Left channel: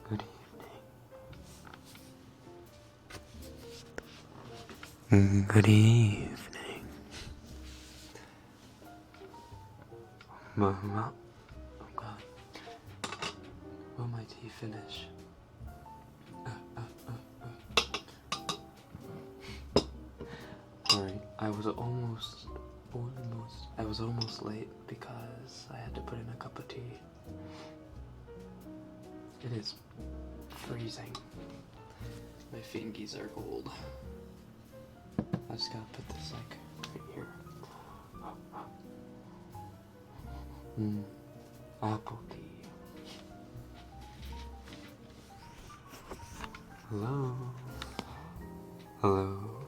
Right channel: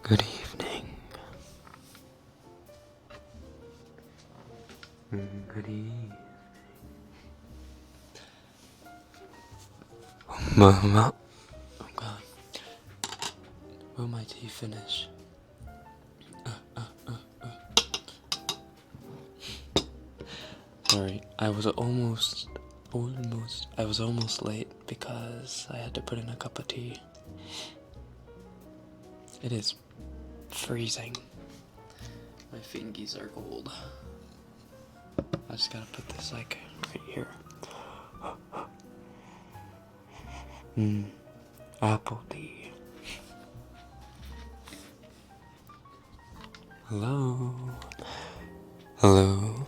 Good evening. Good evening. Mama. Oh god. Will my tea finish? Sorry, I was almost late because I had to put in a cup of tea. It is freezing. My fingies are cold. I just gotta put this like right here. Apple tea. Hello. Hello.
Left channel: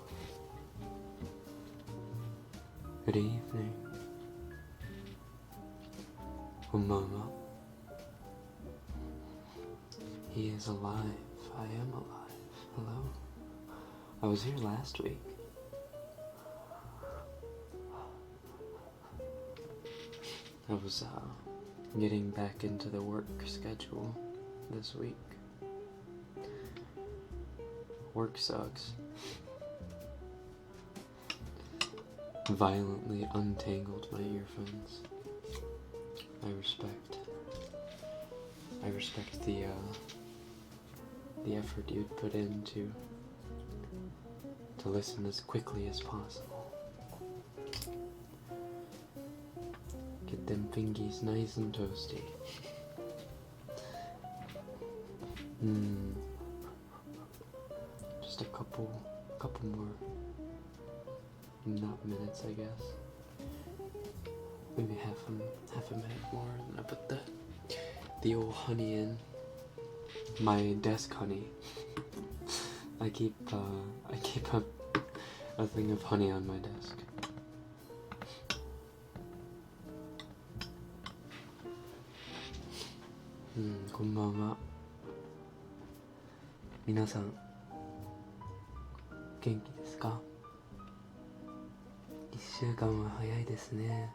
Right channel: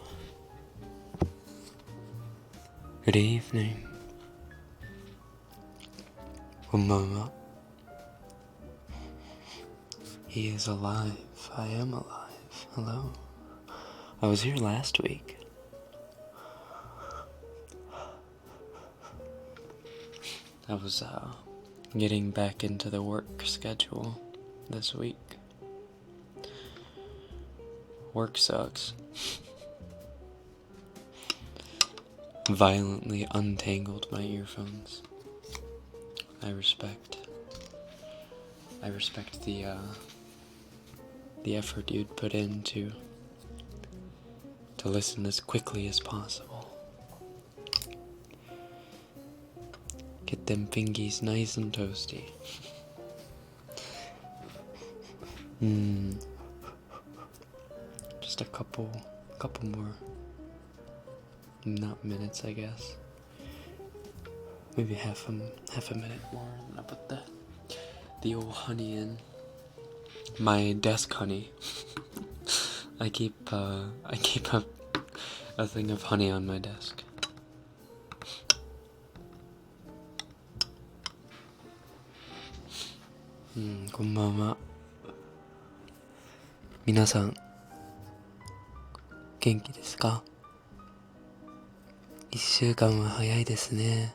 Good evening. Mama. He is alive. I am alive. Hello. I was here last week. I was getting back into the work schedule this week. Work sucks. Violently untangled my earphones. I respect the effort you'd put in to listen as quickly as possible. Get them fingies nice and toasty. Just a couple more, not minutes, I guess. Maybe half a minute more, and I'll put the old honey in. My desk honey. I keep a thing of honey on my desk. Konbanwa. 皆さん元気ですか？1週間は早いですね。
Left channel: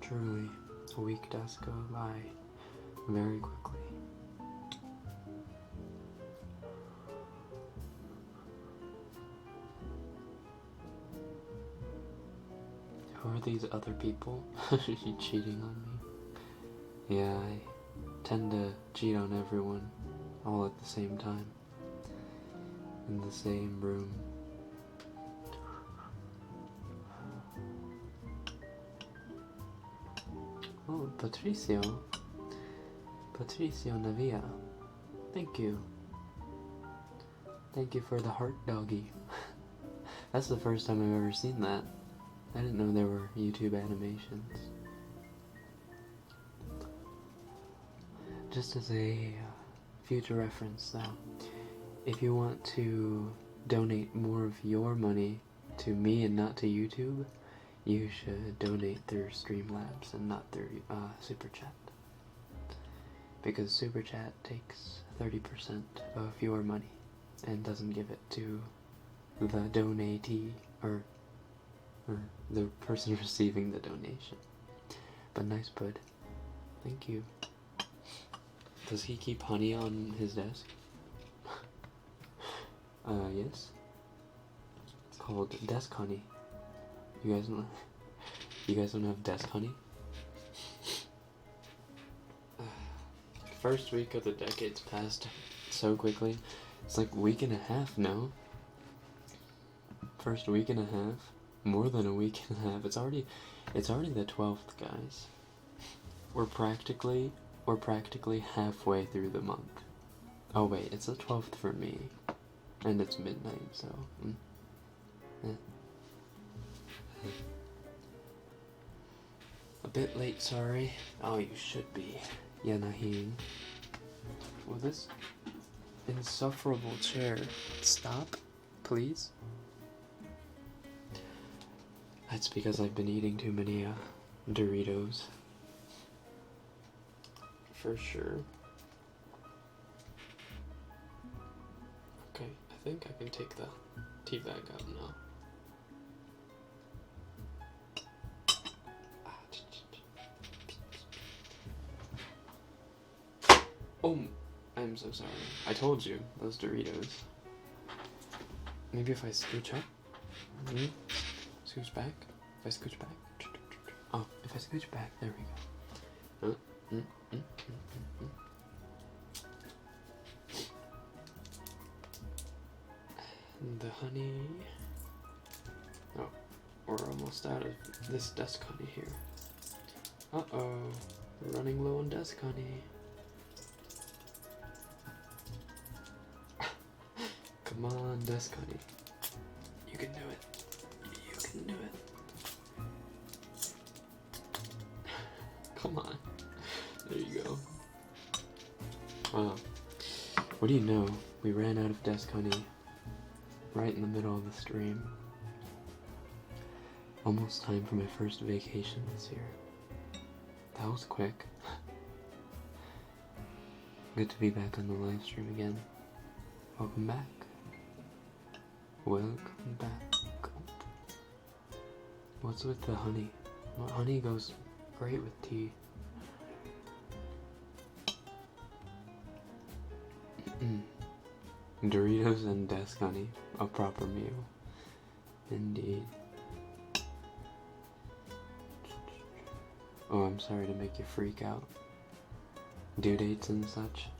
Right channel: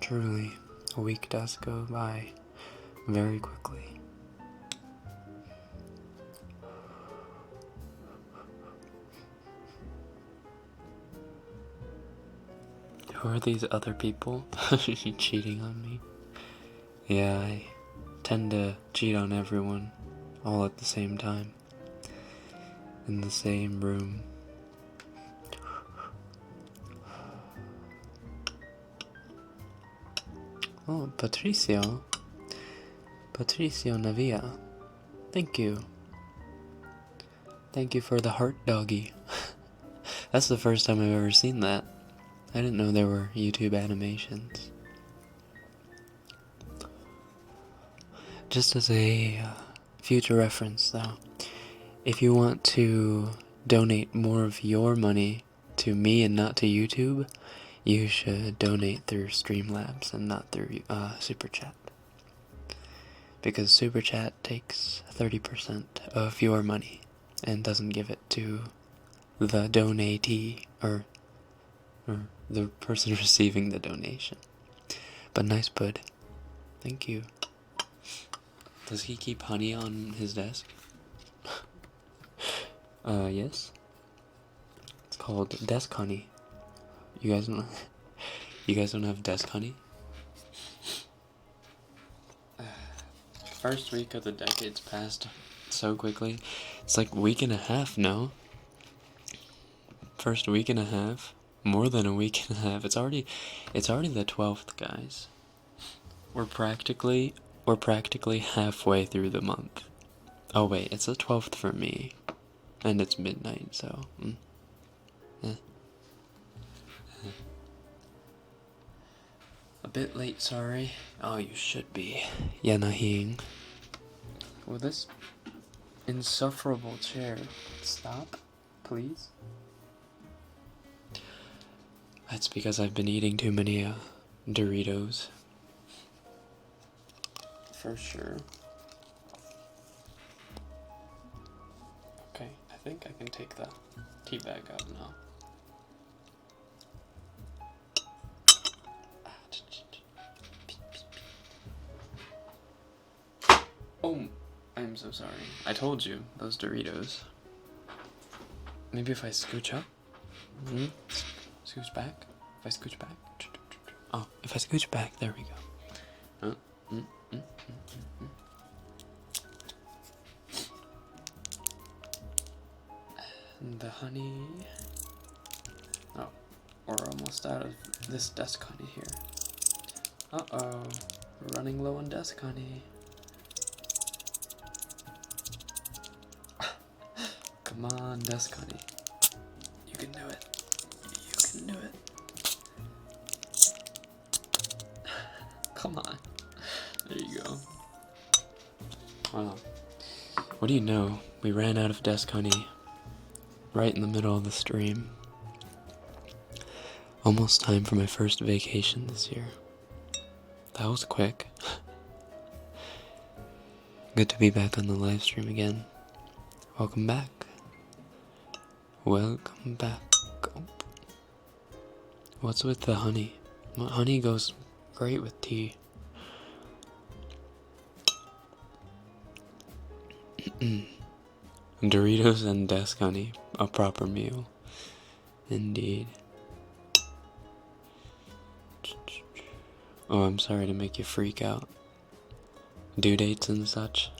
Truly, a week does go by very quickly. Who are these other people cheating on me? Yeah, I tend to cheat on everyone all at the same time, in the same room. Oh, Patricio Navia, thank you for the heart doggy. That's the first time I've ever seen that. I didn't know there were YouTube animations. Just as a future reference though, if you want to donate more of your money to me and not to YouTube, you should donate through Streamlabs and not through Super Chat. Because Super Chat takes 30% of your money and doesn't give it to the donatee or the person receiving the donation. But nice bud. Thank you. Does he keep honey on his desk? Yes. It's called desk honey. You guys know? You guys don't have desk honey? First week of the decade's passed so quickly. It's like a week and a half, no? First week and a half? More than a week and a half. It's already the 12th, guys. We're practically halfway through the month. Oh wait, it's the 12th for me. And it's midnight, so a bit late, sorry. Oh, you should be. Yanahing. Will this insufferable chair stop, please? That's because I've been eating too many Doritos. For sure. Okay, I think I can take the tea bag out now. Oh, I'm so sorry. I told you, those Doritos. Maybe if I scooch up? Scooch back? If I scooch back? Oh, if I scooch back, there we go. And the honey. Oh, we're almost out of this desk honey here. Uh-oh, we're running low on desk honey. Come on, desk honey. You can do it. You can do it. Come on. There you go. Wow. What do you know? We ran out of desk honey right in the middle of the stream. Almost time for my first vacation this year. That was quick. Good to be back on the live stream again. Welcome back. Welcome back. What's with the honey? Honey goes great with tea. Doritos and desk honey, a proper meal. Indeed. Oh, I'm sorry to make you freak out. Due dates and such.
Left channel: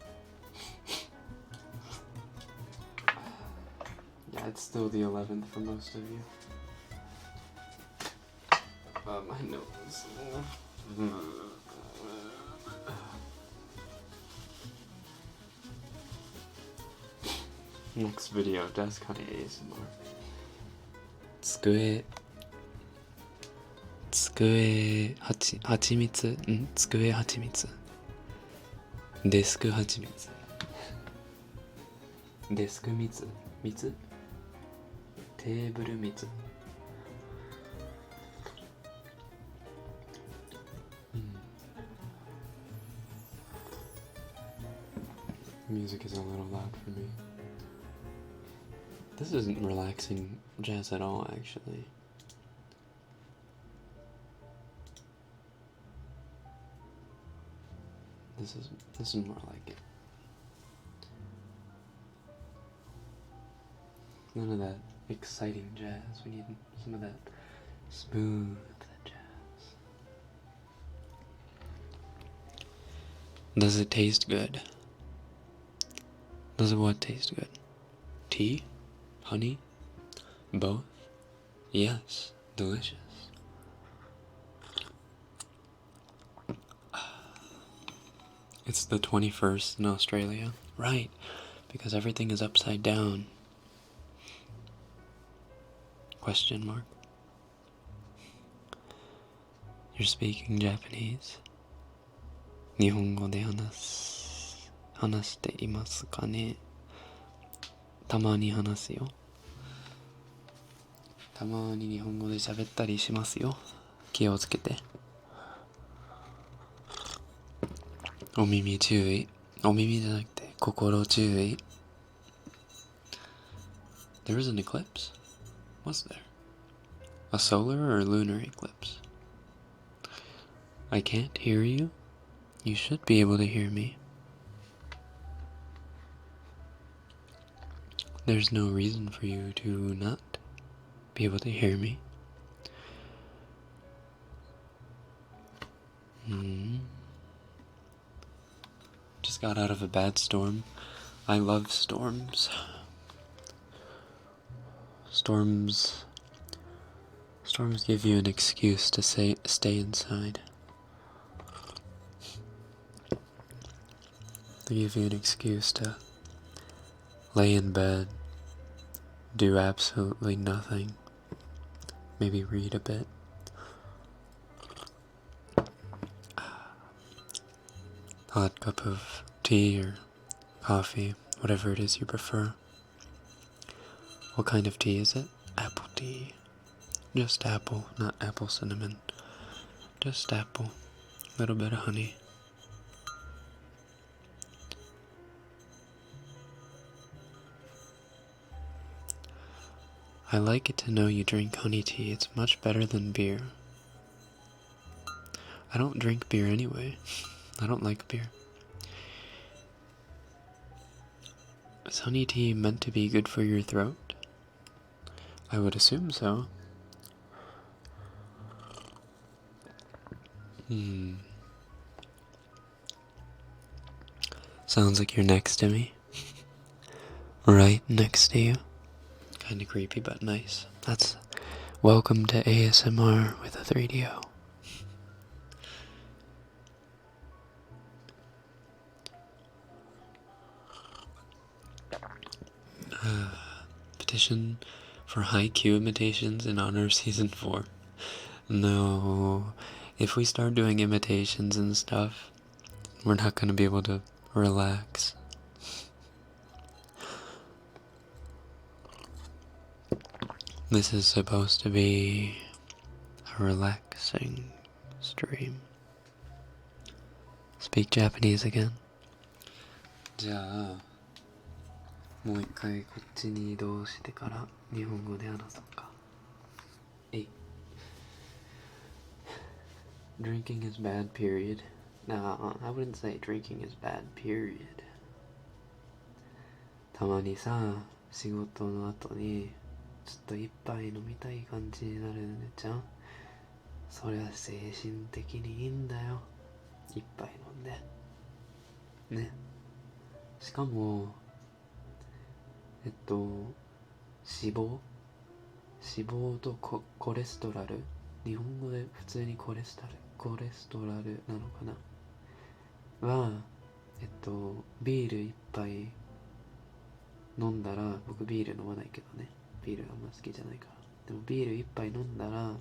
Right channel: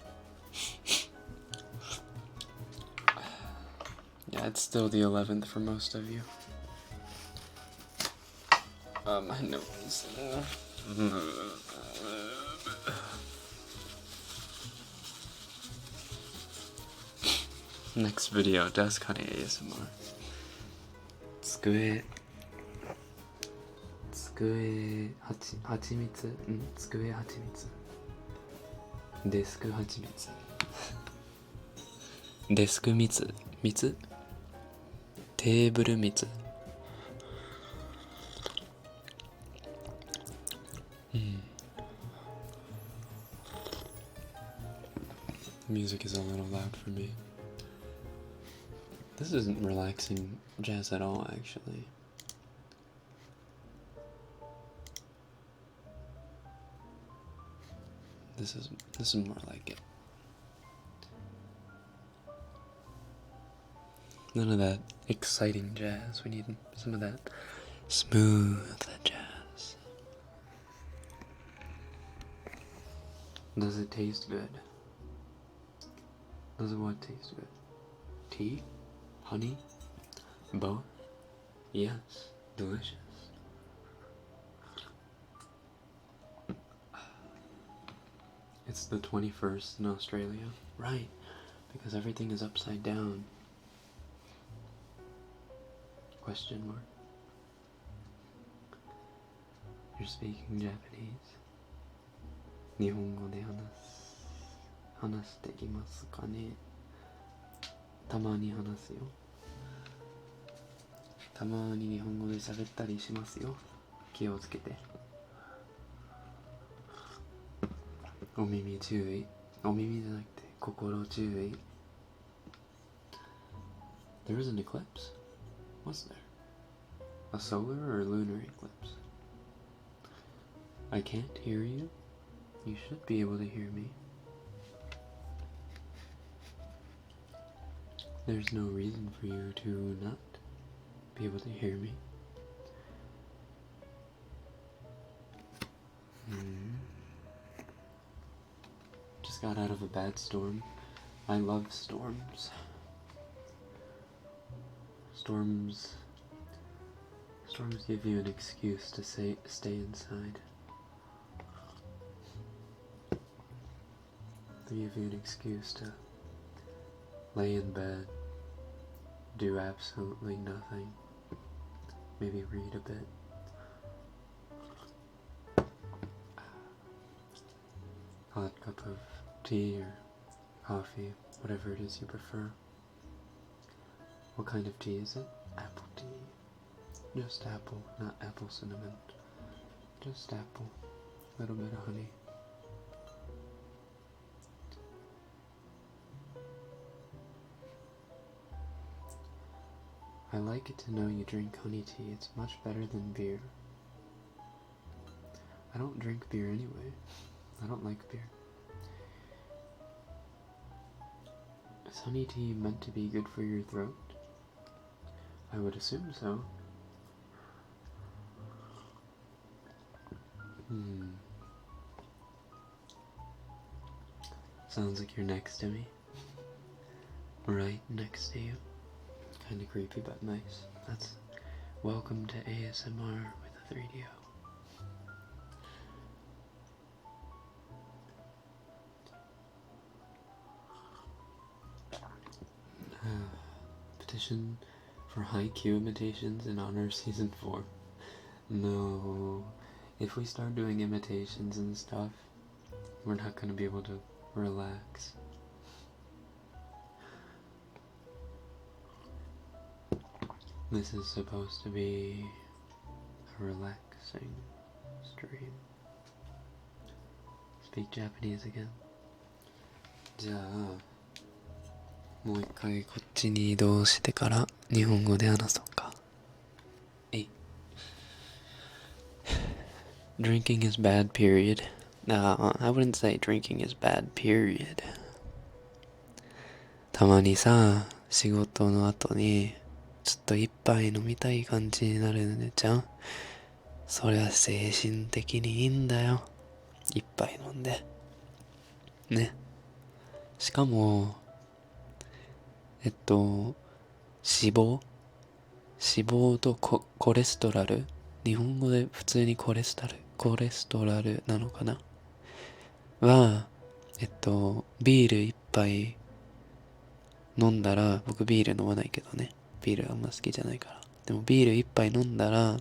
Yeah, it's still the 11th for most of you. My nose. Next video, desk honey ASMR.机はちみつ机はちみつデスクはちみつデスクみつテーブルみつMusic is a little loud for me. This isn't relaxing jazz at all, actually. This is more like it. None of that exciting jazz. We need some of that smooth jazz. Does it taste good? Does it what taste good? Tea? Honey? Both? Yes. Delicious. It's the 21st in Australia. Right. Because everything is upside down. Question mark. You're speaking Japanese. 日本語で話していますかね。たまに話すよ。たまに日本語で喋ったりしますよ。気をつけて。お耳注意。お耳じゃなくて心注意。There was an eclipse? Was there? A solar or lunar eclipse? I can't hear you? You should be able to hear me. There's no reason for you to not be able to hear me. Just got out of a bad storm. I love storms. Storms give you an excuse to stay inside. They give you an excuse to lay in bed, do absolutely nothing, maybe read a bit. Hot cup of tea or coffee, whatever it is you prefer. What kind of tea is it? Apple tea. Just apple, not apple cinnamon. Just apple. A little bit of honey. I like it to know you drink honey tea. It's much better than beer. I don't drink beer anyway. I don't like beer. Is honey tea meant to be good for your throat? I would assume so. Sounds like you're next to me. Right next to you. Kinda creepy, but nice. That's welcome to ASMR with a 3DO. Petition for high Q imitations in honor of season 4. No, if we start doing imitations and stuff, we're not gonna be able to relax. This is supposed to be a relaxing stream. Speak Japanese again. じゃあもう一回こっちに移動してから日本語で話そうか。Drinking is bad, period. No, I wouldn't say drinking is bad, period. たまにさ、仕事の後にちょっと一杯飲みたい感じになるねじゃん。それは精神的にいいんだよ。一杯飲んで。ね。しかも、脂肪とコレステロール、日本語で普通にコレステロールなのかなは、ビール一杯飲んだら、僕ビール飲まないけどね。ビールあんま好きじゃないから。でもビール一杯飲んだら、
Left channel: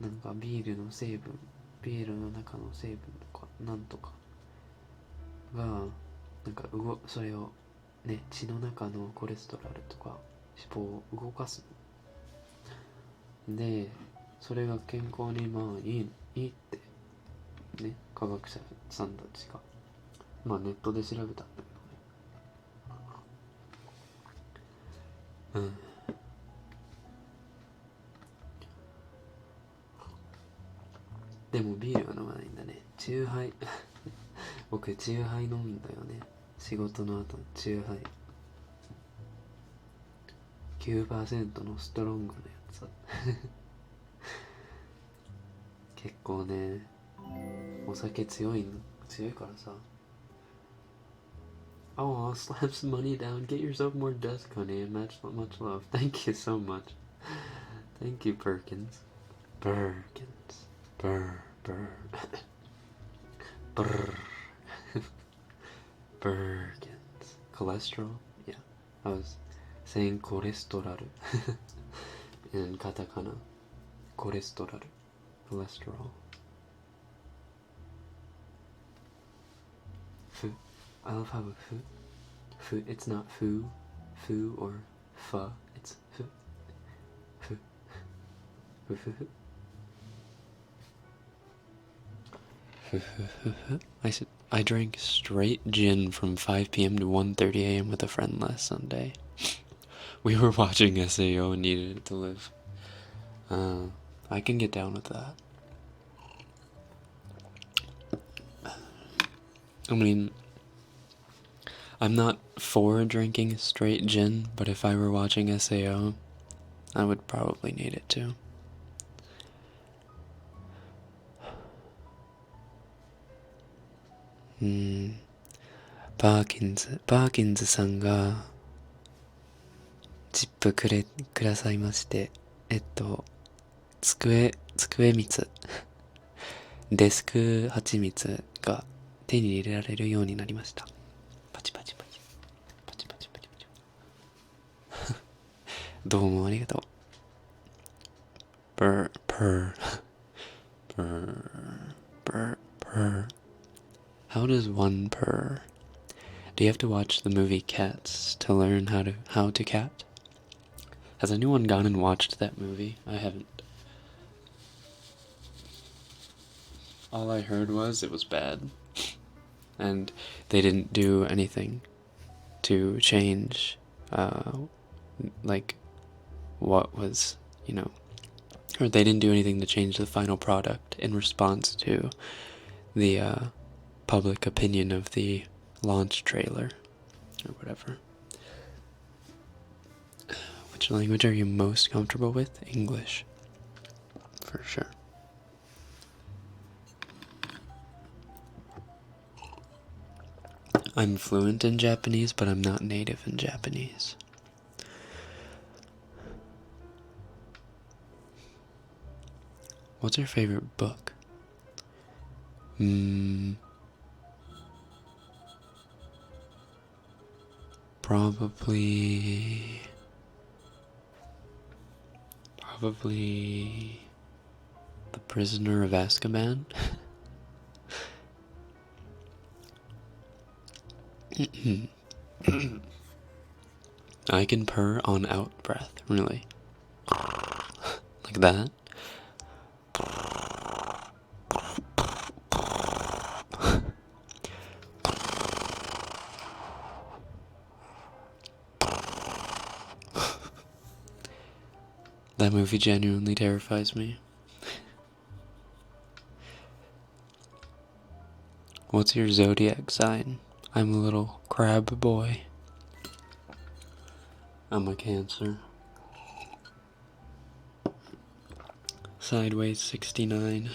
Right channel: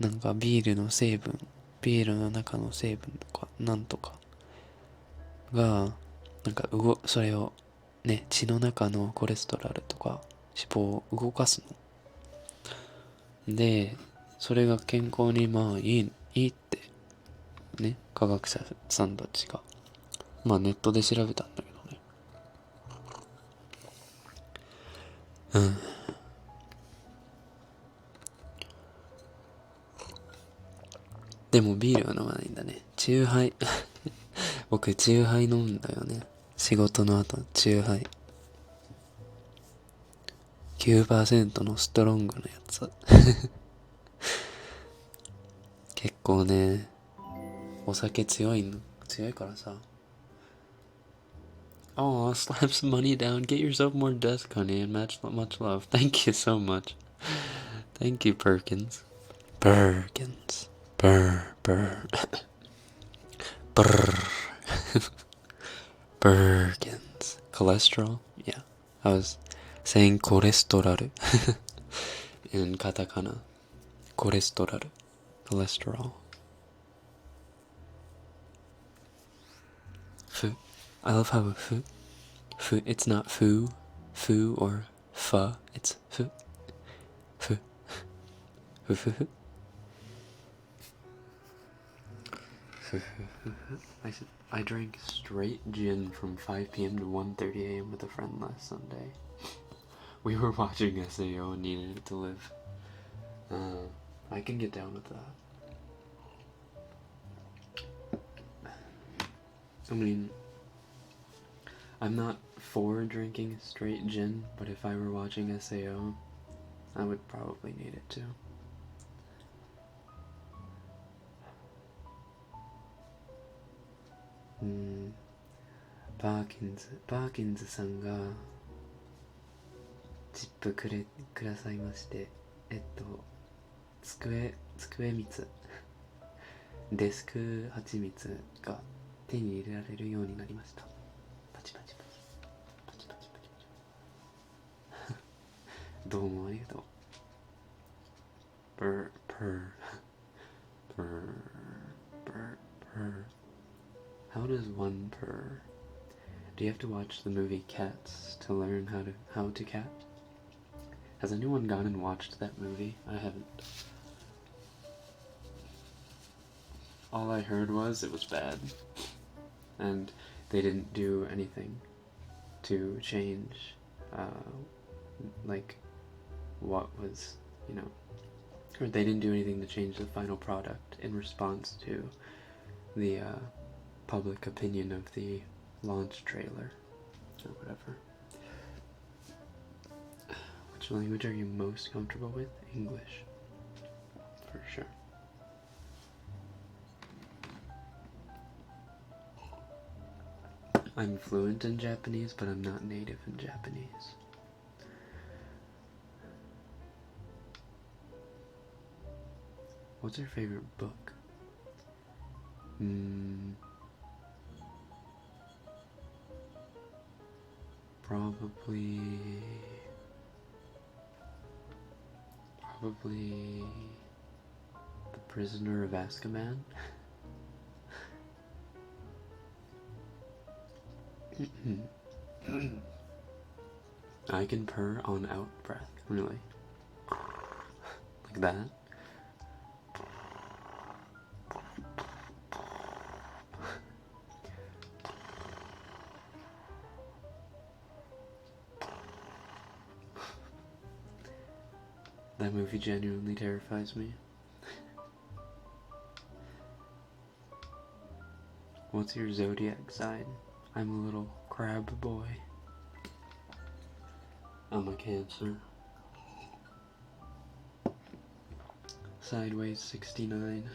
なんかビールの成分、ビールの中の成分とか、なんとかが、なんかそれをね、血の中のコレステロールとか脂肪を動かすの。で、それが健康にまあいいってね、科学者さんたちがまあネットで調べたんだけどね。でもビールは飲まないんだね。チューハイ僕チューハイ飲むんだよね。仕事の後チューハイ 9% のストロングのやつ結構ね、お酒強いからさ。Oh, slap some money down. Get yourself more desk, honey, and much love. Thank you so much. Thank you, Perkins. Perkins. Brr. Perkins. Cholesterol? Yeah. I was saying cholesterol in katakana. Cholesterol. Fu. I love how fu, it's not foo or fa, it's fu. I drank straight gin from 5 p.m. to 1:30 a.m. with a friend last Sunday. We were watching SAO and needed it to live. I can get down with that. I mean, I'm not for drinking straight gin, but if I were watching SAO, I would probably need it too. うん、パーキンズさんがチップくださいまして、机蜜、デスク蜂蜜が手に入れられるようになりました。パチパチパチパチパチパチパチ。どうもありがとう。Purr, purr, purr, purr, purr. How does one purr? Do you have to watch the movie Cats to learn how to cat? Has anyone gone and watched that movie? I haven't. All I heard was it was bad. And they didn't do anything to change, like, what was, or they didn't do anything to change the final product in response to the public opinion of the launch trailer or whatever. Which language are you most comfortable with? English, for sure. I'm fluent in Japanese, but I'm not native in Japanese. What's your favorite book? Probably The Prisoner of Azkaban. I can purr on out breath, really. Like that. That movie genuinely terrifies me. What's your zodiac sign? I'm a little crab boy. I'm a Cancer. Sideways 69.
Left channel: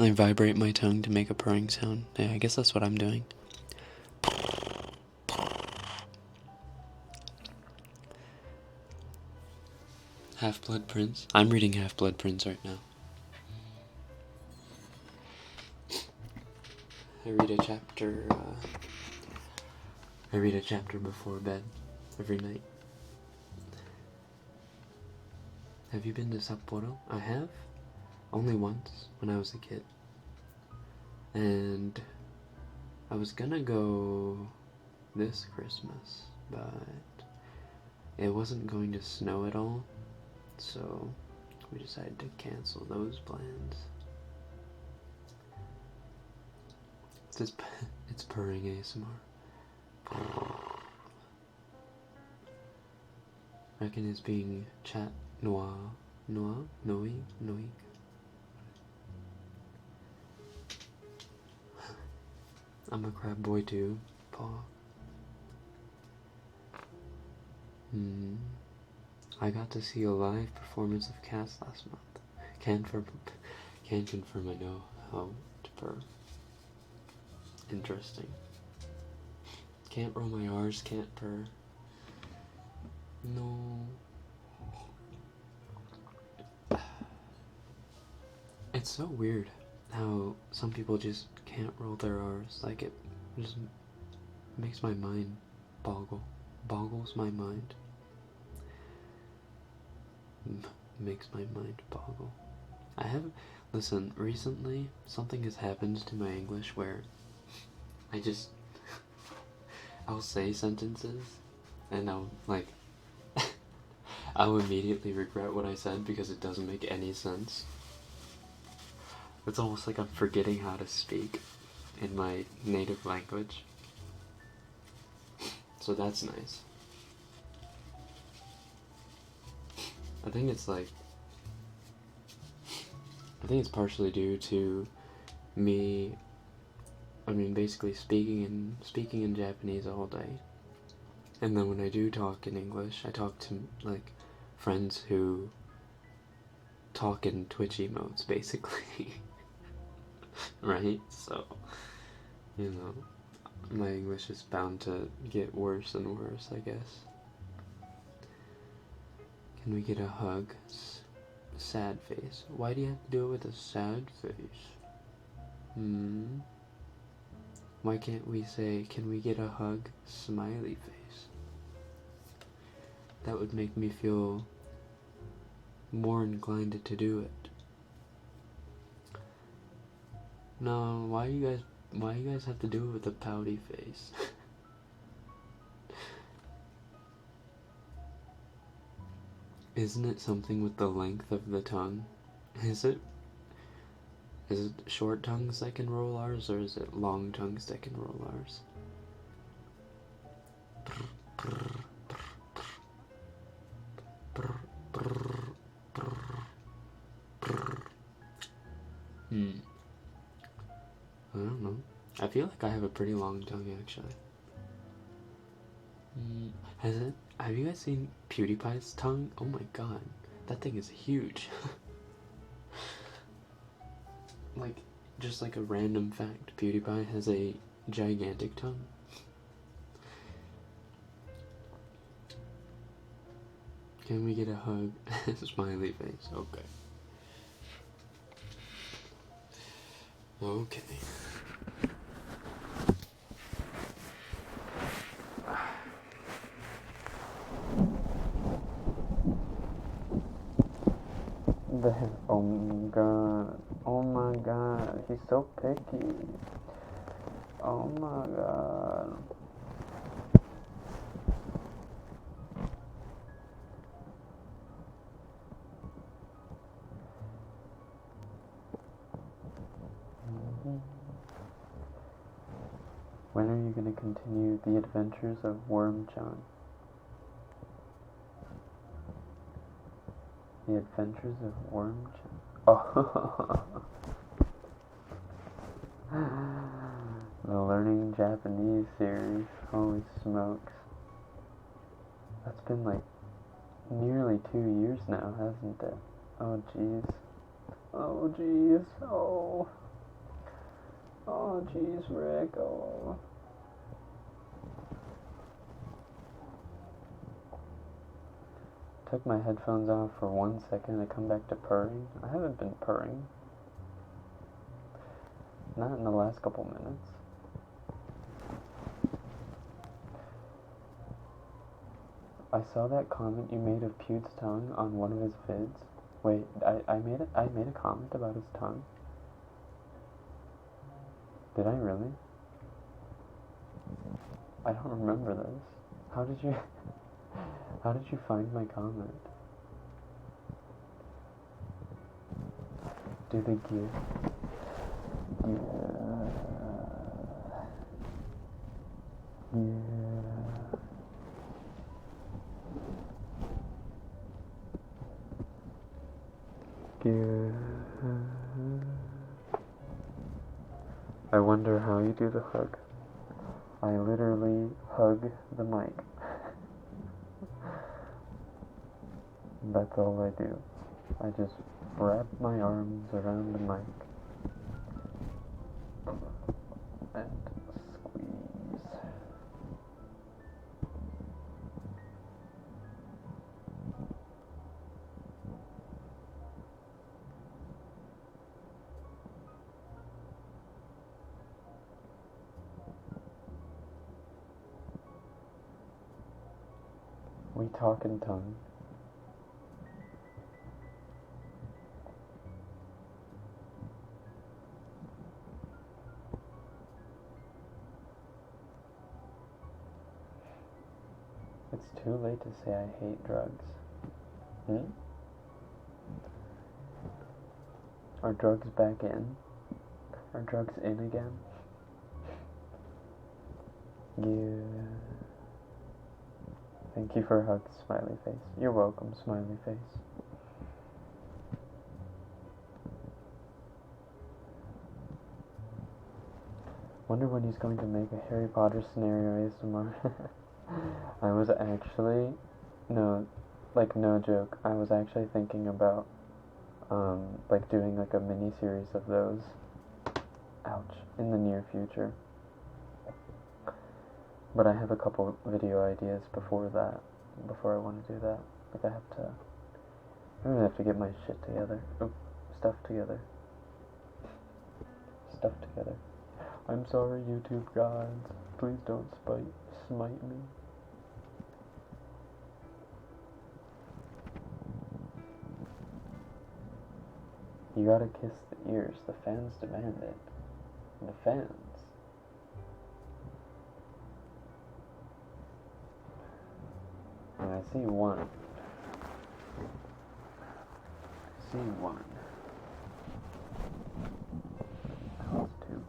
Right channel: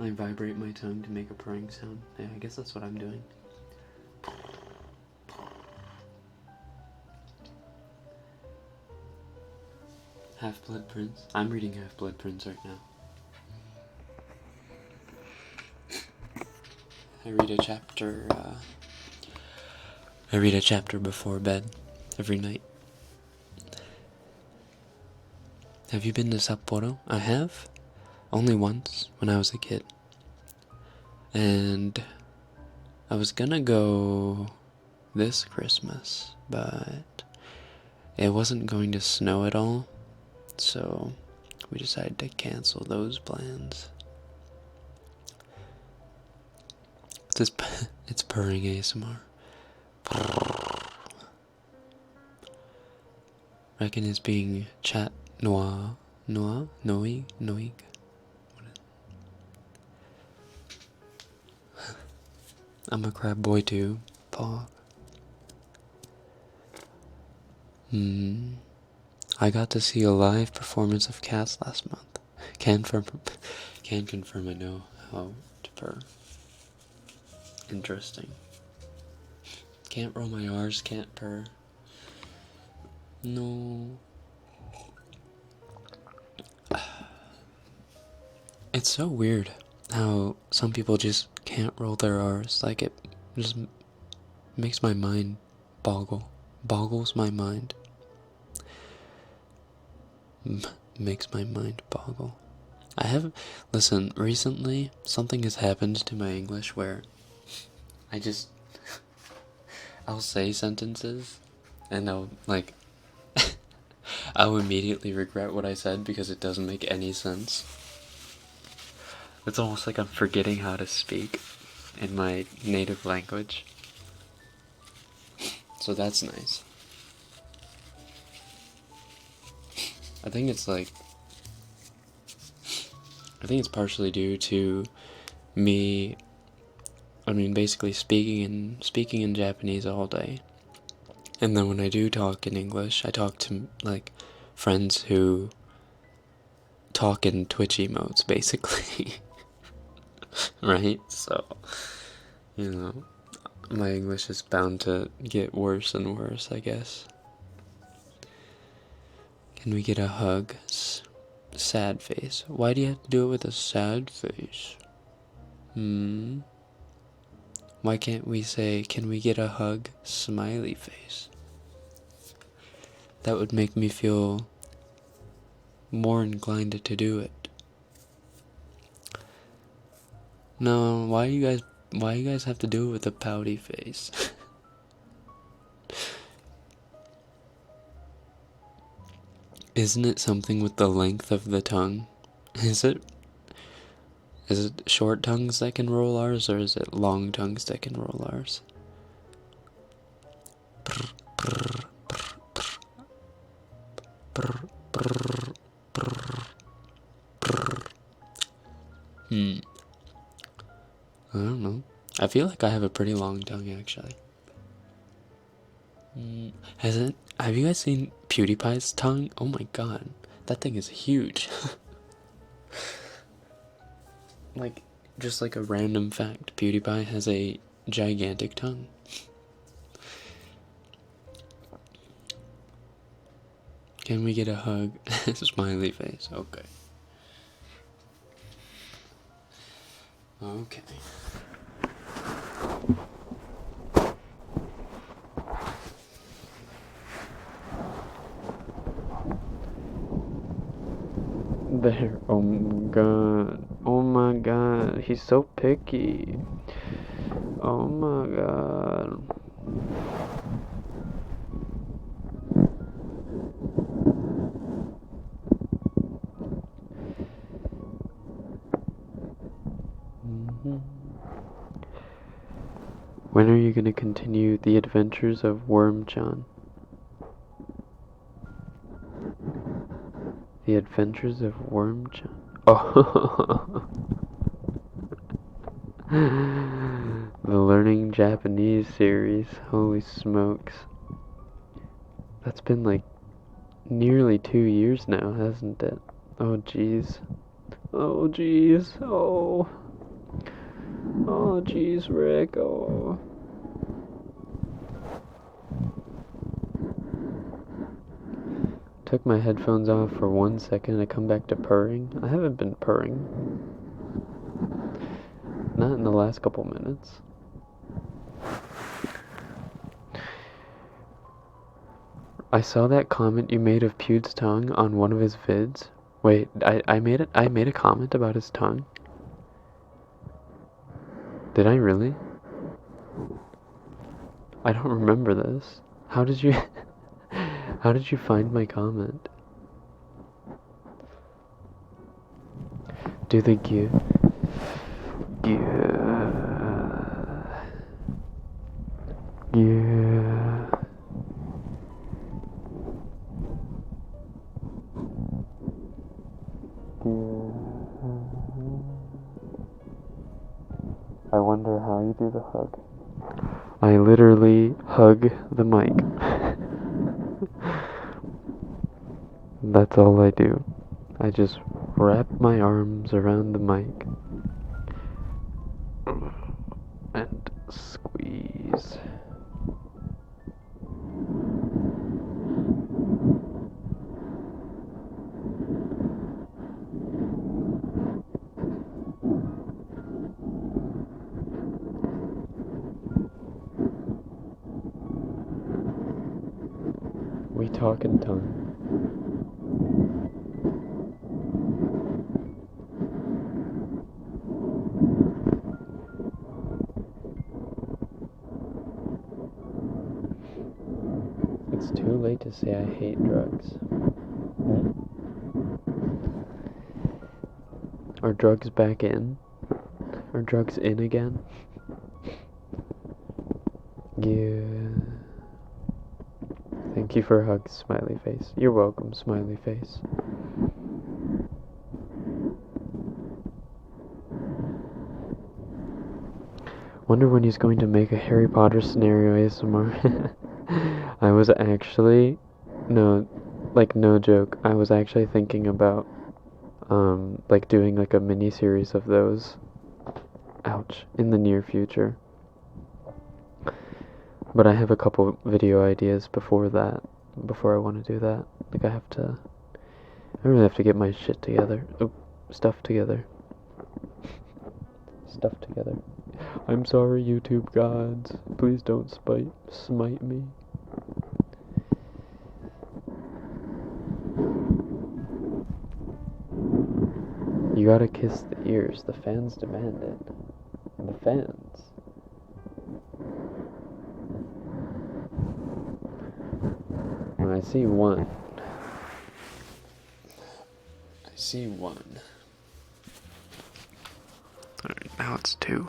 I vibrate my tongue to make a purring sound. Yeah, I guess that's what I'm doing. Half-Blood Prince. I'm reading Half-Blood Prince right now. I read a chapter before bed every night. Have you been to Sapporo? I have. Only once, when I was a kid. And I was gonna go this Christmas, but it wasn't going to snow at all, so we decided to cancel those plans. It's purring ASMR. Rekken is being chat noir. Noig. I'm a crab boy too, Paul. I got to see a live performance of Cats last month. Can confirm I know how to purr. Interesting. Can't roll my R's, can't purr. No. It's so weird how some people just can't roll their R's. Like, it just makes my mind boggles my mind. Makes my mind boggle. Listen, recently something has happened to my English where I'll say sentences and I'll immediately regret what I said because it doesn't make any sense. It's almost like I'm forgetting how to speak in my native language. So that's nice. I think it's partially due to me, basically speaking in Japanese all day. And then when I do talk in English, I talk to, friends who talking Twitch emotes, basically. Right? So, you know, my English is bound to get worse and worse, I guess. Can we get a hug? Sad face. Why do you have to do it with a sad face? Why can't we say, can we get a hug? Smiley face. That would make me feel more inclined to do it. No, why you guys have to do it with a pouty face? Isn't it something with the length of the tongue? Is it short tongues that can roll R's, or is it long tongues that can roll R's? I don't know. I feel like I have a pretty long tongue, actually. Have you guys seen PewDiePie's tongue? Oh my god. That thing is huge. Like, just like a random fact, PewDiePie has a gigantic tongue. Can we get a hug? Smiley face. Okay. Okay. There. Oh my god. Oh my god. He's so picky. Oh my god. When are you gonna continue the adventures of Wormchan? The Adventures of Wormchan. Oh. The Learning Japanese series. Holy smokes. That's been like nearly 2 years now, hasn't it? Oh jeez. Oh jeez. Oh. Oh jeez, Rick. Oh. Took my headphones off for 1 second and I come back to purring. I haven't been purring. Not in the last couple minutes. I saw that comment you made of Pewd's tongue on one of his vids. Wait, I made a comment about his tongue? Did I really? I don't remember this. How did you how did you find my comment? Do the give. Yeah. Yeah. Yeah. I wonder how you do the hug. I literally hug the mic. That's all I do. I just wrap my arms around the mic and squeeze. We talk in tongue. It's too late to say I hate drugs. Are drugs back in? Are drugs in again? Yeah. Thank you for a hug, smiley face. You're welcome, smiley face. Wonder when he's going to make a Harry Potter scenario ASMR. I was actually, no joke, I was actually thinking about like doing like a mini series of those. Ouch, in the near future. But I have a couple video ideas before that, before I want to do that. Like I really have to get my shit together. Oh, stuff together. Stuff together. I'm sorry, YouTube gods. Please don't smite me. You gotta kiss the ears. The fans demand it. The fans. I see one. I see one. Alright, now it's two.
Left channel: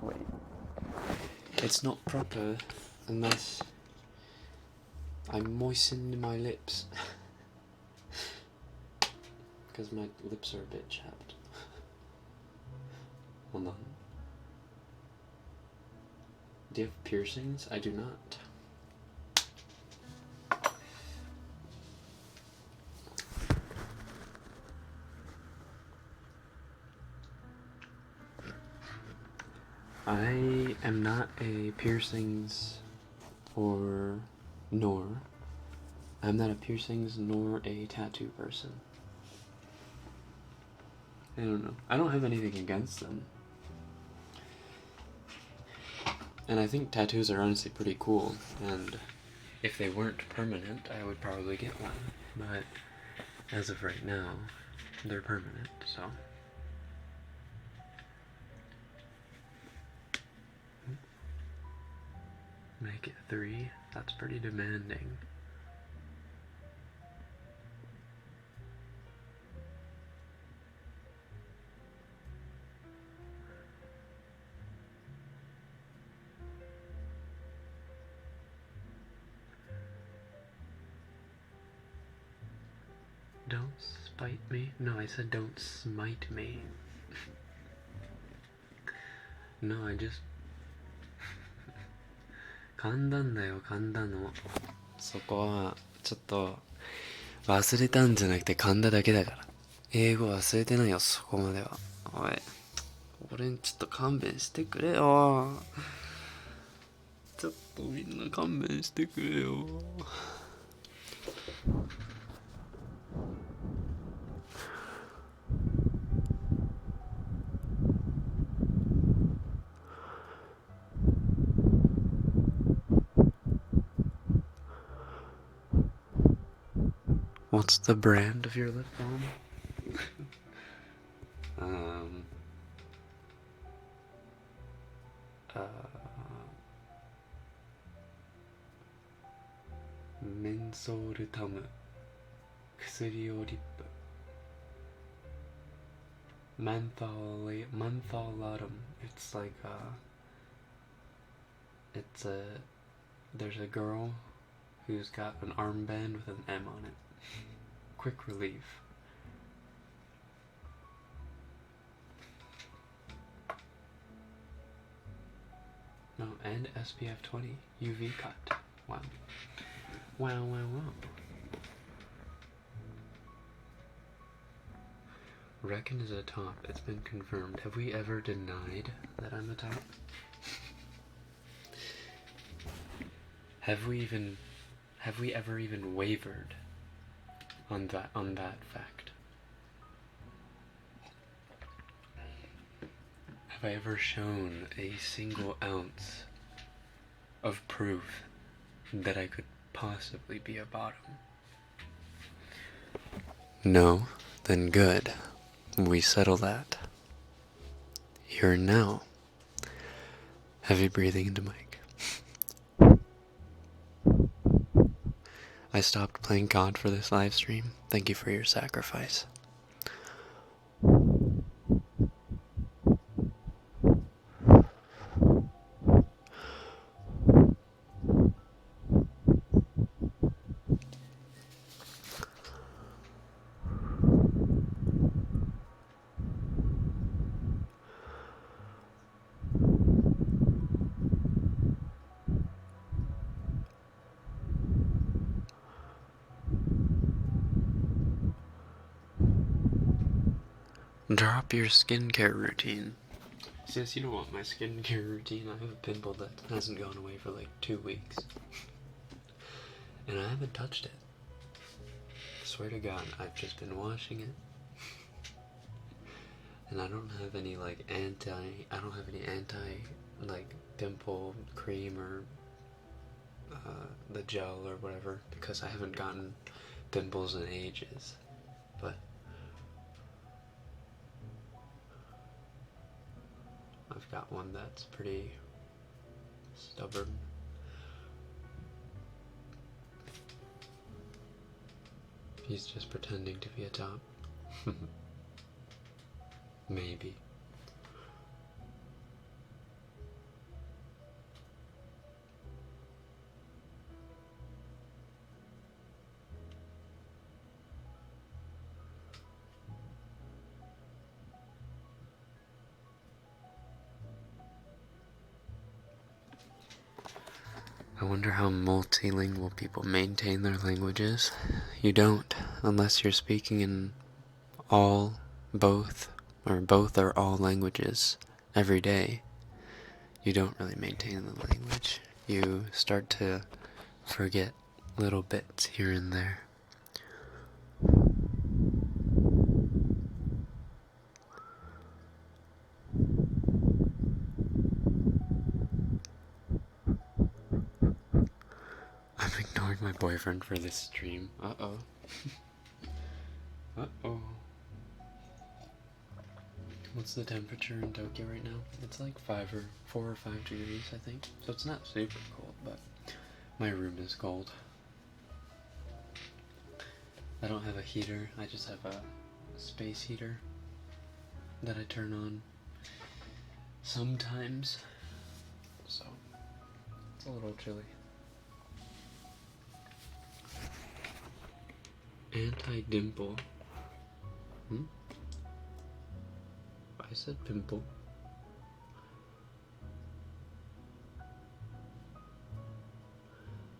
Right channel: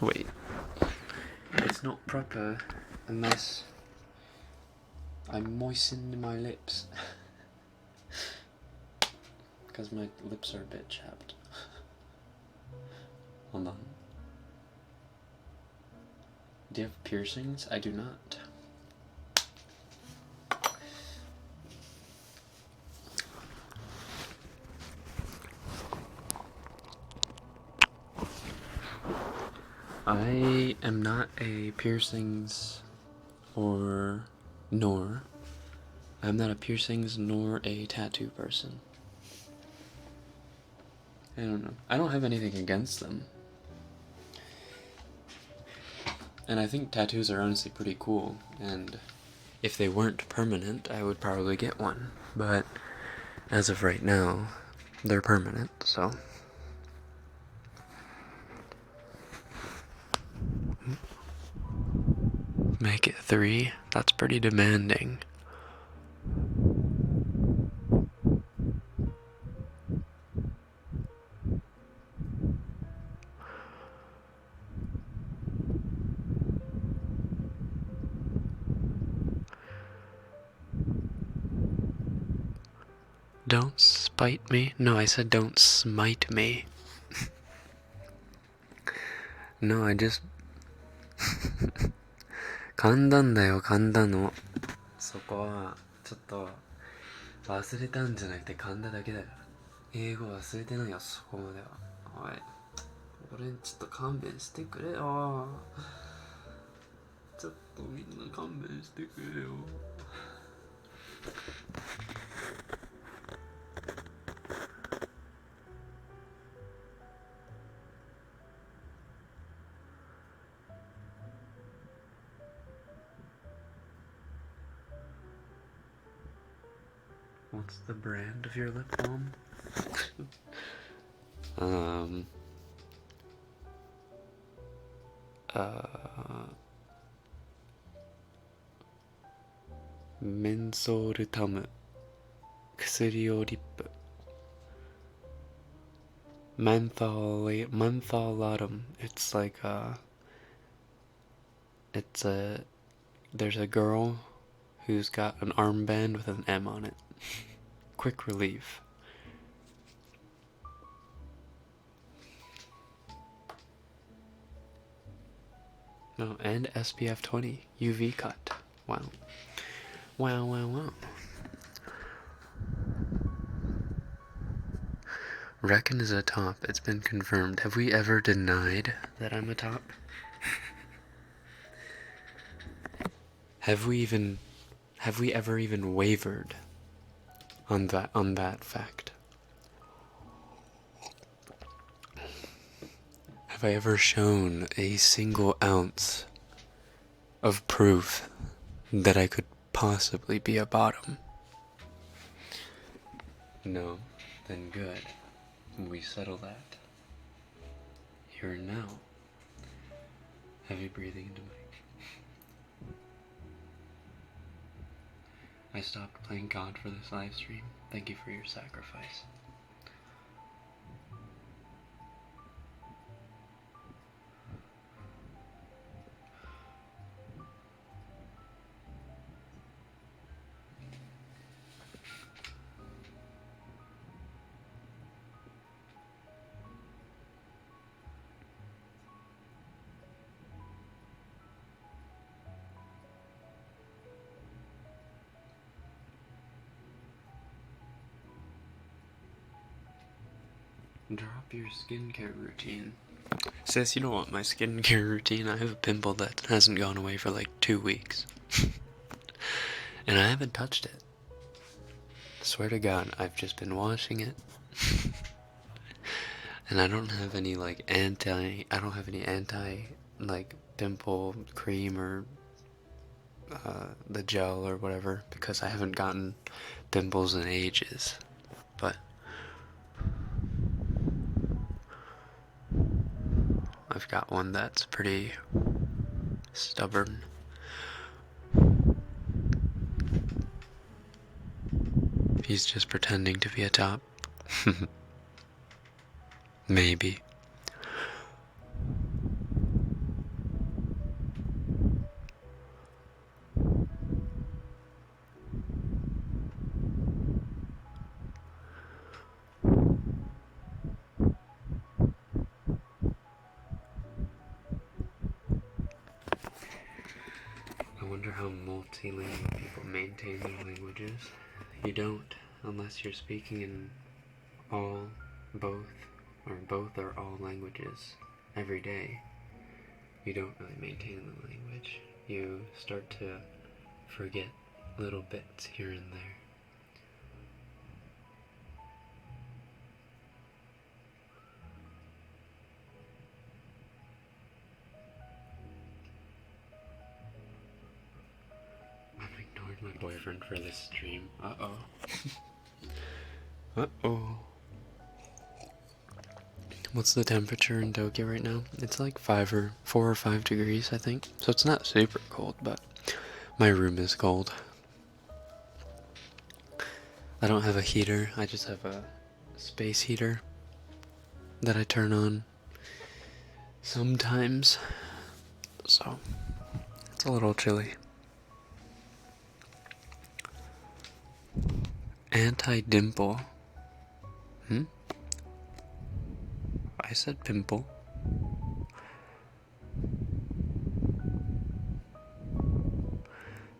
Wait. It's not proper unless I moisten my lips. Because my lips are a bit chapped. Hold on. Do you have piercings? I do not. I am not a piercings I'm not a piercings nor a tattoo person. I don't know. I don't have anything against them. And I think tattoos are honestly pretty cool, and if they weren't permanent, I would probably get one. But as of right now, they're permanent, so. Make it 3? That's pretty demanding. Don't spite me? No, I said don't smite me. No, I just 簡単だよ、簡単の。そこはちょっと忘れたんじゃなくて噛んだだけだから。英語忘れてないよ、そこまでは。おい、俺にちょっと勘弁してくれよ。ちょっとみんな勘弁してくれよ。What's the brand of your lip balm? Mensoltam 薬用リップ Mentholatum. It's like there's a girl who's got an armband with an M on it. Quick relief. No, and SPF 20 UV cut. Wow. Wow, wow, wow. Rekken is a top. It's been confirmed. Have we ever denied that I'm a top? Have we ever even wavered on that fact? Have I ever shown a single ounce of proof that I could possibly be a bottom? No? Then good. We settle that. Here and now. Heavy breathing into mic. I stopped playing God for this live stream. Thank you for your sacrifice. Drop your skincare routine. Sis, you don't want my skincare routine. I have a pimple that hasn't gone away for like 2 weeks. And I haven't touched it. Swear to God, I've just been washing it. And I don't have any like anti like pimple cream or the gel or whatever, because I haven't gotten pimples in ages. But I've got one that's pretty stubborn. He's just pretending to be a top. Maybe. I wonder how multilingual people maintain their languages. You don't, unless you're speaking in all, both or all languages every day. You don't really maintain the language. You start to forget little bits here and there. I'm ignoring my boyfriend for this stream. Uh-oh. Uh-oh. What's the temperature in Tokyo right now? It's like 4 or 5 degrees, I think. So it's not super cold, but my room is cold. I don't have a heater. I just have a space heater that I turn on sometimes. So it's a little chilly. Anti-dimple. I said pimple.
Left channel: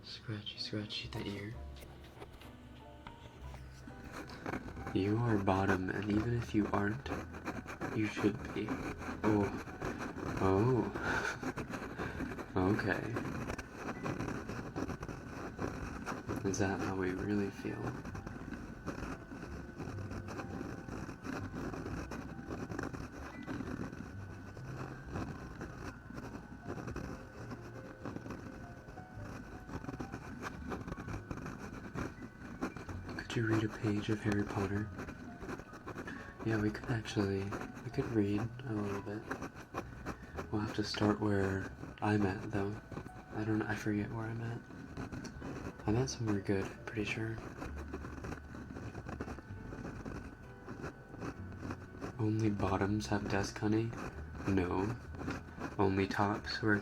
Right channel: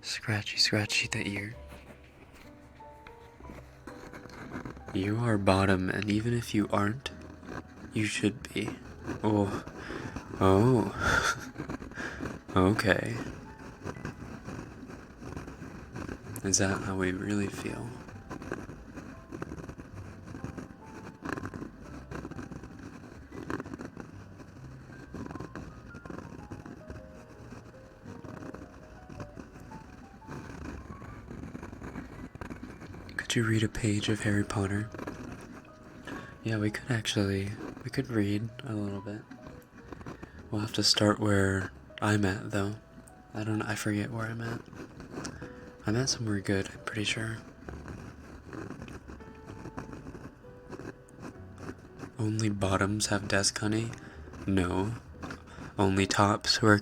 Scratchy the ear. You are bottom, and even if you aren't, you should be. Oh. Okay. Is that how we really feel? Could you read a page of Harry Potter? Yeah, we could read a little bit. We'll have to start where I'm at, though. I forget where I'm at. I'm at somewhere good, I'm pretty sure. Only bottoms have desk honey? No. Only tops who are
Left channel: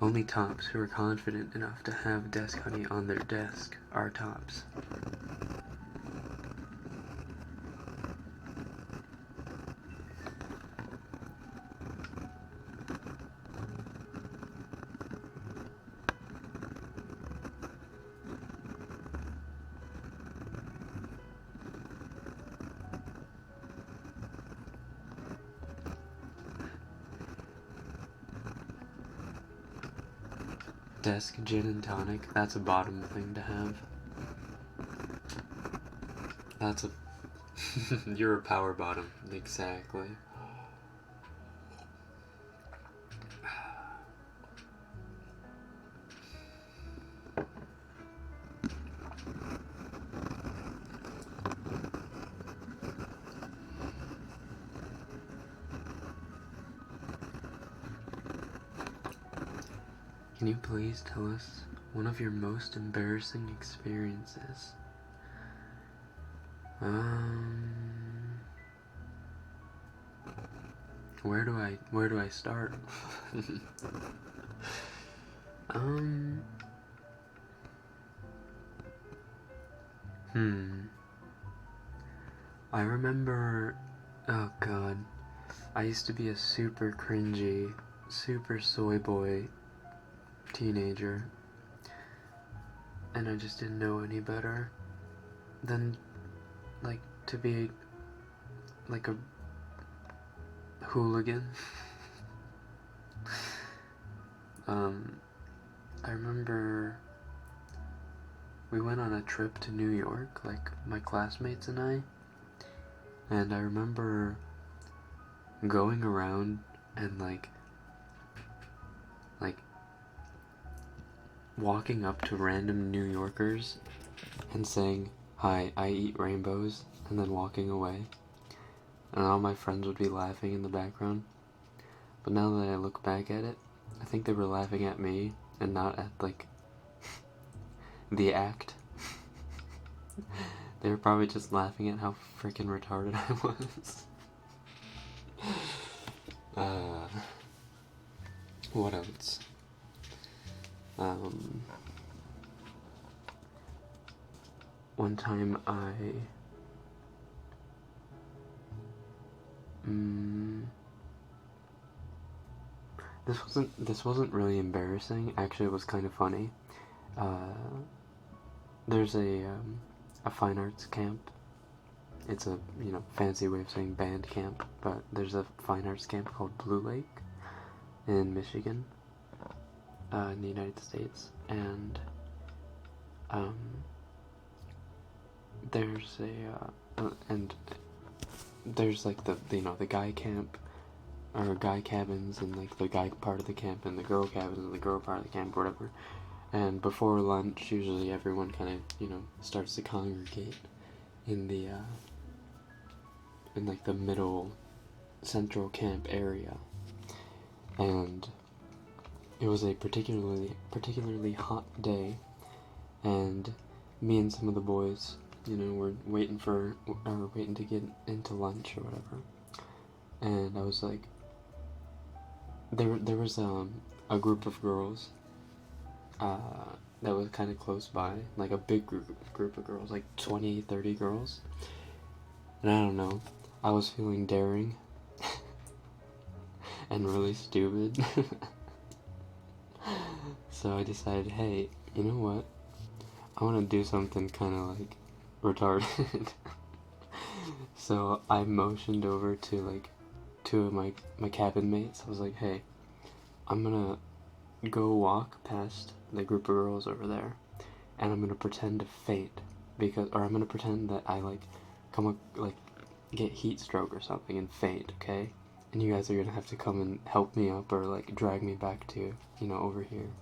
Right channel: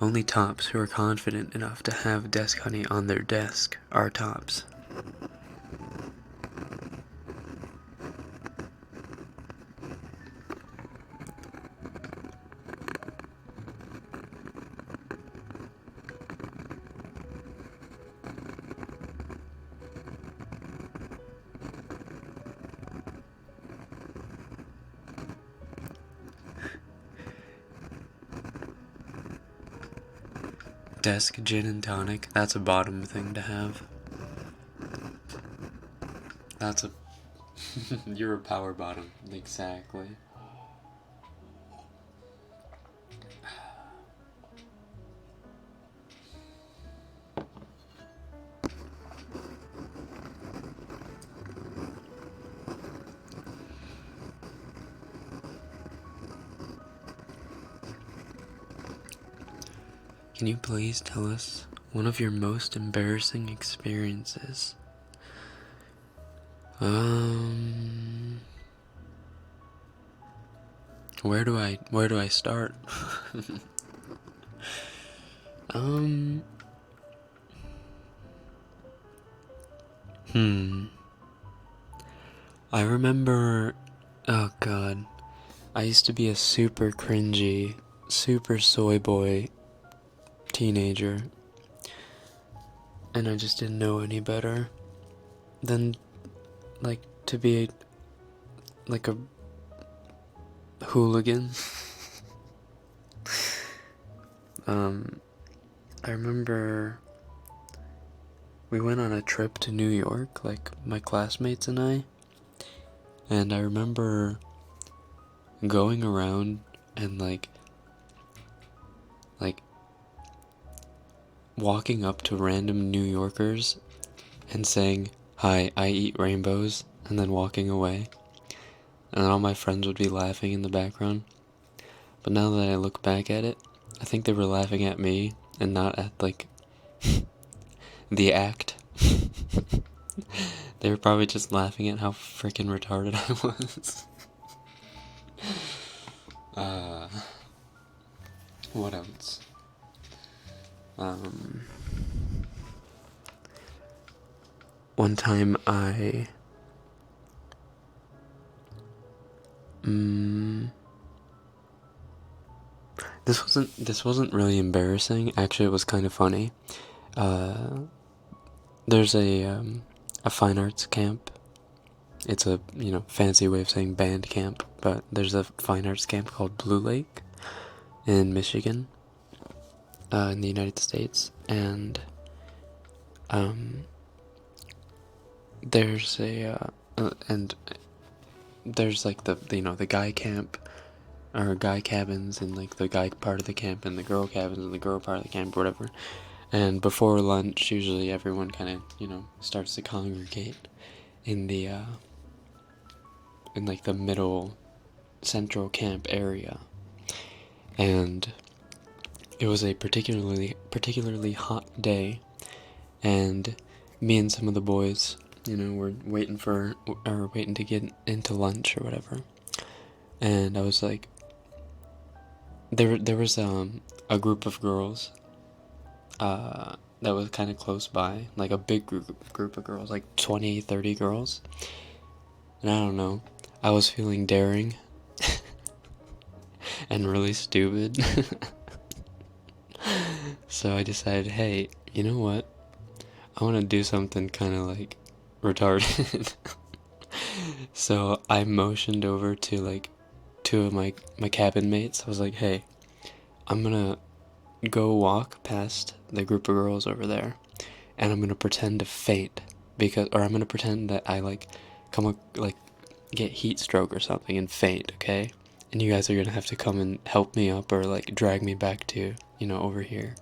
only tops who are confident enough to have desk honey on their desk are tops. Desk gin and tonic, that's a bottom thing to have. That's a... You're a power bottom, exactly. Can you please tell us one of your most embarrassing experiences? Where do I start? I remember, oh god, I used to be a super cringy, super soy boy teenager, and I just didn't know any better than, like, to be, like a hooligan. I remember we went on a trip to New York, like my classmates and I remember going around and like walking up to random New Yorkers and saying, "Hi, I eat rainbows," and then walking away. And all my friends would be laughing in the background. But now that I look back at it, I think they were laughing at me and not at, like, the act. They were probably just laughing at how freaking retarded I was. What else? One time this wasn't really embarrassing. Actually, it was kind of funny. There's a fine arts camp. It's a, fancy way of saying band camp, but there's a fine arts camp called Blue Lake in Michigan, in the United States, and there's there's like the guy camp, or guy cabins, and like the guy part of the camp, and the girl cabins and the girl part of the camp, or whatever. And before lunch, usually everyone kind of, starts to congregate in the in like the middle central camp area. And it was a particularly hot day, and me and some of the boys, were waiting to get into lunch or whatever. And I was like, there was a group of girls that was kind of close by, like a big group of girls, like 20, 30 girls. And I don't know, I was feeling daring and really stupid. So I decided, hey, you know what? I want to do something kind of like retarded. So I motioned over to like two of my cabin mates. I was like, hey, I'm gonna go walk past the group of girls over there, and I'm gonna pretend to faint, or I'm gonna pretend that I get heat stroke or something and faint, okay? And you guys are gonna have to come and help me up, or like drag me back to, over here.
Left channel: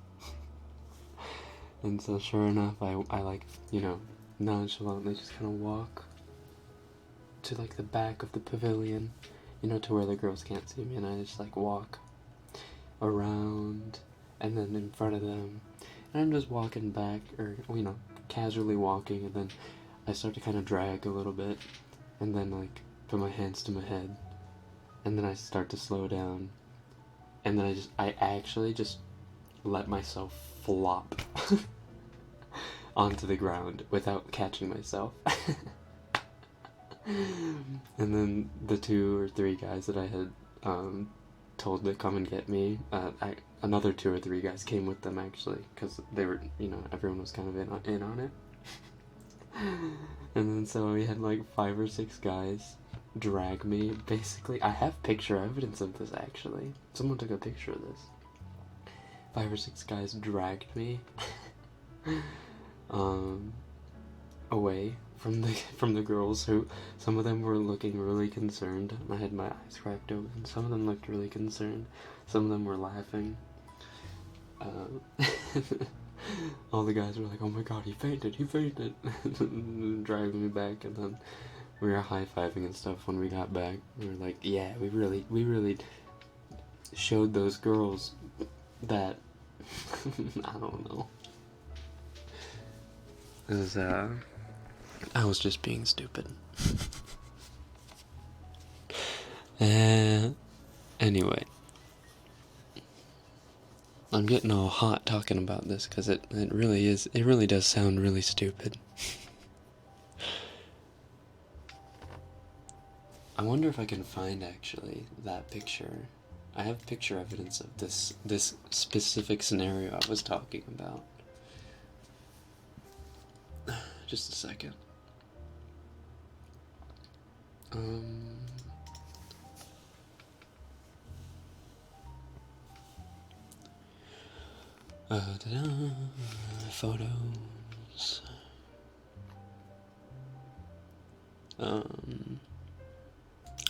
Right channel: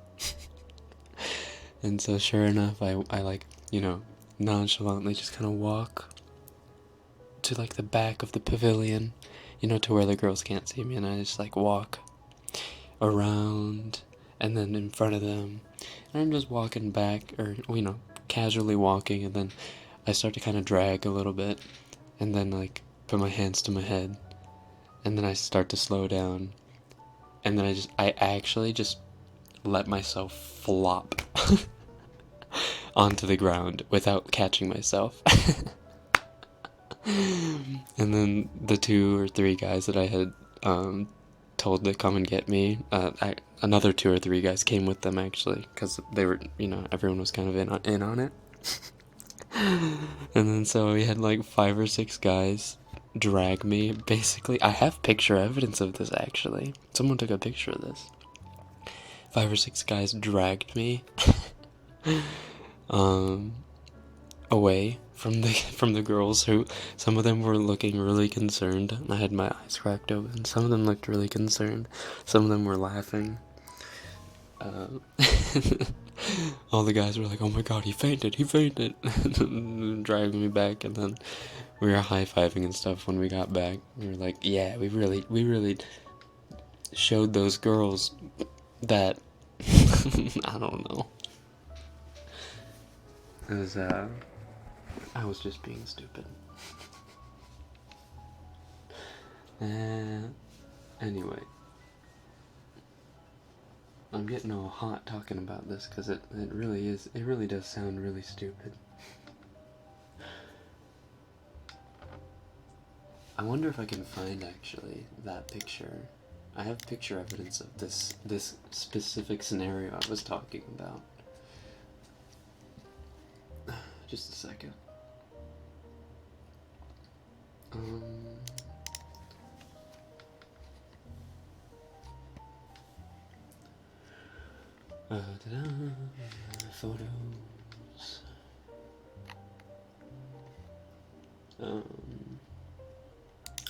And so sure enough, I nonchalantly just kind of walk to like the back of the pavilion, to where the girls can't see me, and I just like walk around and then in front of them, and I'm just walking back, or casually walking, and then I start to kind of drag a little bit, and then like put my hands to my head, and then I start to slow down, and then I actually just let myself flop onto the ground without catching myself. And then the 2 or 3 guys that I had told to come and get me, another 2 or 3 guys came with them, actually, because they were, everyone was kind of in on it. And then so we had like 5 or 6 guys drag me, basically. I have picture evidence of this, actually. Someone took a picture of this. 5 or 6 guys dragged me away from the girls, who some of them were looking really concerned. I had my eyes cracked open. Some of them looked really concerned. Some of them were laughing. All the guys were like, "Oh my god, he fainted!" Driving me back, and then we were high-fiving and stuff when we got back. We were like, "Yeah, we really showed those girls that." I don't know. I was just being stupid. Anyway, I'm getting all hot talking about this because it really does sound really stupid. I wonder if I can find actually that picture. I have picture evidence of this specific scenario I was talking about. Just a second. Photos. I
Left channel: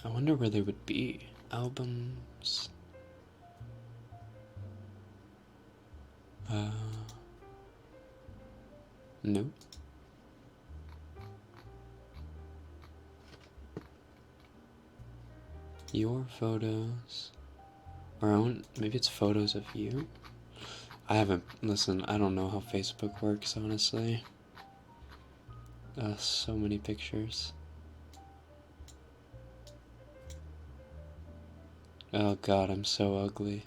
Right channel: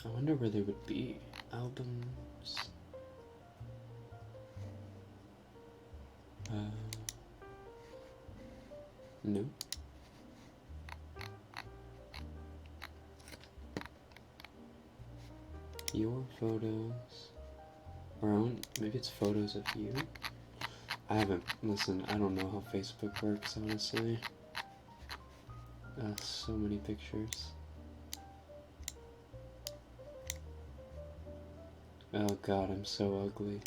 wonder where they would be. Albums. Nope. Your photos. Or maybe it's photos of you? Listen, I don't know how Facebook works, honestly. So many pictures. Oh god, I'm so ugly.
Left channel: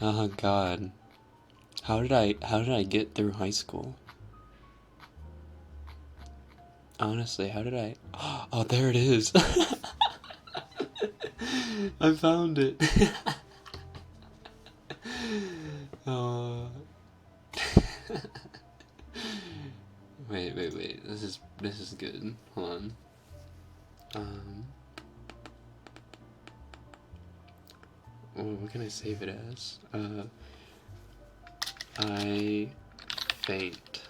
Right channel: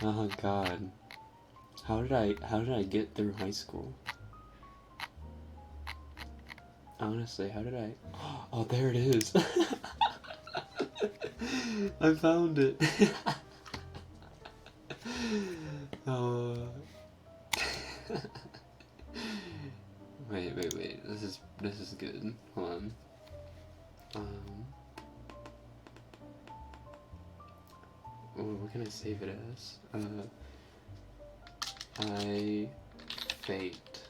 Oh god. How did I get through high school? Honestly, how did I? Oh, there it is. I found it. Wait. This is good. Hold on. What can I save it as? I faint.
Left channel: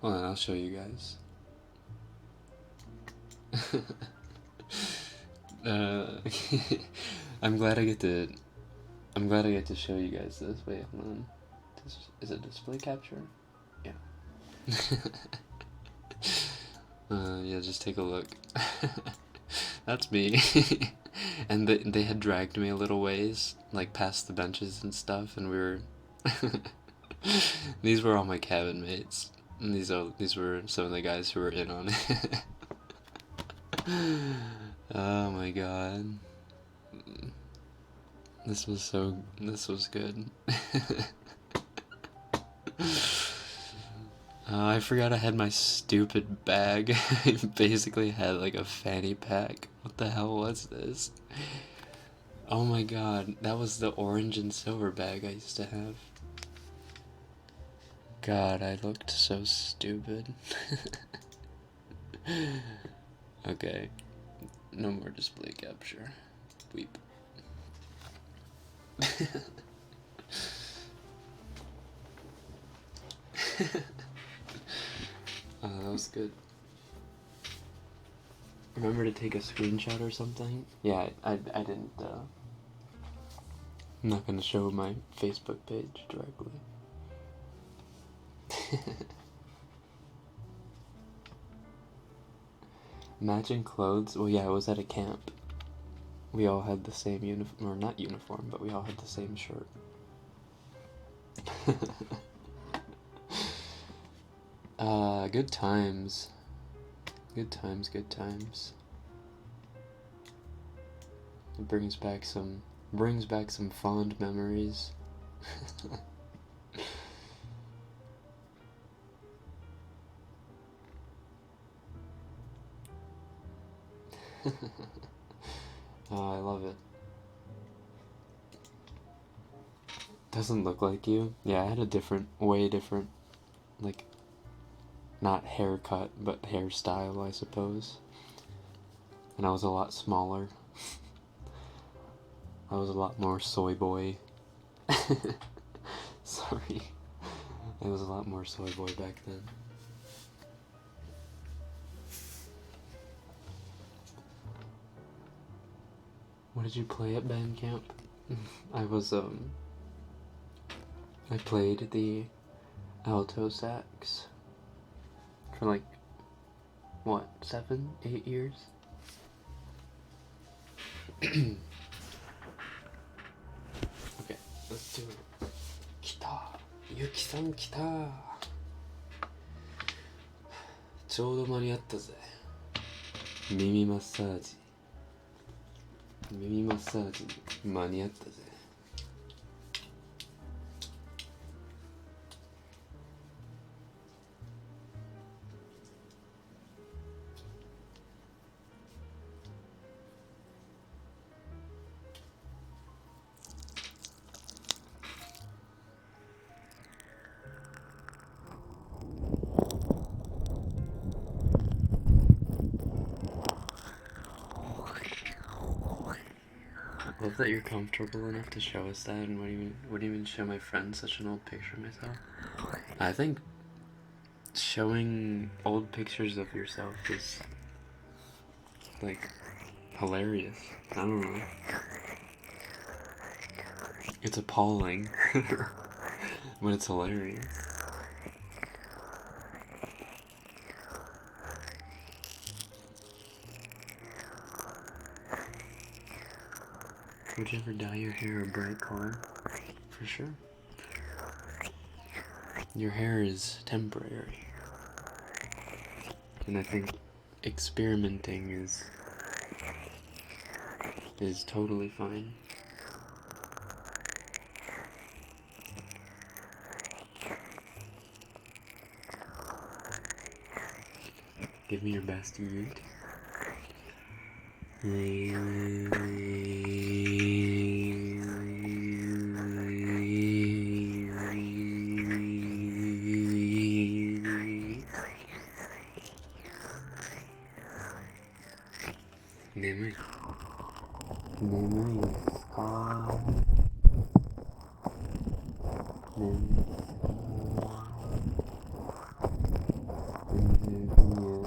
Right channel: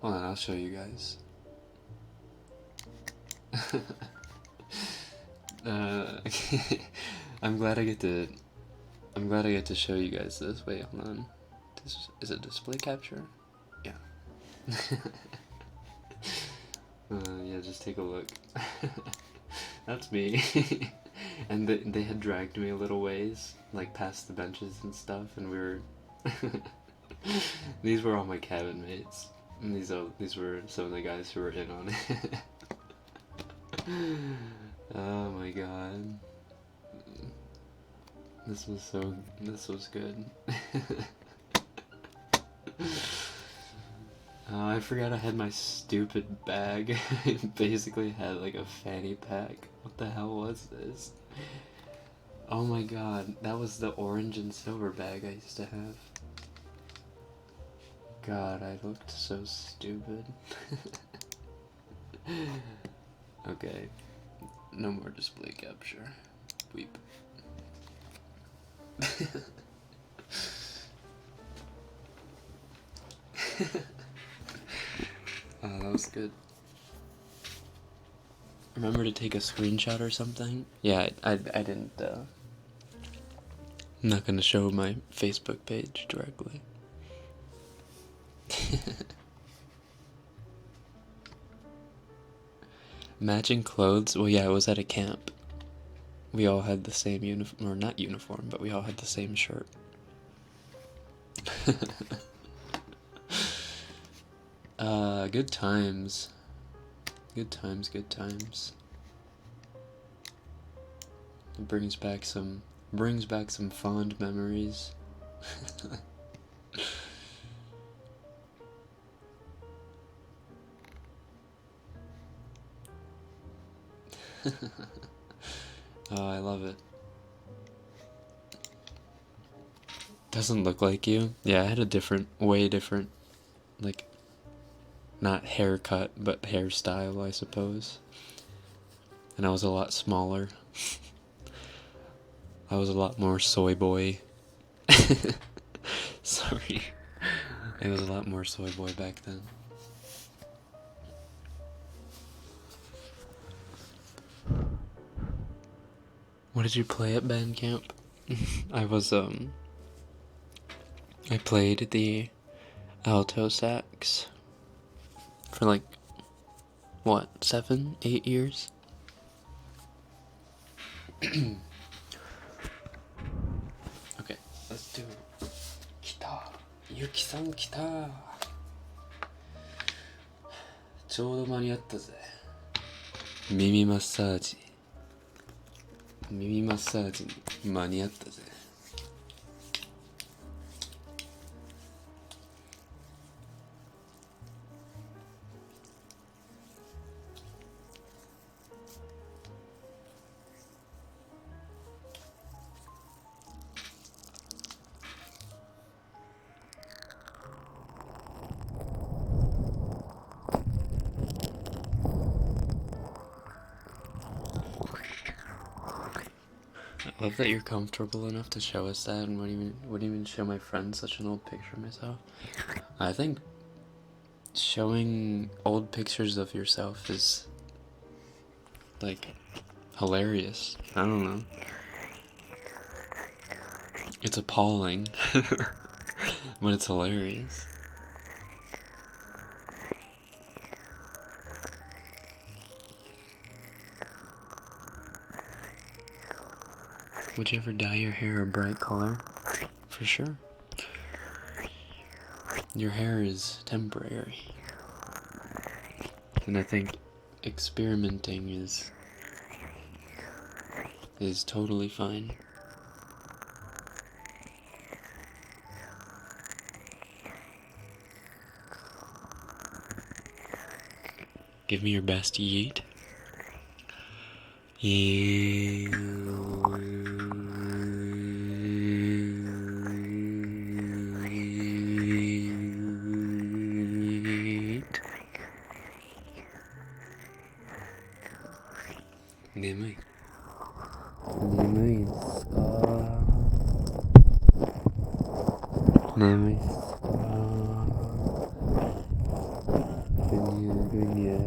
Hold on, I'll show you guys. I'm glad I get to show you guys this. Wait, hold on. Is it display capture? Yeah. Yeah, just take a look. That's me. And they had dragged me a little ways, like past the benches and stuff, and we were. These were all my cabin mates. And these were some of the guys who were in on it. Oh my god. This was good. I forgot I had my stupid bag. I basically had like a fanny pack. What the hell was this? Oh my god, that was the orange and silver bag I used to have. God, I looked so stupid. Okay, no more display capture. Weep. That was good. Remember to take a screenshot or something? Yeah, I didn't, I'm not gonna show my Facebook page directly. Matching clothes? Well, yeah, I was at a camp. We all had the same uniform, or not uniform, but we all had the same shirt. Good times. Good times. It brings back some fond memories. Oh, I love it. Doesn't look like you. Yeah, I had a way different, like, not haircut, but hairstyle, I suppose. And I was a lot smaller. I was a lot more soy boy. Sorry. I was a lot more soy boy back then. What did you play at band camp? I played the alto sax for like, what, 7, 8 years? Okay, let's do it. Kita! Yuki-san kita! ちょうど間に合ったぜ。耳マッサージに間に合ったぜ。I love that you're comfortable enough to show us that and wouldn't even show my friends such an old picture of myself. I think showing old pictures of yourself is, like, hilarious. I don't know. It's appalling, but it's hilarious. Would you ever dye your hair a bright color? For sure. Your hair is temporary. And I think experimenting is totally fine. Give me your best yeet. Yeet. Nemai. Nemai ska. Nemai ska. Gunya.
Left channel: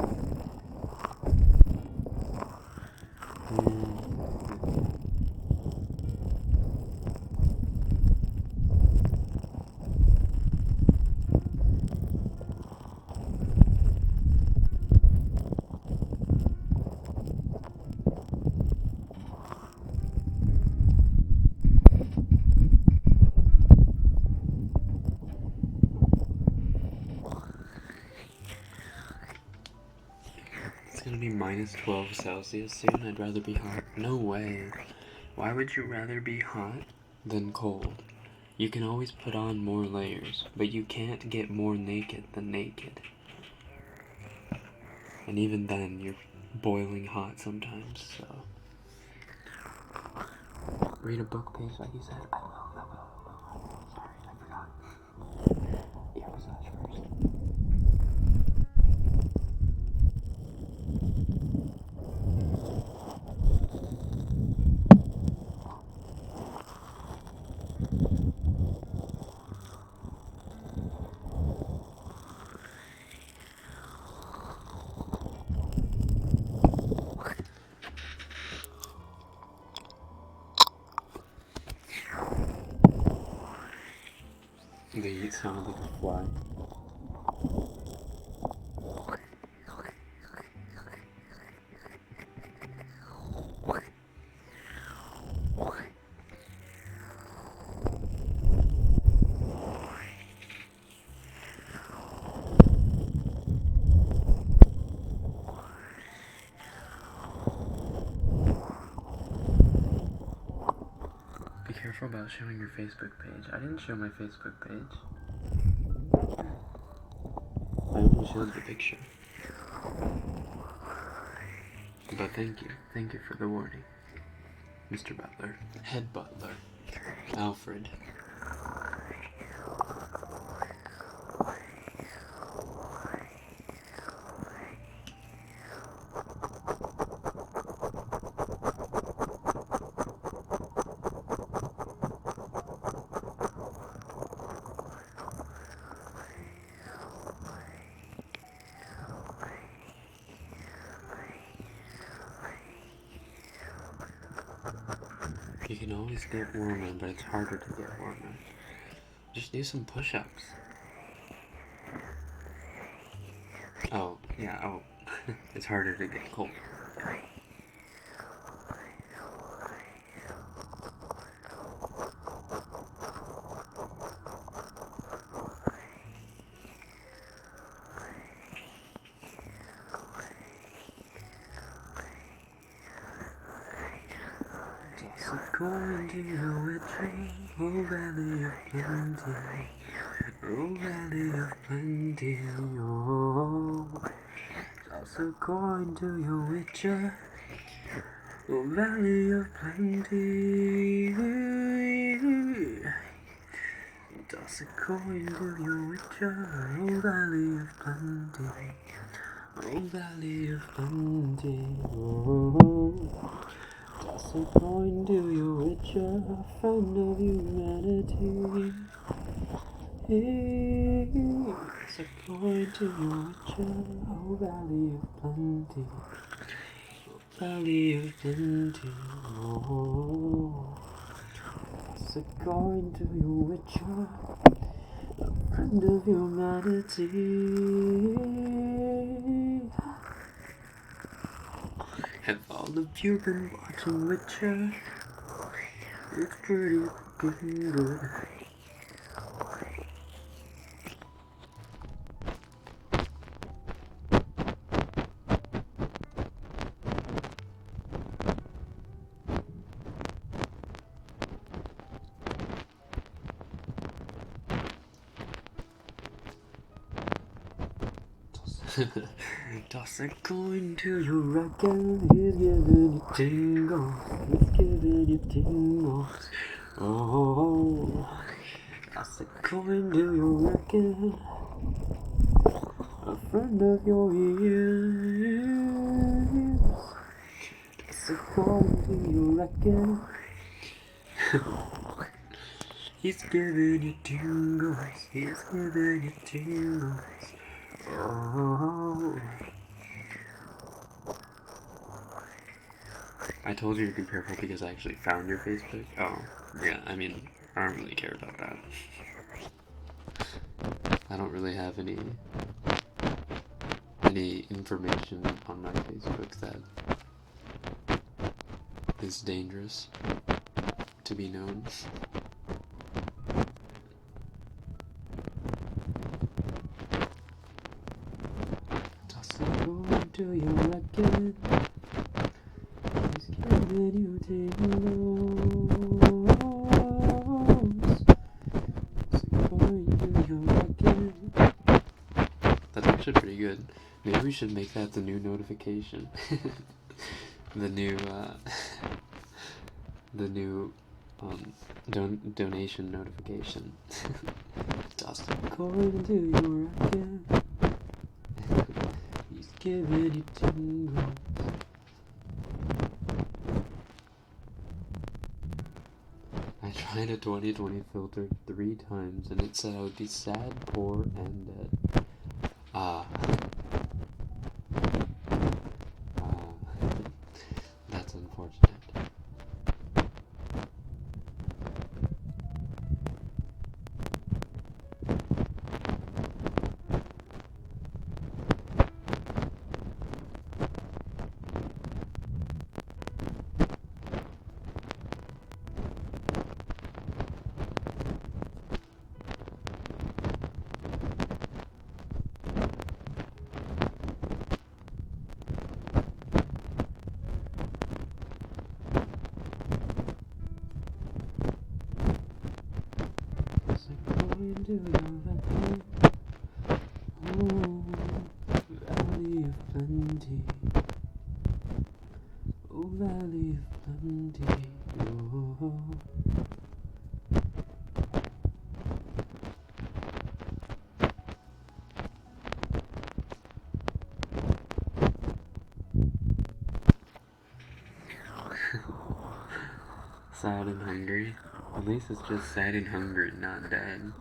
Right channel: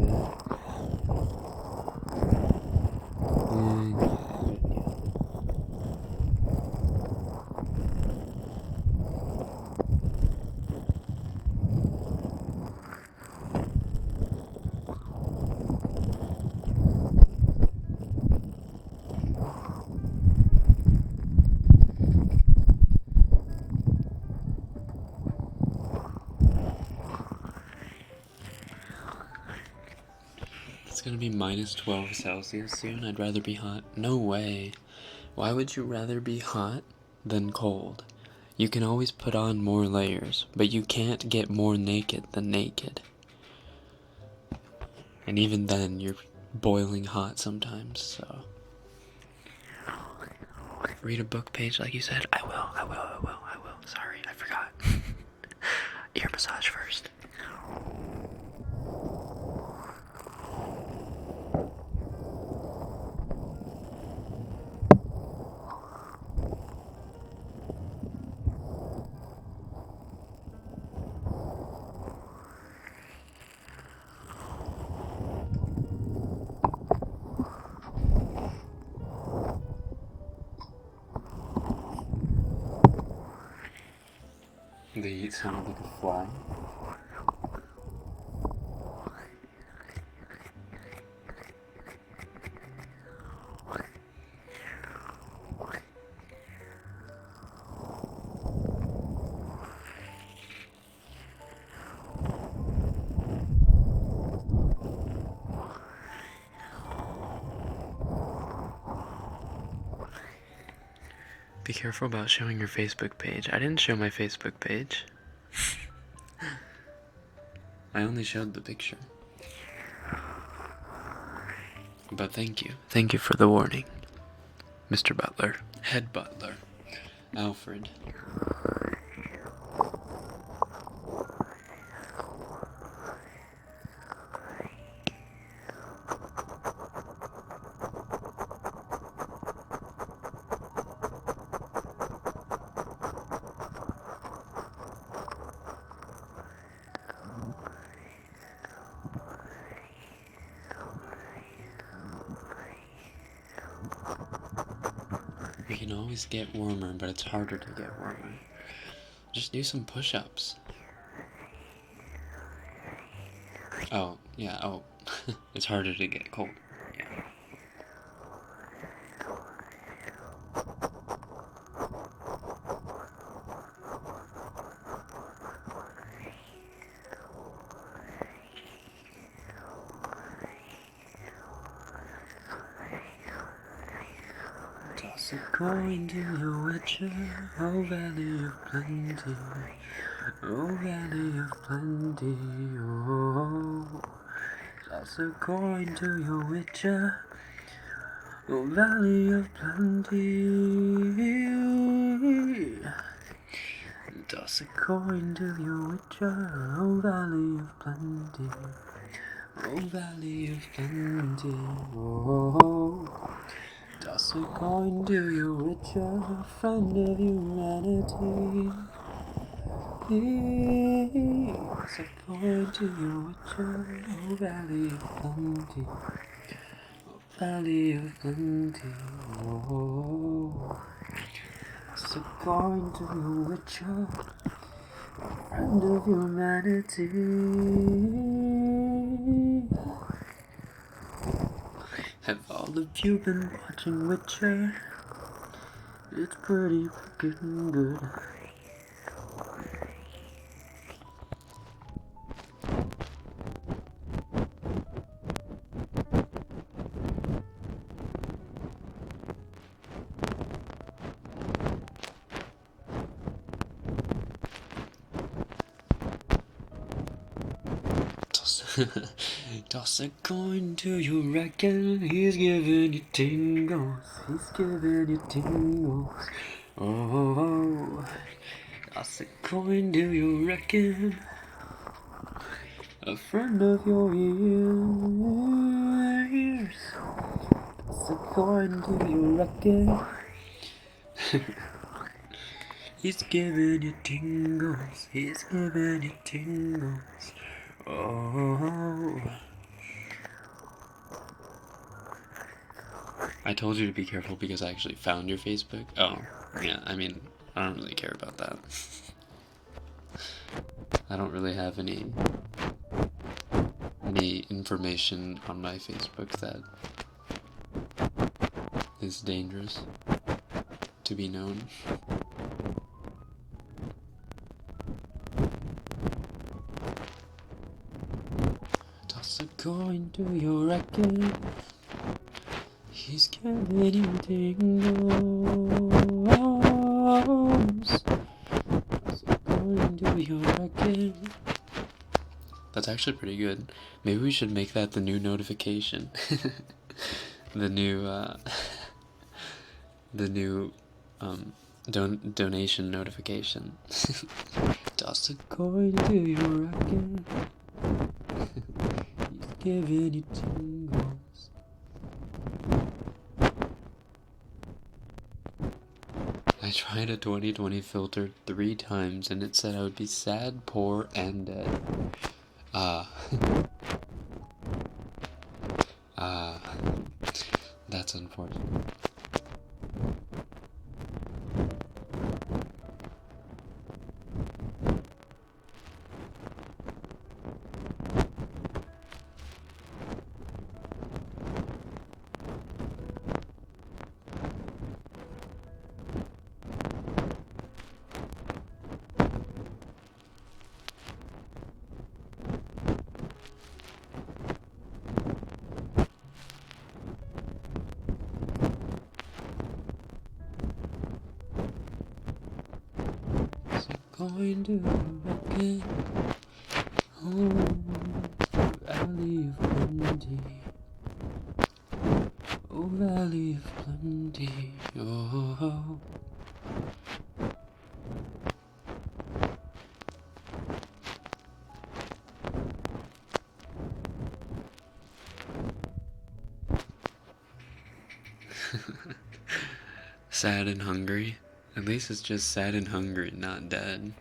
It's gonna be minus 12 Celsius soon. I'd rather be hot. No way. Why would you rather be hot than cold? You can always put on more layers, but you can't get more naked than naked. And even then, you're boiling hot sometimes, so. Read a book page like you said? I will. Sorry, I forgot. Ear massage first. They sound like a fly. Be careful about showing your Facebook page. I didn't show my Facebook page. I only showed the picture. But thank you. Thank you for the warning, Mr. Butler. Head Butler. Alfred. We can always get warmer, but it's harder to get warmer. Just do some push-ups. Oh, yeah, oh. It's harder to get cold. Yeah. Toss a coin to the witchery, oh valley of plenty, oh valley of plenty, oh. Toss a coin to your witcher, oh valley of plenty. Toss a coin to your witcher, oh valley of plenty, oh valley of plenty, oh. Toss a coin to you, richer friend of humanity. Toss a coin to you, richer, oh valley of plenty. Valley of plenty, oh. Toss a coin to you, richer friend of humanity. Have all of you been watching Witcher? It's pretty fucking good. Toss a coin to you, Rekken. He's giving you tingles. He's giving you tingles. Oh, toss a coin to you, Rekken. A friend of your ears. Toss a coin to you, Rekken. He's giving you tingles. He's giving you tingles. Oh. I told you to be careful because I actually found your Facebook. Oh, yeah, I mean, I don't really care about that. I don't really have any information on my Facebook that is dangerous to be known. Toss a coin to your Rekken. He's giving you tingles. Toss a coin to your Rekken. That's actually pretty good. Maybe we should make that the new notification. the new donation notification. Toss a coin to your Rekken. He's giving you tingles. I tried a 2020 filter 3 times and it said I would be sad, poor, and dead. That's unfortunate. Going to Rekken. Oh, valley of plenty. Oh, valley of plenty. Oh. Sad and hungry. At least it's just sad and hungry, not dead.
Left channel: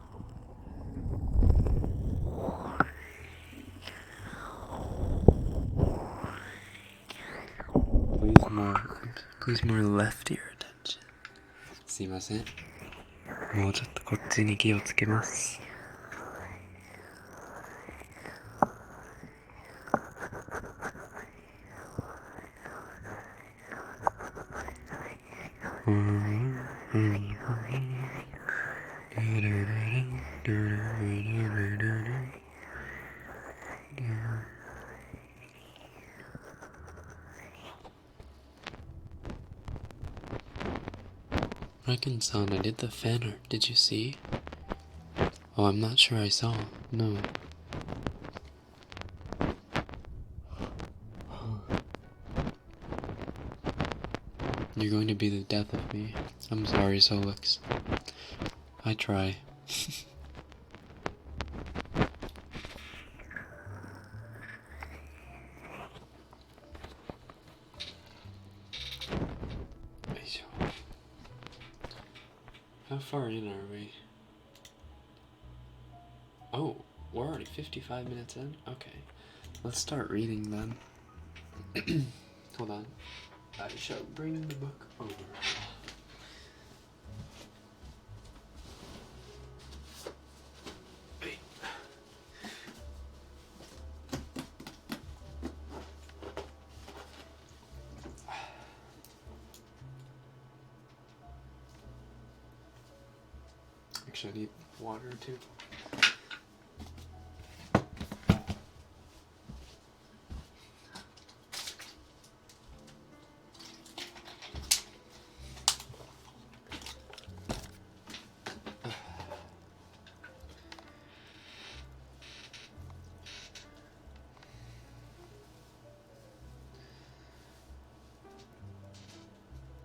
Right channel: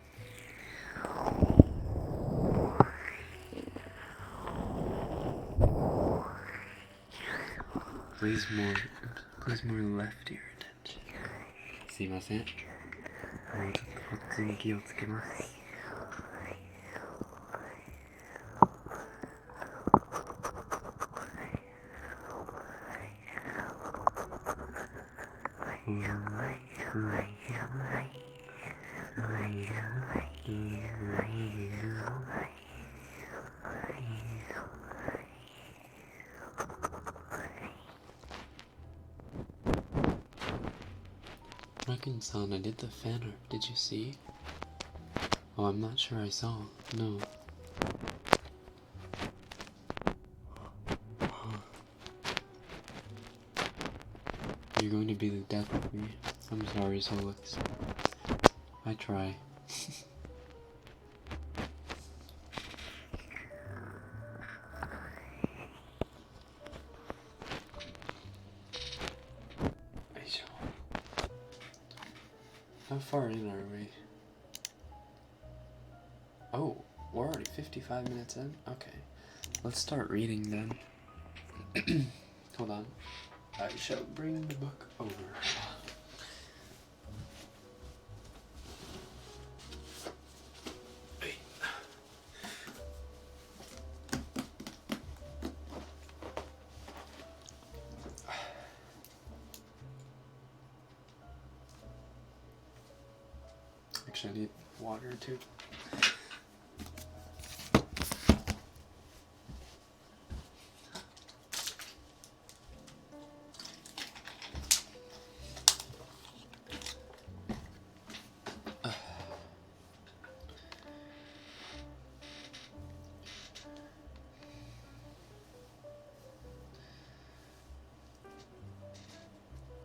Please more left ear attention. すいません。もうちょっとこっちに気をつけます。Rekken-san, I did the fan art. Did you see? Oh, I'm not sure I saw. No. You're going to be the death of me. I'm sorry, Solix. I try. How far in are we? Oh, we're already 55 minutes in? Okay. Let's start reading then. Hold on. I shall bring the book over. Wait. Actually, I need water too.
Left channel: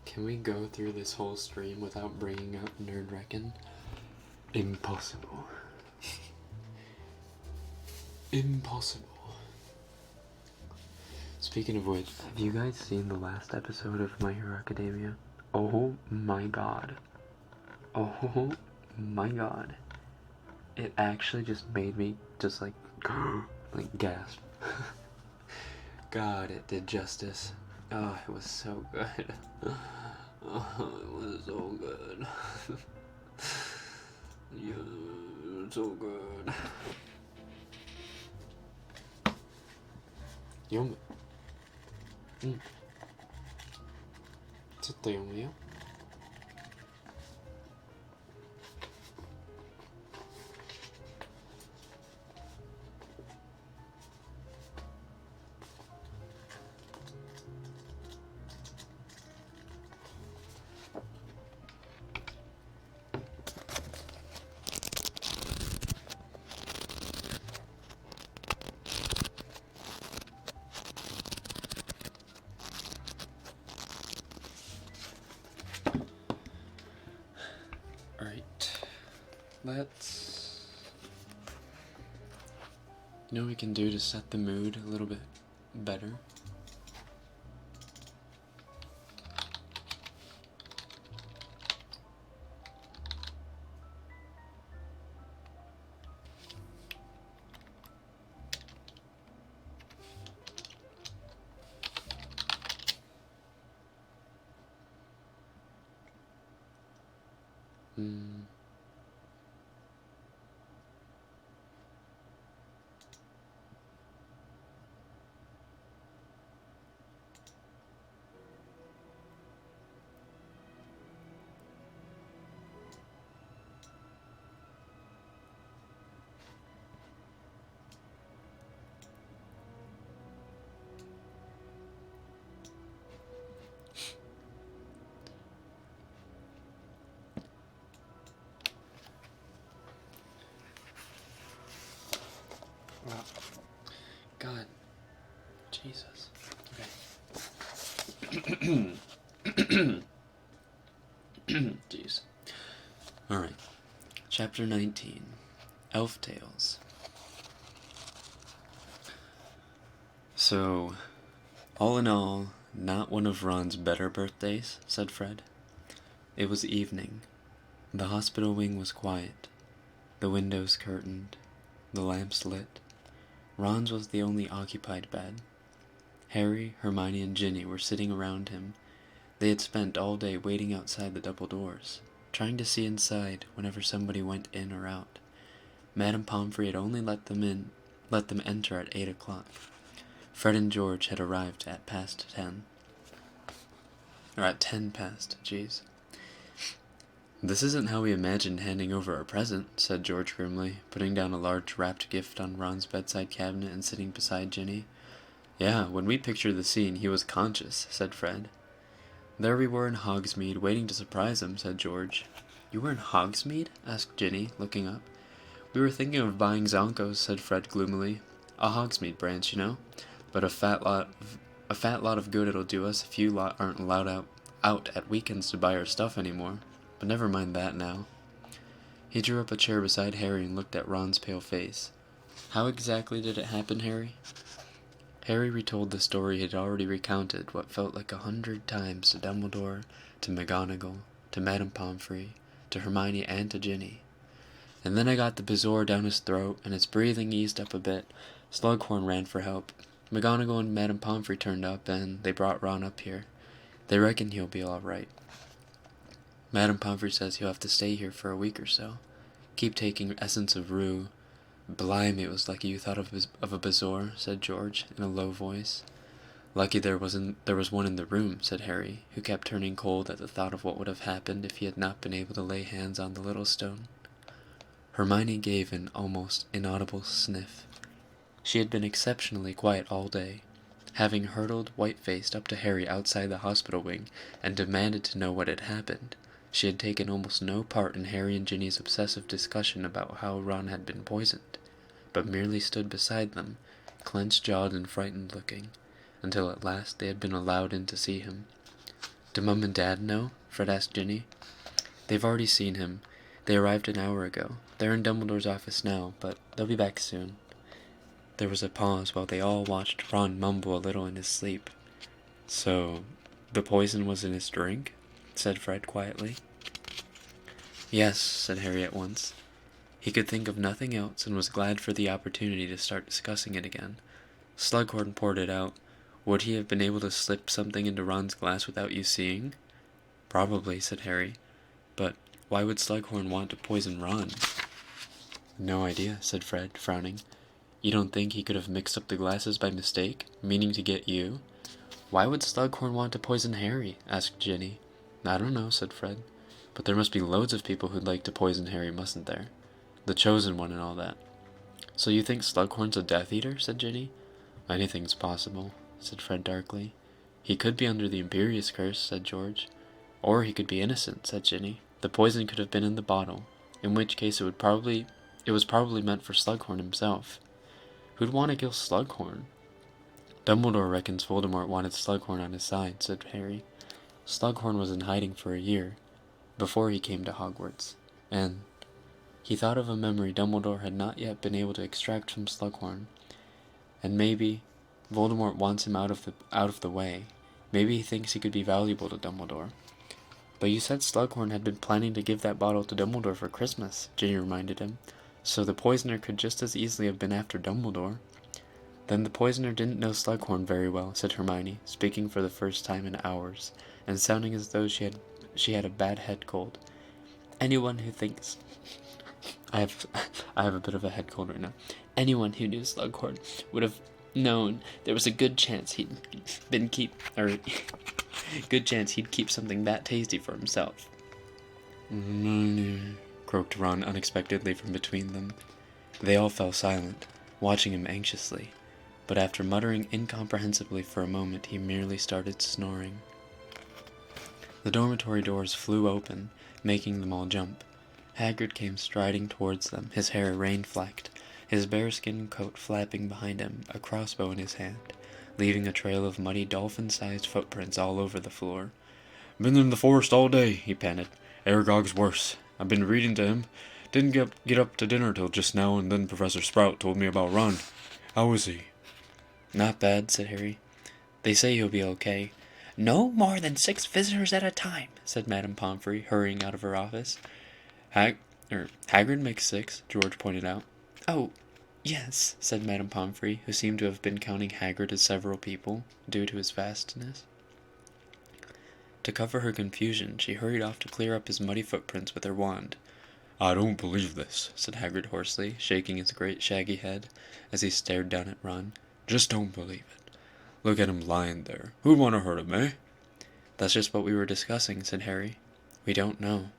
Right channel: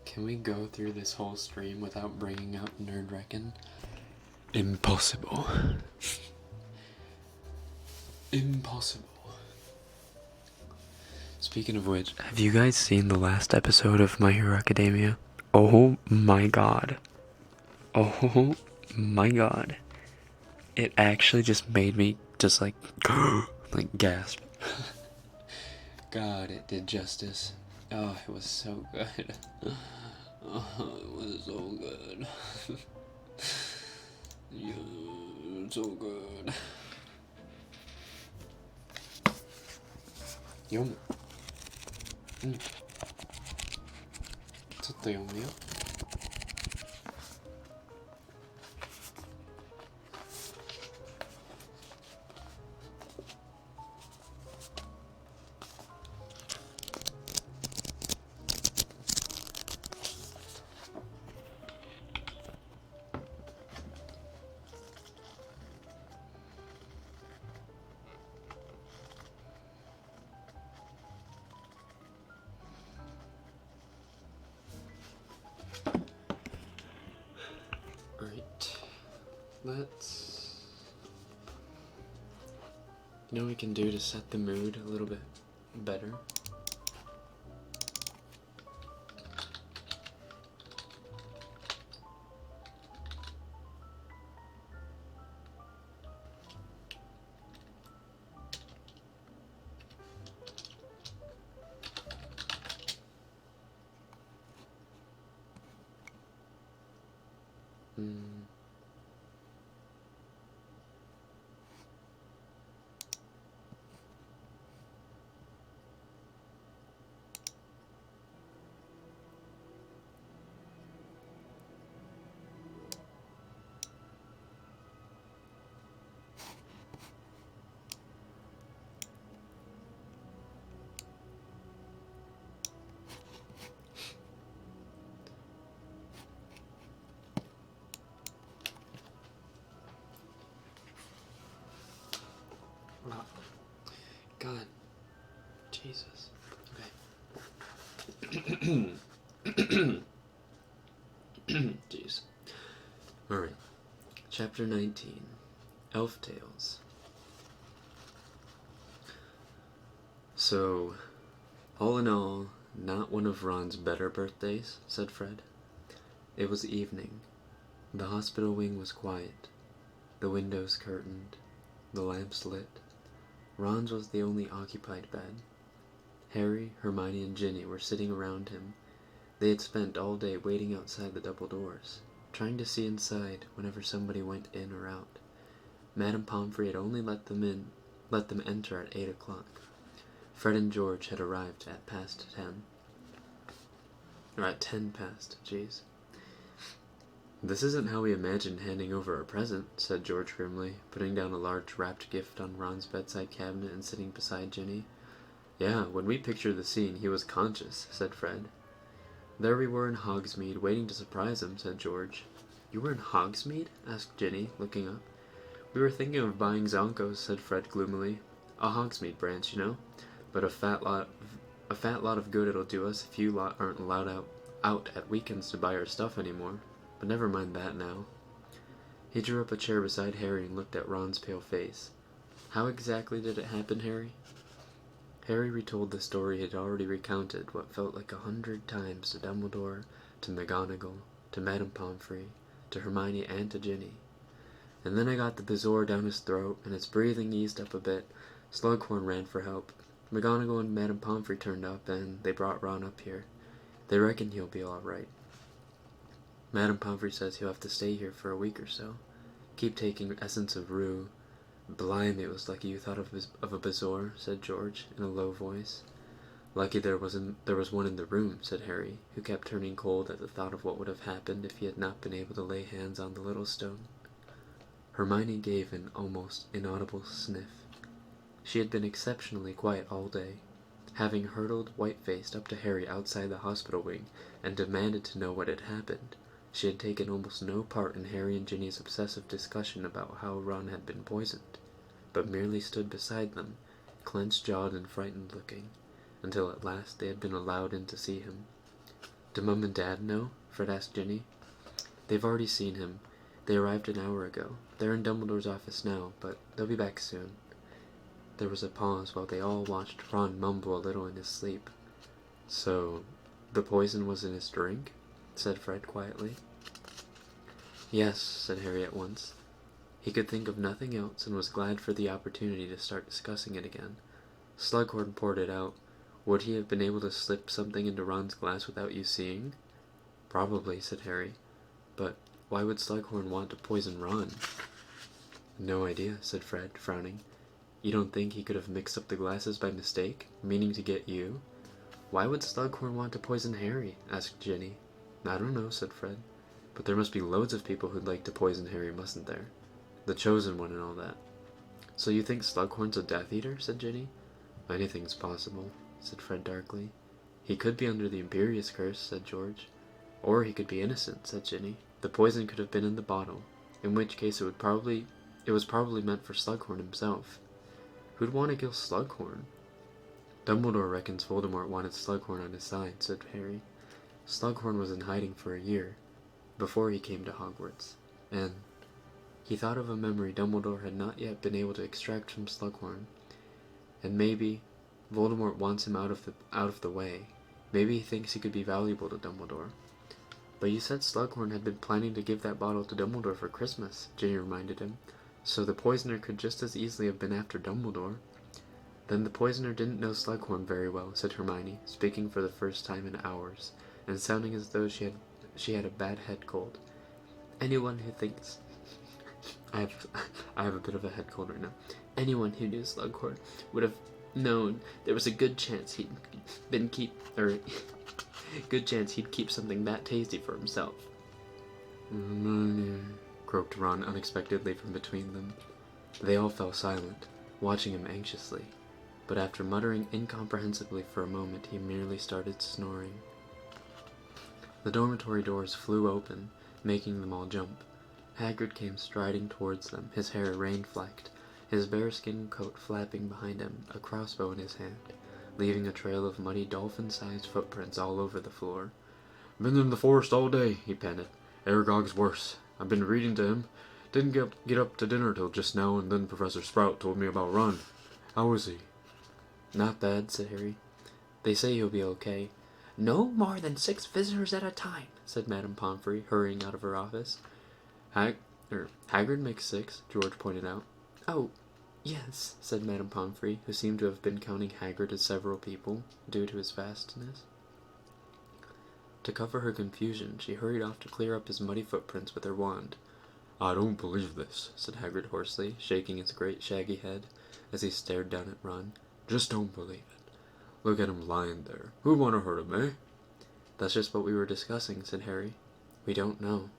Can we go through this whole stream without bringing up Nerd Rekken? Impossible. Impossible. Speaking of which, have you guys seen the last episode of My Hero Academia? Oh my god. Oh my god. It actually just made me just like, like gasp. God, it did justice. Oh, it was so good. Oh, it was so good. Yeah, it was so good. 読む。うん。ちょっと読むよ。Let's, you know what we can do to set the mood a little bit better? Wow. God. Jesus. Okay. Jeez. Alright. Chapter 19. Elf Tales. So, all in all, not one of Ron's better birthdays, said Fred. It was evening. The hospital wing was quiet. The windows curtained. The lamps lit. Ron's was the only occupied bed. Harry, Hermione, and Ginny were sitting around him. They had spent all day waiting outside the double doors, trying to see inside whenever somebody went in or out. Madame Pomfrey had only let them enter at 8 o'clock. Fred and George had arrived at past 10. Or at 10 past, jeez. This isn't how we imagined handing over a present, said George grimly, putting down a large wrapped gift on Ron's bedside cabinet and sitting beside Ginny. Yeah, when we pictured the scene, he was conscious, said Fred. There we were in Hogsmeade, waiting to surprise him, said George. You were in Hogsmeade? Asked Ginny, looking up. We were thinking of buying Zonkos, said Fred gloomily. A Hogsmeade branch, you know? But a fat lot of good it'll do us if you lot aren't allowed out at weekends to buy our stuff anymore. But never mind that now. He drew up a chair beside Harry and looked at Ron's pale face. How exactly did it happen, Harry? Harry retold the story he had already recounted what felt like 100 times to Dumbledore, to McGonagall, to Madame Pomfrey, to to Hermione and to Ginny. And then I got the bezoar down his throat, and his breathing eased up a bit. Slughorn ran for help. McGonagall and Madame Pomfrey turned up, and they brought Ron up here. They reckon he'll be all right. Madame Pomfrey says he'll have to stay here for a week or so. Keep taking essence of rue. Blimey, it was lucky you thought of a bezoar, said George, in a low voice. Lucky there was one in the room, said Harry, who kept turning cold at the thought of what would have happened if he had not been able to lay hands on the little stone. Hermione gave an almost inaudible sniff. She had been exceptionally quiet all day, having hurtled white-faced up to Harry outside the hospital wing and demanded to know what had happened. She had taken almost no part in Harry and Ginny's obsessive discussion about how Ron had been poisoned, but merely stood beside them, clenched-jawed and frightened-looking, until at last they had been allowed in to see him. "Do Mum and Dad know?" Fred asked Ginny. "They've already seen him. They arrived an hour ago. They're in Dumbledore's office now, but they'll be back soon." There was a pause while they all watched Ron mumble a little in his sleep. "So, the poison was in his drink?" said Fred quietly. "Yes," said Harry at once. He could think of nothing else and was glad for the opportunity to start discussing it again. Slughorn poured it out. "Would he have been able to slip something into Ron's glass without you seeing?" "Probably," said Harry. "But why would Slughorn want to poison Ron?" "No idea," said Fred, frowning. "You don't think he could have mixed up the glasses by mistake, meaning to get you?" "Why would Slughorn want to poison Harry?" asked Ginny. "I don't know," said Fred. "But there must be loads of people who'd like to poison Harry, mustn't there? The chosen one and all that." "So you think Slughorn's a Death Eater?" said Ginny. "Anything's possible," said Fred darkly. "He could be under the Imperious Curse," said George. "Or he could be innocent," said Ginny. "The poison could have been in the bottle, in which case it was probably meant for Slughorn himself." "Who'd want to kill Slughorn?" "Dumbledore reckons Voldemort wanted Slughorn on his side," said Harry. "Slughorn was in hiding for a year, before he came to Hogwarts, and he thought of a memory Dumbledore had not yet been able to extract from Slughorn. And maybe Voldemort wants him out of the way. Maybe he thinks he could be valuable to Dumbledore." "But you said Slughorn had been planning to give that bottle to Dumbledore for Christmas," Ginny reminded him. "So the poisoner could just as easily have been after Dumbledore." "Then the poisoner didn't know Slughorn very well," said Hermione, speaking for the first time in hours, and sounding as though she had a bad head cold. "Anyone who thinks I have a bit of a head cold right now. Anyone who knew Slughorn would have known there was a good chance he'd keep something that tasty for himself." Croaked Ron unexpectedly from between them. They all fell silent, watching him anxiously, but after muttering incomprehensibly for a moment, he merely started snoring. The dormitory doors flew open, making them all jump. Hagrid came striding towards them, his hair rain-flecked, his bearskin coat flapping behind him, a crossbow in his hand, leaving a trail of muddy dolphin-sized footprints all over the floor. "Been in the forest all day," he panted. "Aragog's worse. I've been reading to him. Didn't get up to dinner till just now, and then Professor Sprout told me about Ron. How is he?" "Not bad," said Harry. "They say he'll be okay." "No more than 6 visitors at a time," said Madame Pomfrey, hurrying out of her office. Hagrid makes 6, George pointed out. "Oh, yes," said Madame Pomfrey, who seemed to have been counting Hagrid as several people, due to his vastness. To cover her confusion, she hurried off to clear up his muddy footprints with her wand. "I don't believe this," said Hagrid hoarsely, shaking his great shaggy head as he stared down at Ron. "Just don't believe it. Look at him lying there. Who'd want to hurt him, eh?" "That's just what we were discussing," said Harry. "We don't know."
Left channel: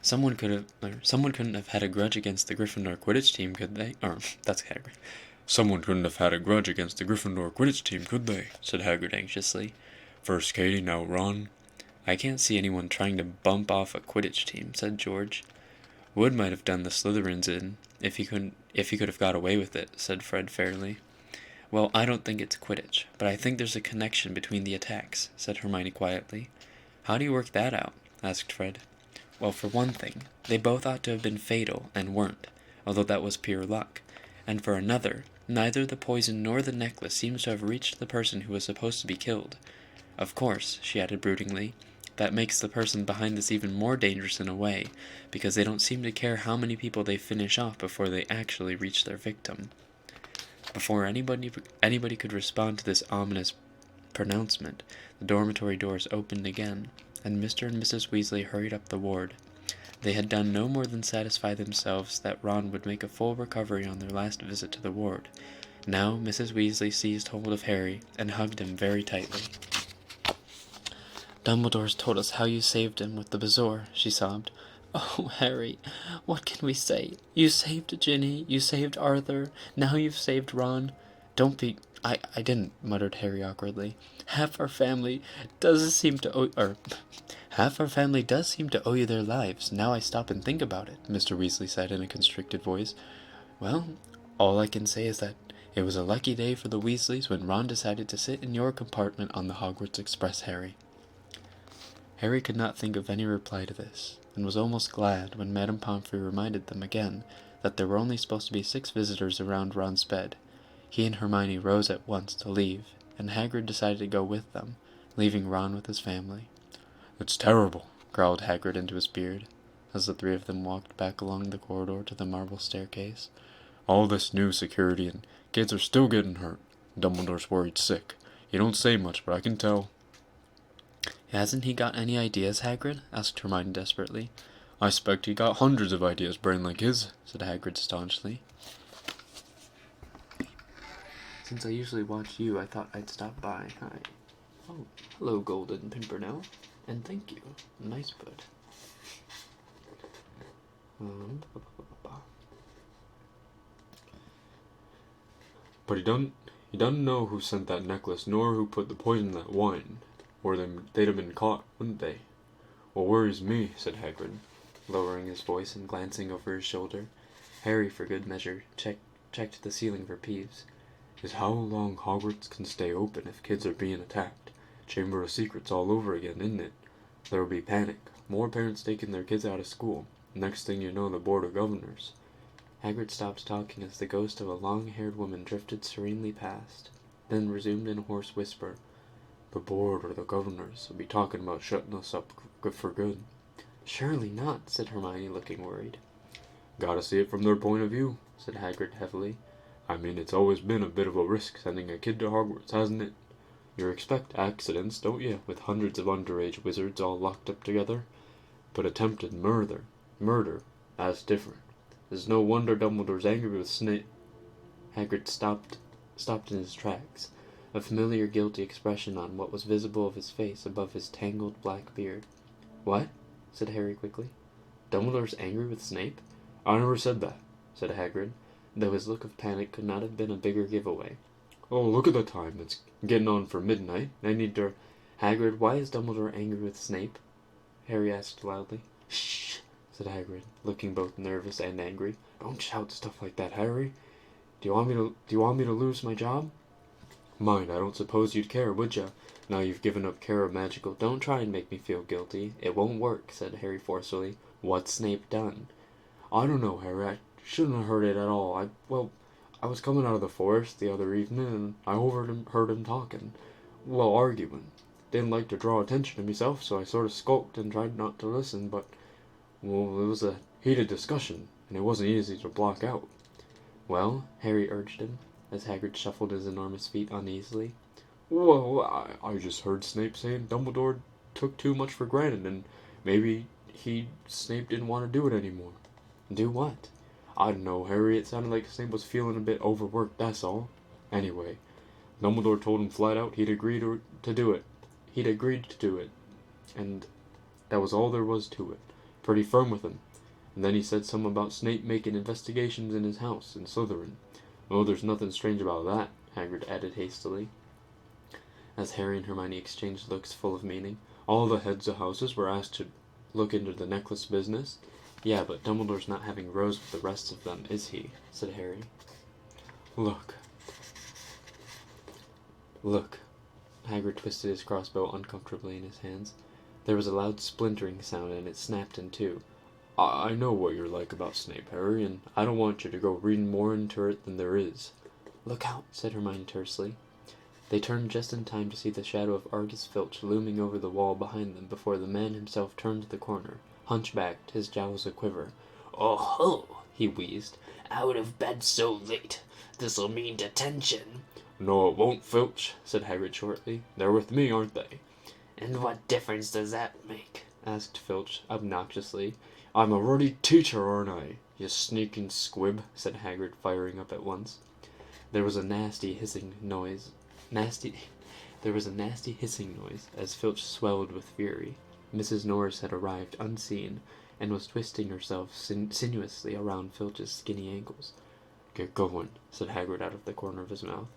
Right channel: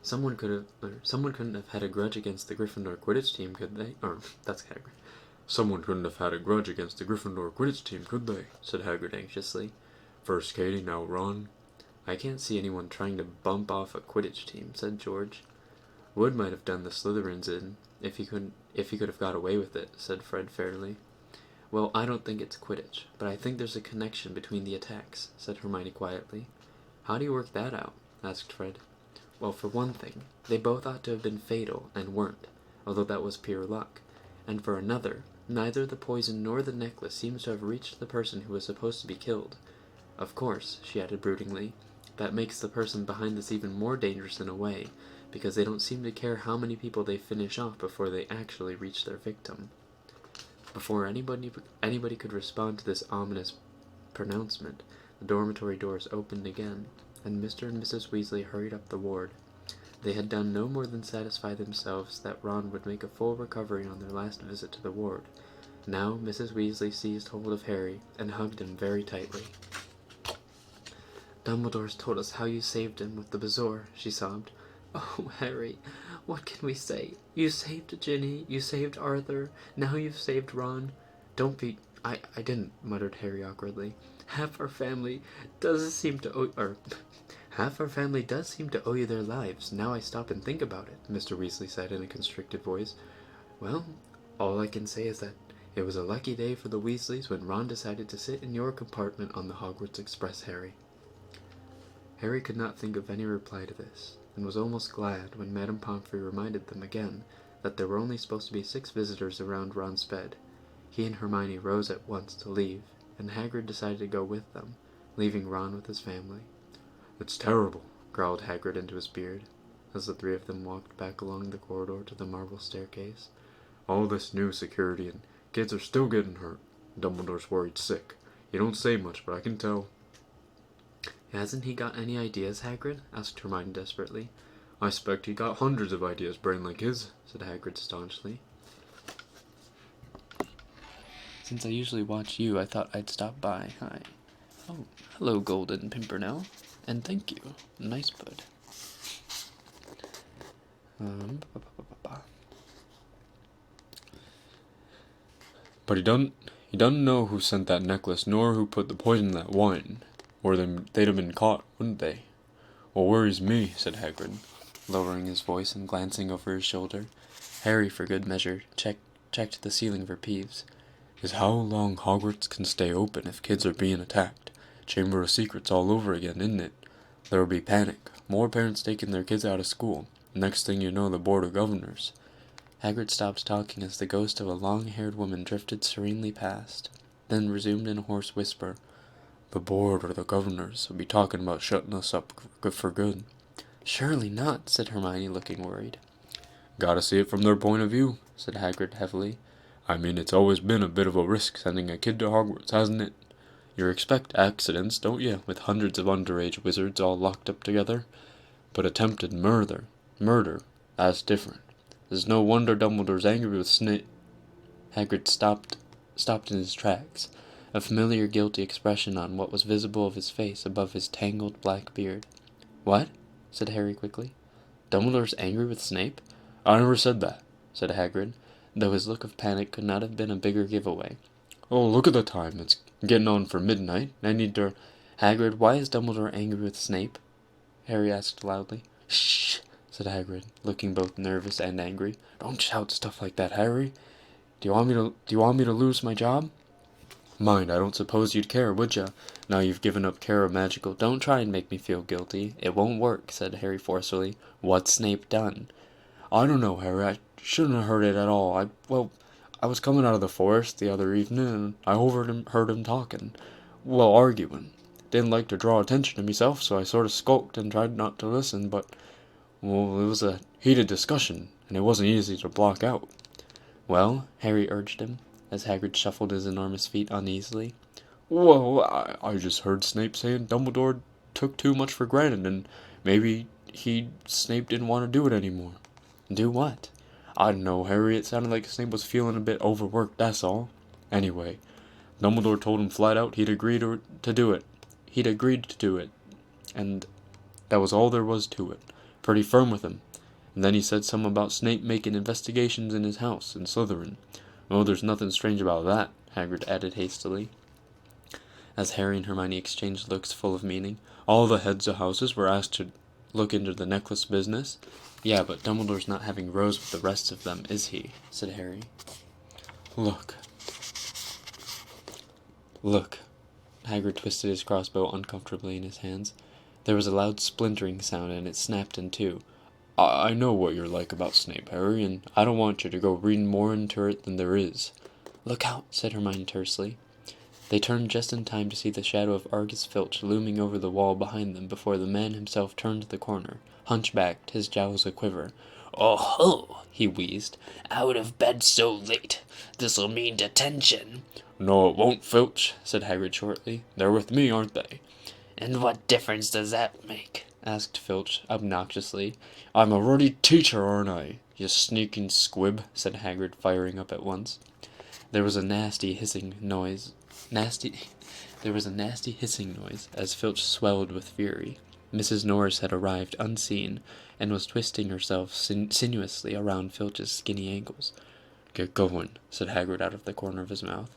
Someone couldn't have had a grudge against the Gryffindor Quidditch team, could they? That's Hagrid. "Someone couldn't have had a grudge against the Gryffindor Quidditch team, could they?" said Hagrid anxiously. "First Katie, now Ron." "I can't see anyone trying to bump off a Quidditch team," said George. "Wood might have done the Slytherins in, if he could have got away with it," said Fred fairly. "Well, I don't think it's Quidditch, but I think there's a connection between the attacks," said Hermione quietly. "How do you work that out?" asked Fred. "Well, for one thing, they both ought to have been fatal and weren't, although that was pure luck. And for another, neither the poison nor the necklace seems to have reached the person who was supposed to be killed. Of course," she added broodingly, that makes the person behind this even more dangerous in a way, because they don't seem to care how many people they finish off before they actually reach their victim. Before anybody could respond to this ominous pronouncement, the dormitory doors opened again, and Mr. and Mrs. Weasley hurried up the ward. They had done no more than satisfy themselves that Ron would make a full recovery on their last visit to the ward. Now Mrs. Weasley seized hold of Harry and hugged him very tightly. "Dumbledore's told us how you saved him with the Bazour," she sobbed. "Oh, Harry, what can we say? You saved Ginny, you saved Arthur, now you've saved Ron." "Don't be... I didn't," muttered Harry awkwardly. Half our family does seem to owe you their lives, now I stop and think about it," Mr. Weasley said in a constricted voice. "Well, all I can say is that it was a lucky day for the Weasleys when Ron decided to sit in your compartment on the Hogwarts Express, Harry." Harry could not think of any reply to this, and was almost glad when Madame Pomfrey reminded them again that there were only supposed to be 6 visitors around Ron's bed. He and Hermione rose at once to leave, and Hagrid decided to go with them, leaving Ron with his family. "It's terrible," growled Hagrid into his beard, as the 3 of them walked back along the corridor to the marble staircase. "All this new security, and kids are still getting hurt. Dumbledore's worried sick. He don't say much, but I can tell." "Hasn't he got any ideas, Hagrid?" asked Hermione desperately. "I expect he got hundreds of ideas, brain like his," said Hagrid staunchly. "Since I usually watch you, I thought I'd stop by. Hi. Oh, hello, Golden Pimpernel. And thank you. Nice bud." But he doesn't know who sent that necklace, nor who put the poison in that wine, or they'd have been caught, wouldn't they? What worries me," said Hagrid, lowering his voice and glancing over his shoulder. Harry, for good measure, checked the ceiling for Peeves. "is how long Hogwarts can stay open if kids are being attacked. Chamber of Secrets all over again, isn't it? There'll be panic, more parents taking their kids out of school. Next thing you know, the Board of Governors." Hagrid stopped talking as the ghost of a long-haired woman drifted serenely past, then resumed in a hoarse whisper. "The Board or the Governors will be talking about shutting us up for good." "Surely not," said Hermione, looking worried. "Gotta see it from their point of view," said Hagrid heavily. "I mean, it's always been a bit of a risk sending a kid to Hogwarts, hasn't it? You expect accidents, don't you, with hundreds of underage wizards all locked up together? But attempted murder, that's different. There's no wonder Dumbledore's angry with Snape." Hagrid stopped in his tracks, a familiar guilty expression on what was visible of his face above his tangled black beard. "What?" said Harry quickly. "Dumbledore's angry with Snape?" "I never said that," said Hagrid, though his look of panic could not have been a bigger giveaway. "Oh, look at the time. It's getting on for midnight. I need to..." "Hagrid, why is Dumbledore angry with Snape?" Harry asked loudly. "Shh," said Hagrid, looking both nervous and angry. "Don't shout stuff like that, Harry. Do you want me to lose my job?" "Mind, I don't suppose you'd care, would ya? Now you've given up care of magical..." "Don't try and make me feel guilty. It won't work," said Harry forcefully. "What's Snape done?" "I don't know, Harry. I shouldn't have heard it at all. I was coming out of the forest the other evening, and I heard him talking. Well, arguing. Didn't like to draw attention to myself, so I sort of skulked and tried not to listen, but, well, it was a heated discussion, and it wasn't easy to block out." "Well?" Harry urged him, as Hagrid shuffled his enormous feet uneasily. "Well, I just heard Snape saying Dumbledore took too much for granted, and maybe Snape didn't want to do it anymore." "Do what?" "I don't know, Harry. It sounded like Snape was feeling a bit overworked, that's all. Anyway, Dumbledore told him flat out he'd agreed to do it. He'd agreed to do it, and that was all there was to it. Pretty firm with him. And then he said something about Snape making investigations in his house in Slytherin. Oh, there's nothing strange about that," Hagrid added hastily, as Harry and Hermione exchanged looks full of meaning. "All the heads of houses were asked to look into the necklace business." "Yeah, but Dumbledore's not having rows with the rest of them, is he?" said Harry. Look. Hagrid twisted his crossbow uncomfortably in his hands. There was a loud splintering sound, and it snapped in two. I know what you're like about Snape, Harry, and I don't want you to go reading more into it than there is." "Look out," said Hermione tersely. They turned just in time to see the shadow of Argus Filch looming over the wall behind them before the man himself turned the corner, hunchbacked, his jowls a-quiver. "Oh ho!" he wheezed. "Out of bed so late. This'll mean detention." "No, it won't, Filch," said Hagrid shortly. "They're with me, aren't they?" "And what difference does that make?" asked Filch obnoxiously. "I'm a ruddy teacher, aren't I, you sneaking squib?" said Hagrid, firing up at once. There was a nasty hissing noise as Filch swelled with fury. Mrs. Norris had arrived unseen and was twisting herself sinuously around Filch's skinny ankles. "Get going," said Hagrid out of the corner of his mouth.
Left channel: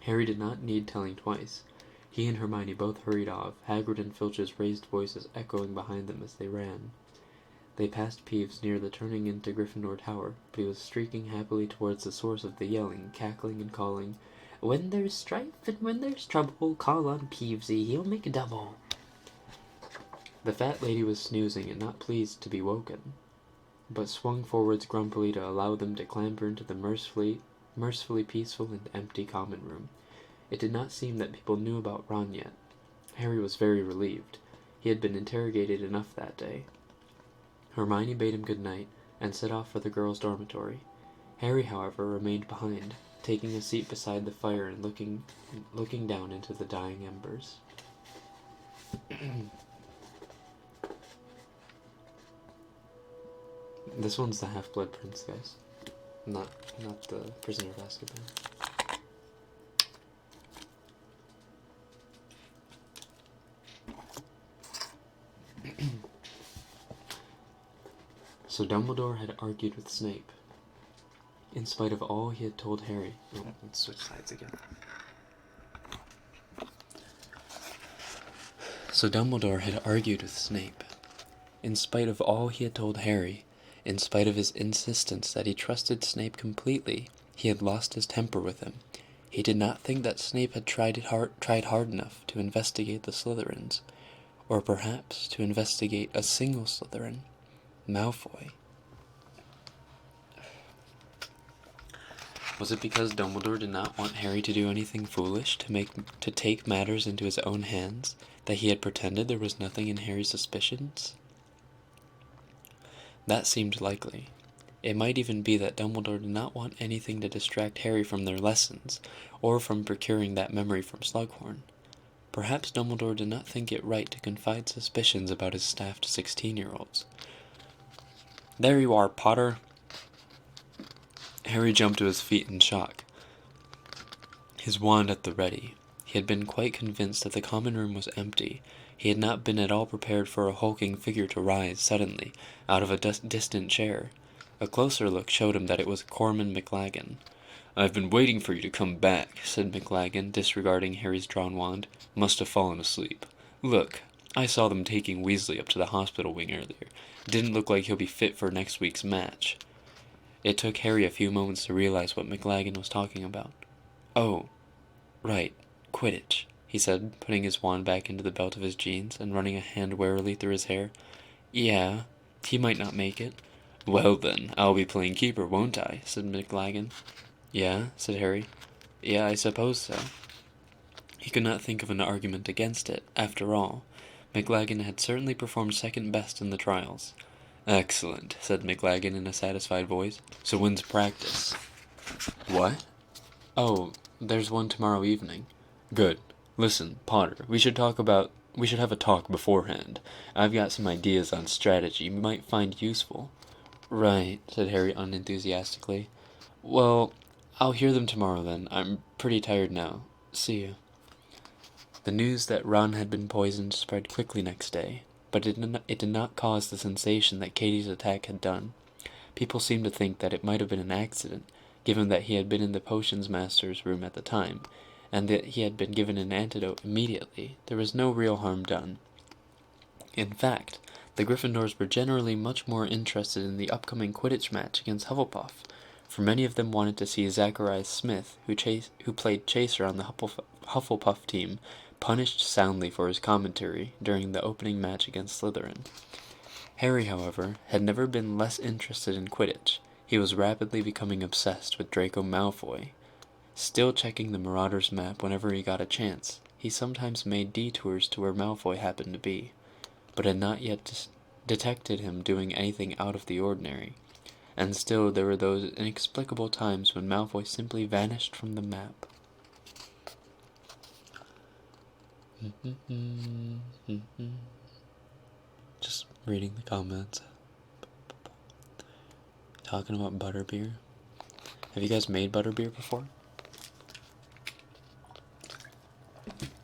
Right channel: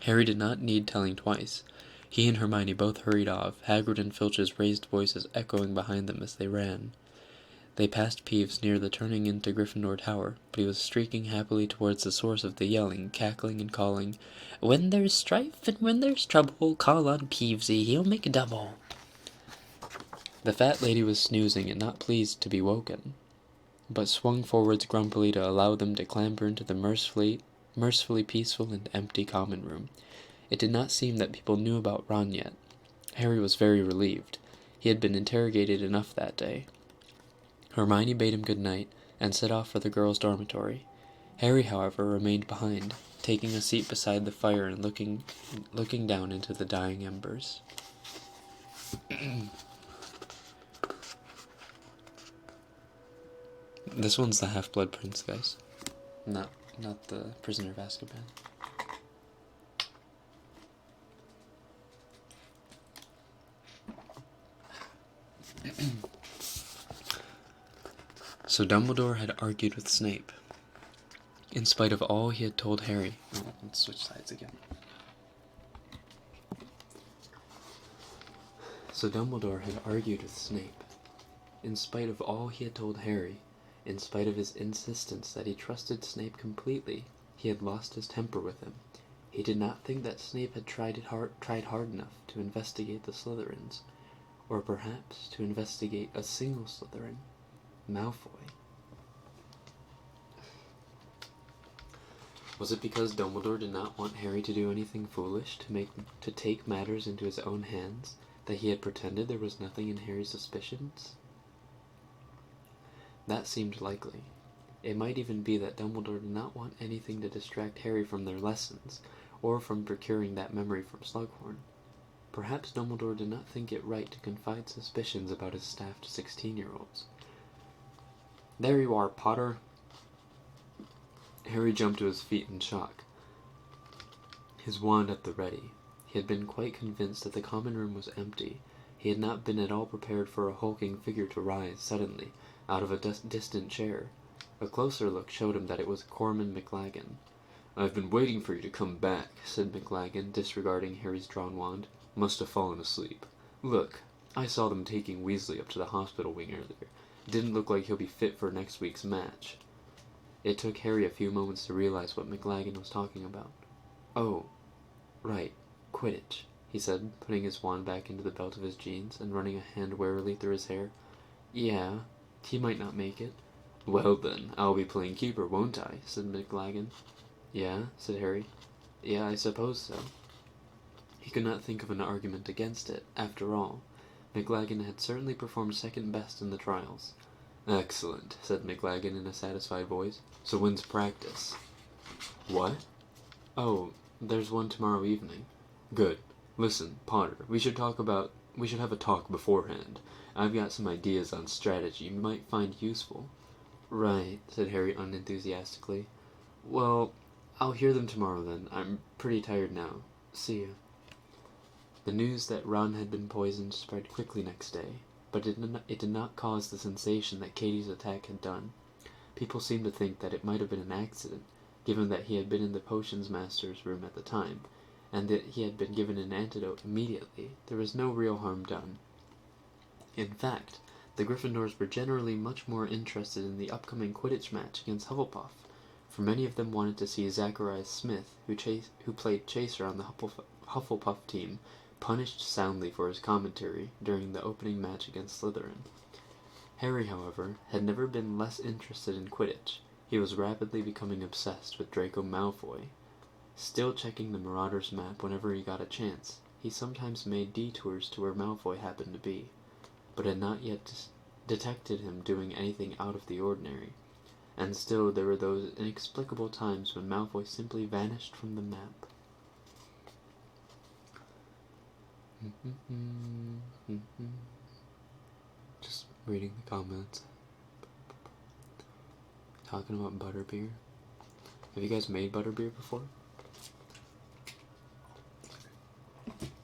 Harry did not need telling twice. He and Hermione both hurried off, Hagrid and Filch's raised voices echoing behind them as they ran. They passed Peeves near the turning into Gryffindor Tower, but he was streaking happily towards the source of the yelling, cackling and calling, "When there's strife and when there's trouble, call on Peevesy, he'll make a double." The fat lady was snoozing and not pleased to be woken, but swung forwards grumpily to allow them to clamber into the mercifully peaceful and empty common room. It did not seem that people knew about Ron yet. Harry was very relieved. He had been interrogated enough that day. Hermione bade him good night and set off for the girls' dormitory. Harry, however, remained behind, taking a seat beside the fire and looking down into the dying embers. This one's the Half-Blood Prince, guys. Not the Prisoner of Azkaban. So Dumbledore had argued with Snape. In spite of all he had told Harry... Oh, let's switch sides again. So Dumbledore had argued with Snape. In spite of all he had told Harry, in spite of his insistence that he trusted Snape completely, he had lost his temper with him. He did not think that Snape had tried hard enough to investigate the Slytherins, or perhaps to investigate a single Slytherin, Malfoy. Was it because Dumbledore did not want Harry to do anything foolish, to take matters into his own hands, that he had pretended there was nothing in Harry's suspicions? That seemed likely. It might even be that Dumbledore did not want anything to distract Harry from their lessons, or from procuring that memory from Slughorn. Perhaps Dumbledore did not think it right to confide suspicions about his staff to 16-year-olds. "There you are, Potter." Harry jumped to his feet in shock, his wand at the ready. He had been quite convinced that the common room was empty. He had not been at all prepared for a hulking figure to rise suddenly out of a distant chair. A closer look showed him that it was Corman McLaggen. "I've been waiting for you to come back," said McLaggen, disregarding Harry's drawn wand. "Must have fallen asleep. Look, I saw them taking Weasley up to the hospital wing earlier. Didn't look like he'll be fit for next week's match." It took Harry a few moments to realize what McLaggen was talking about. "Oh, right, Quidditch," he said, putting his wand back into the belt of his jeans and running a hand warily through his hair. "Yeah, he might not make it." "Well then, I'll be playing keeper, won't I?" said McLaggen. "Yeah," said Harry. "Yeah, I suppose so." He could not think of an argument against it. After all, McLaggen had certainly performed second best in the trials. "Excellent," said McLaggen in a satisfied voice. "So when's practice?" "What?" "Oh, there's one tomorrow evening." "Good. Listen, Potter, we should have a talk beforehand. I've got some ideas on strategy you might find useful." "Right," said Harry unenthusiastically. "Well, I'll hear them tomorrow then. I'm pretty tired now. See you." The news that Ron had been poisoned spread quickly next day, but it did not cause the sensation that Katie's attack had done. People seemed to think that it might have been an accident, given that he had been in the potions master's room at the time, and that he had been given an antidote immediately. There was no real harm done. In fact, the Gryffindors were generally much more interested in the upcoming Quidditch match against Hufflepuff, for many of them wanted to see Zacharias Smith, who played Chaser on the Hufflepuff team, punished soundly for his commentary during the opening match against Slytherin. Harry, however, had never been less interested in Quidditch. He was rapidly becoming obsessed with Draco Malfoy. Still checking the Marauder's map whenever he got a chance, he sometimes made detours to where Malfoy happened to be, but had not yet detected him doing anything out of the ordinary. And still there were those inexplicable times when Malfoy simply vanished from the map. Just reading the comments. Talking about butterbeer. Have you guys made butterbeer before?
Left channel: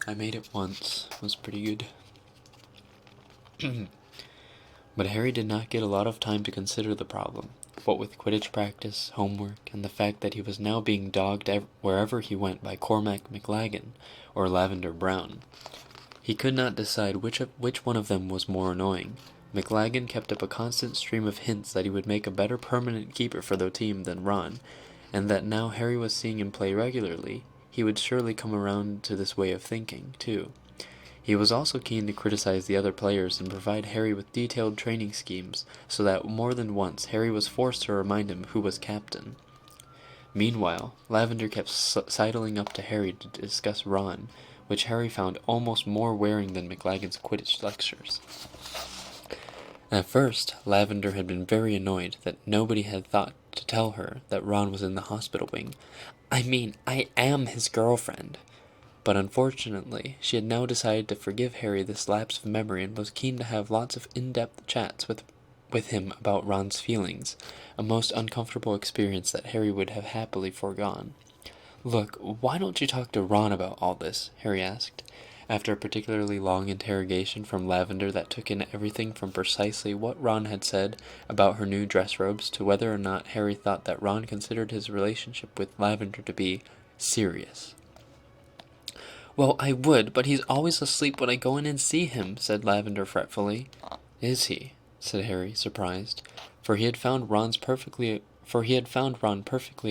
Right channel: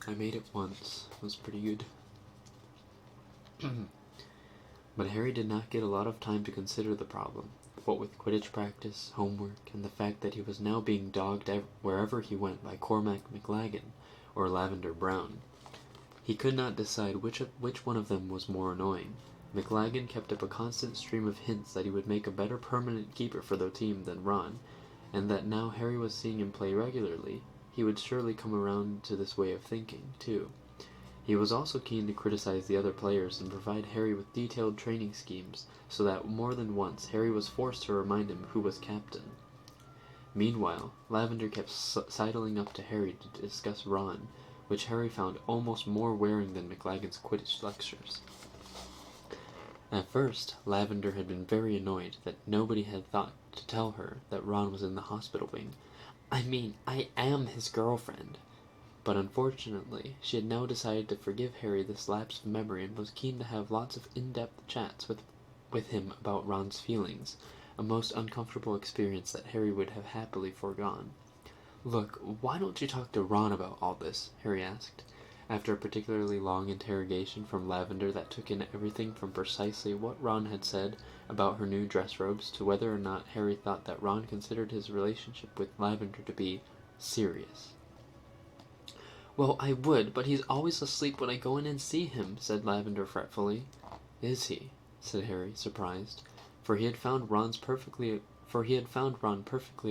I made it once. It was pretty good. But Harry did not get a lot of time to consider the problem. What with Quidditch practice, homework, and the fact that he was now being dogged wherever he went by Cormac McLaggen or Lavender Brown. He could not decide which one of them was more annoying. McLaggen kept up a constant stream of hints that he would make a better permanent keeper for the team than Ron, and that now Harry was seeing him play regularly, he would surely come around to this way of thinking, too. He was also keen to criticize the other players and provide Harry with detailed training schemes, so that more than once Harry was forced to remind him who was captain. Meanwhile, Lavender kept sidling up to Harry to discuss Ron, which Harry found almost more wearing than McLaggen's Quidditch lectures. At first, Lavender had been very annoyed that nobody had thought to tell her that Ron was in the hospital wing. I mean, I am his girlfriend. But unfortunately, she had now decided to forgive Harry this lapse of memory and was keen to have lots of in-depth chats with him about Ron's feelings, a most uncomfortable experience that Harry would have happily foregone. Look, why don't you talk to Ron about all this? Harry asked, after a particularly long interrogation from Lavender that took in everything from precisely what Ron had said about her new dress robes to whether or not Harry thought that Ron considered his relationship with Lavender to be serious. Well, I would, but he's always asleep when I go in and see him, said Lavender fretfully. Is he? Said Harry, surprised, for he had found Ron perfectly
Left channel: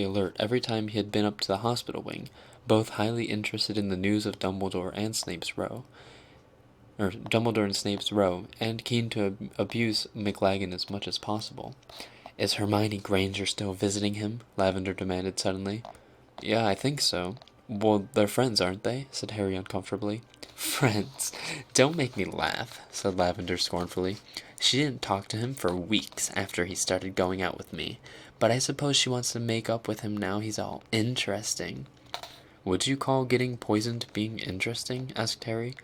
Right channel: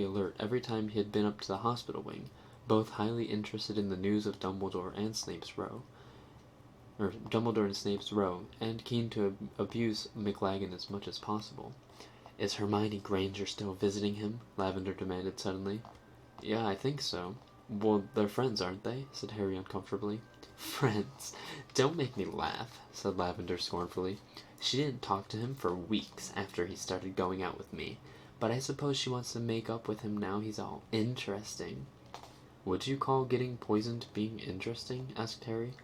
alert every time he had been up to the hospital wing, both highly interested in the news of Dumbledore and Snape's Row, and keen to abuse McLaggen as much as possible. Is Hermione Granger still visiting him? Lavender demanded suddenly. Yeah, I think so. Well, they're friends, aren't they? Said Harry uncomfortably. Friends? Don't make me laugh, said Lavender scornfully. She didn't talk to him for weeks after he started going out with me, but I suppose she wants to make up with him now he's all interesting. Would you call getting poisoned being interesting? Asked Harry.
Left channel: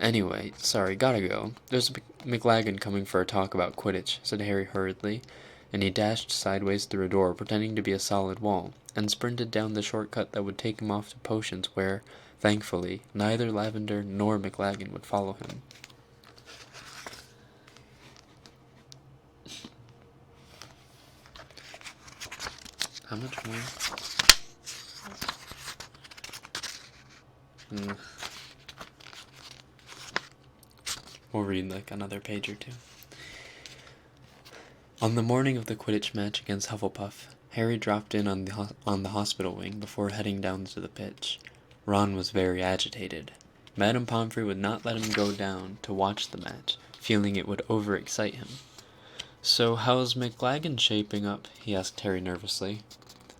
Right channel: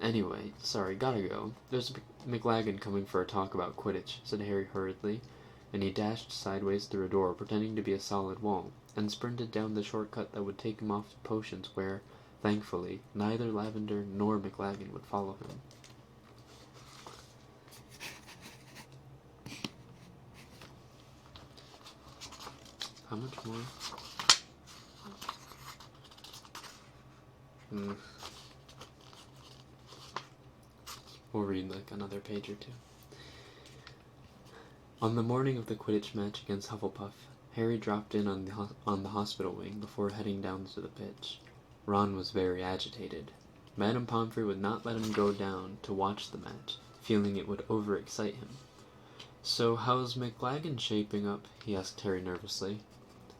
Anyway, sorry, gotta go. There's McLaggen coming for a talk about Quidditch, said Harry hurriedly, and he dashed sideways through a door pretending to be a solid wall, and sprinted down the shortcut that would take him off to potions where, thankfully, neither Lavender nor McLaggen would follow him. How much more? We'll read like another page or two. On the morning of the Quidditch match against Hufflepuff, Harry dropped in on the hospital wing before heading down to the pitch. Ron was very agitated. Madame Pomfrey would not let him go down to watch the match, feeling it would overexcite him. So how's McLaggen shaping up? He asked Harry nervously,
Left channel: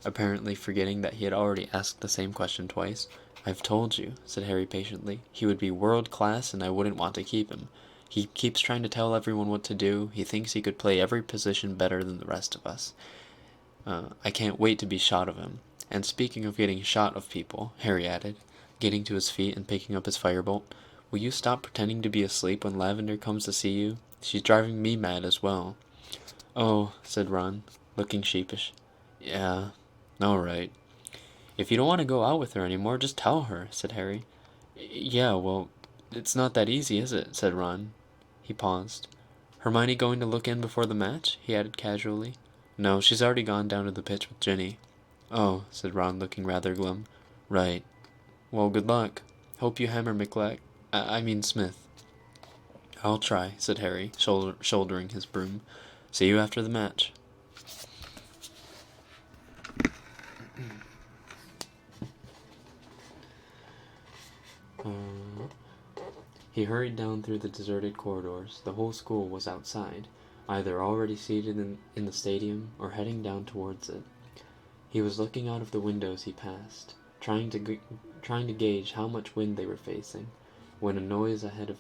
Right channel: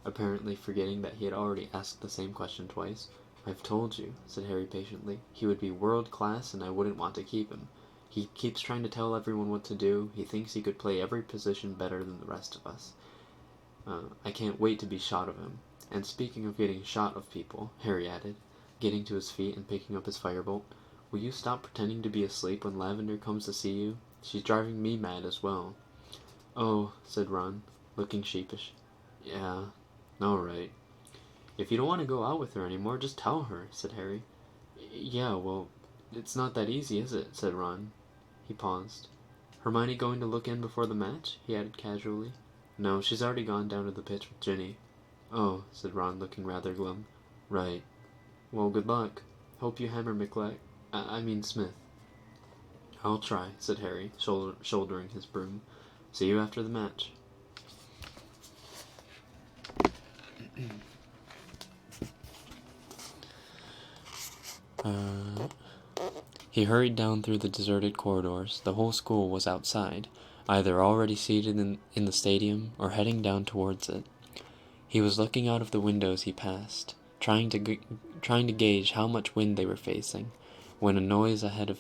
apparently forgetting that he had already asked the same question twice. I've told you, said Harry patiently. He would be world-class and I wouldn't want to keep him. He keeps trying to tell everyone what to do. He thinks he could play every position better than the rest of us. I can't wait to be shot of him. And speaking of getting shot of people, Harry added, getting to his feet and picking up his firebolt, will you stop pretending to be asleep when Lavender comes to see you? She's driving me mad as well. Oh, said Ron, looking sheepish. Yeah, all right. If you don't want to go out with her anymore, just tell her, said Harry. Yeah, well, it's not that easy, is it? Said Ron. He paused. Hermione going to look in before the match? He added casually. No, she's already gone down to the pitch with Ginny. Oh, said Ron, looking rather glum. Right. Well, good luck. Hope you hammer Smith. I'll try, said Harry, shouldering his broom. See you after the match. He hurried down through the deserted corridors. The whole school was outside, either already seated in the stadium or heading down towards it. He was looking out of the windows he passed. trying to gauge how much wind they were facing, when a noise ahead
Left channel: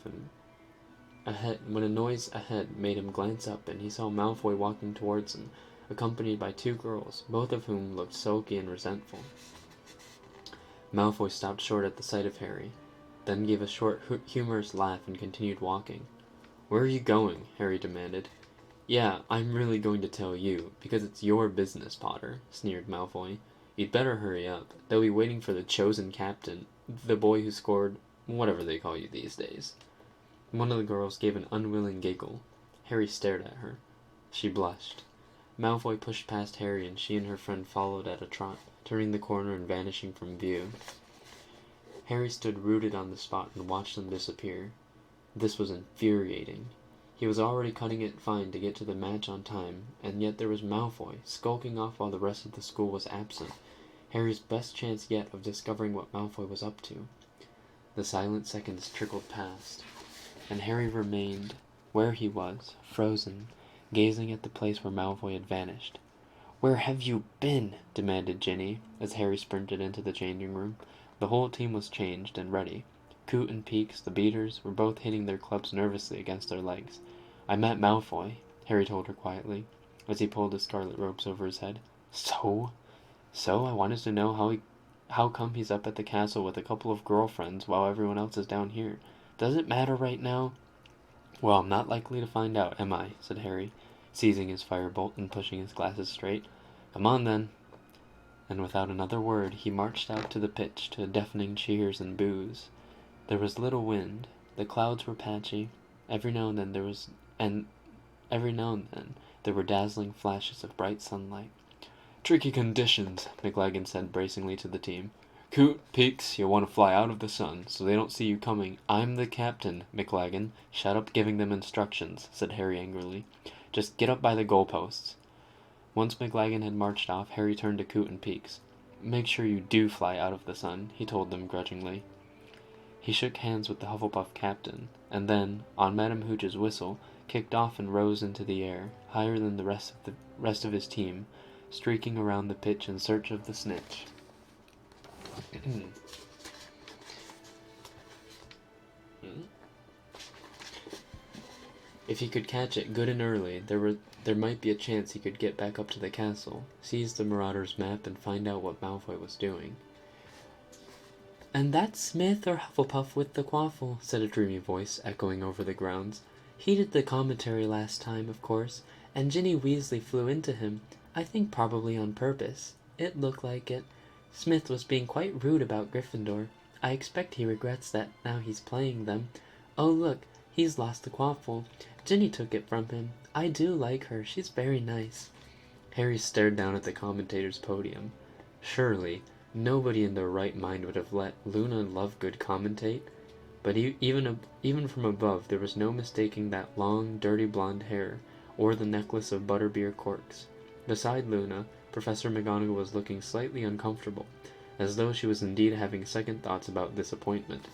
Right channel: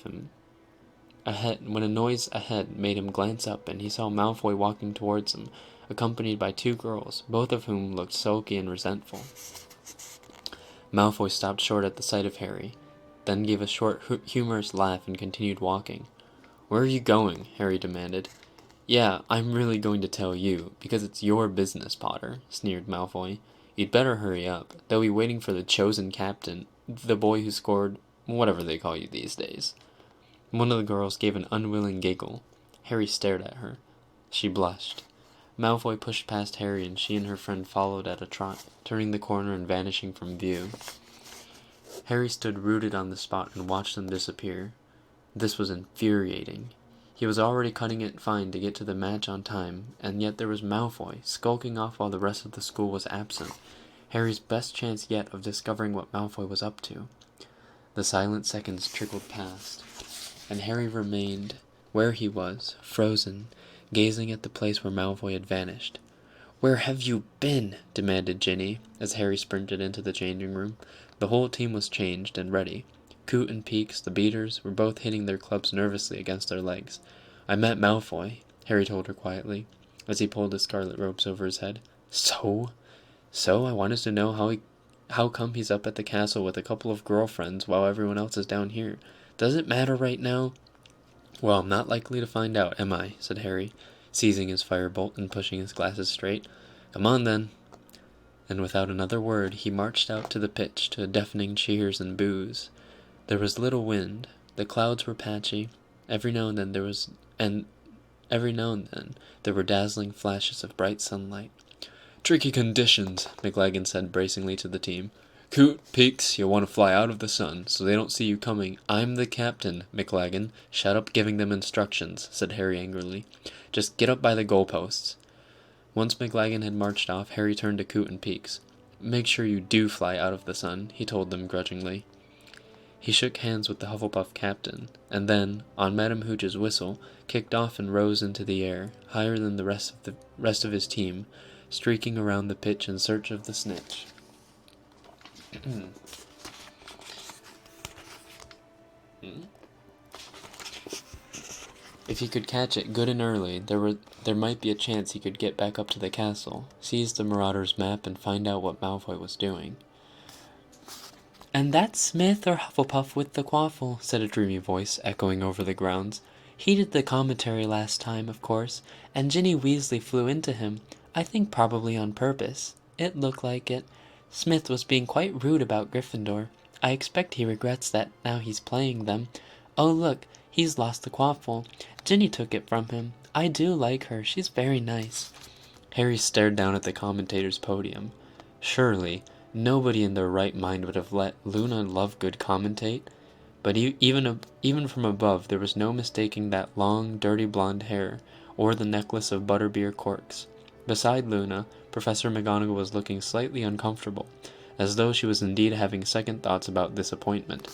made him glance up, and he saw Malfoy walking towards him, accompanied by two girls, both of whom looked sulky and resentful. Malfoy stopped short at the sight of Harry, then gave a short, humorous laugh and continued walking. "Where are you going?" Harry demanded. "Yeah, I'm really going to tell you, because it's your business, Potter," sneered Malfoy. "You'd better hurry up. They'll be waiting for the chosen captain, the boy who scored whatever they call you these days." One of the girls gave an unwilling giggle. Harry stared at her. She blushed. Malfoy pushed past Harry, and she and her friend followed at a trot, turning the corner and vanishing from view. Harry stood rooted on the spot and watched them disappear. This was infuriating. He was already cutting it fine to get to the match on time, and yet there was Malfoy, skulking off while the rest of the school was absent. Harry's best chance yet of discovering what Malfoy was up to. The silent seconds trickled past, and Harry remained where he was, frozen, gazing at the place where Malfoy had vanished. "Where have you been?" demanded Ginny, as Harry sprinted into the changing room. The whole team was changed and ready. Coot and Peaks, the beaters, were both hitting their clubs nervously against their legs. "I met Malfoy," Harry told her quietly, as he pulled his scarlet robes over his head. So I wanted to know how come he's up at the castle with a couple of girlfriends while everyone else is down here. Does it matter right now?" "Well, I'm not likely to find out, am I?" said Harry, seizing his firebolt and pushing his glasses straight. "Come on, then." And without another word, he marched out to the pitch to deafening cheers and boos. There was little wind. The clouds were patchy. Every now and then there were dazzling flashes of bright sunlight. "Tricky conditions," McLagan said bracingly to the team. "Coot, Peaks, you'll want to fly out of the sun, so they don't see you coming. I'm the captain, McLagan. Shut up giving them instructions," said Harry angrily. "Just get up by the goalposts." Once McLagan had marched off, Harry turned to Coot and Peaks. "Make sure you do fly out of the sun," he told them grudgingly. He shook hands with the Hufflepuff captain, and then, on Madame Hooch's whistle, kicked off and rose into the air, higher than the rest of his team, streaking around the pitch in search of the snitch. If he could catch it good and early, there might be a chance he could get back up to the castle, seize the Marauder's map, and find out what Malfoy was doing. "And that's Smith or Hufflepuff with the quaffle," said a dreamy voice, echoing over the grounds. "He did the commentary last time, of course, and Ginny Weasley flew into him. I think probably on purpose. It looked like it. Smith was being quite rude about Gryffindor. I expect he regrets that now he's playing them. Oh, look, he's lost the quaffle. Ginny took it from him. I do like her. She's very nice." Harry stared down at the commentator's podium. Surely nobody in their right mind would have let Luna Lovegood commentate, but even from above there was no mistaking that long, dirty blonde hair, or the necklace of butterbeer corks. Beside Luna, Professor McGonagall was looking slightly uncomfortable, as though she was indeed having second thoughts about this appointment.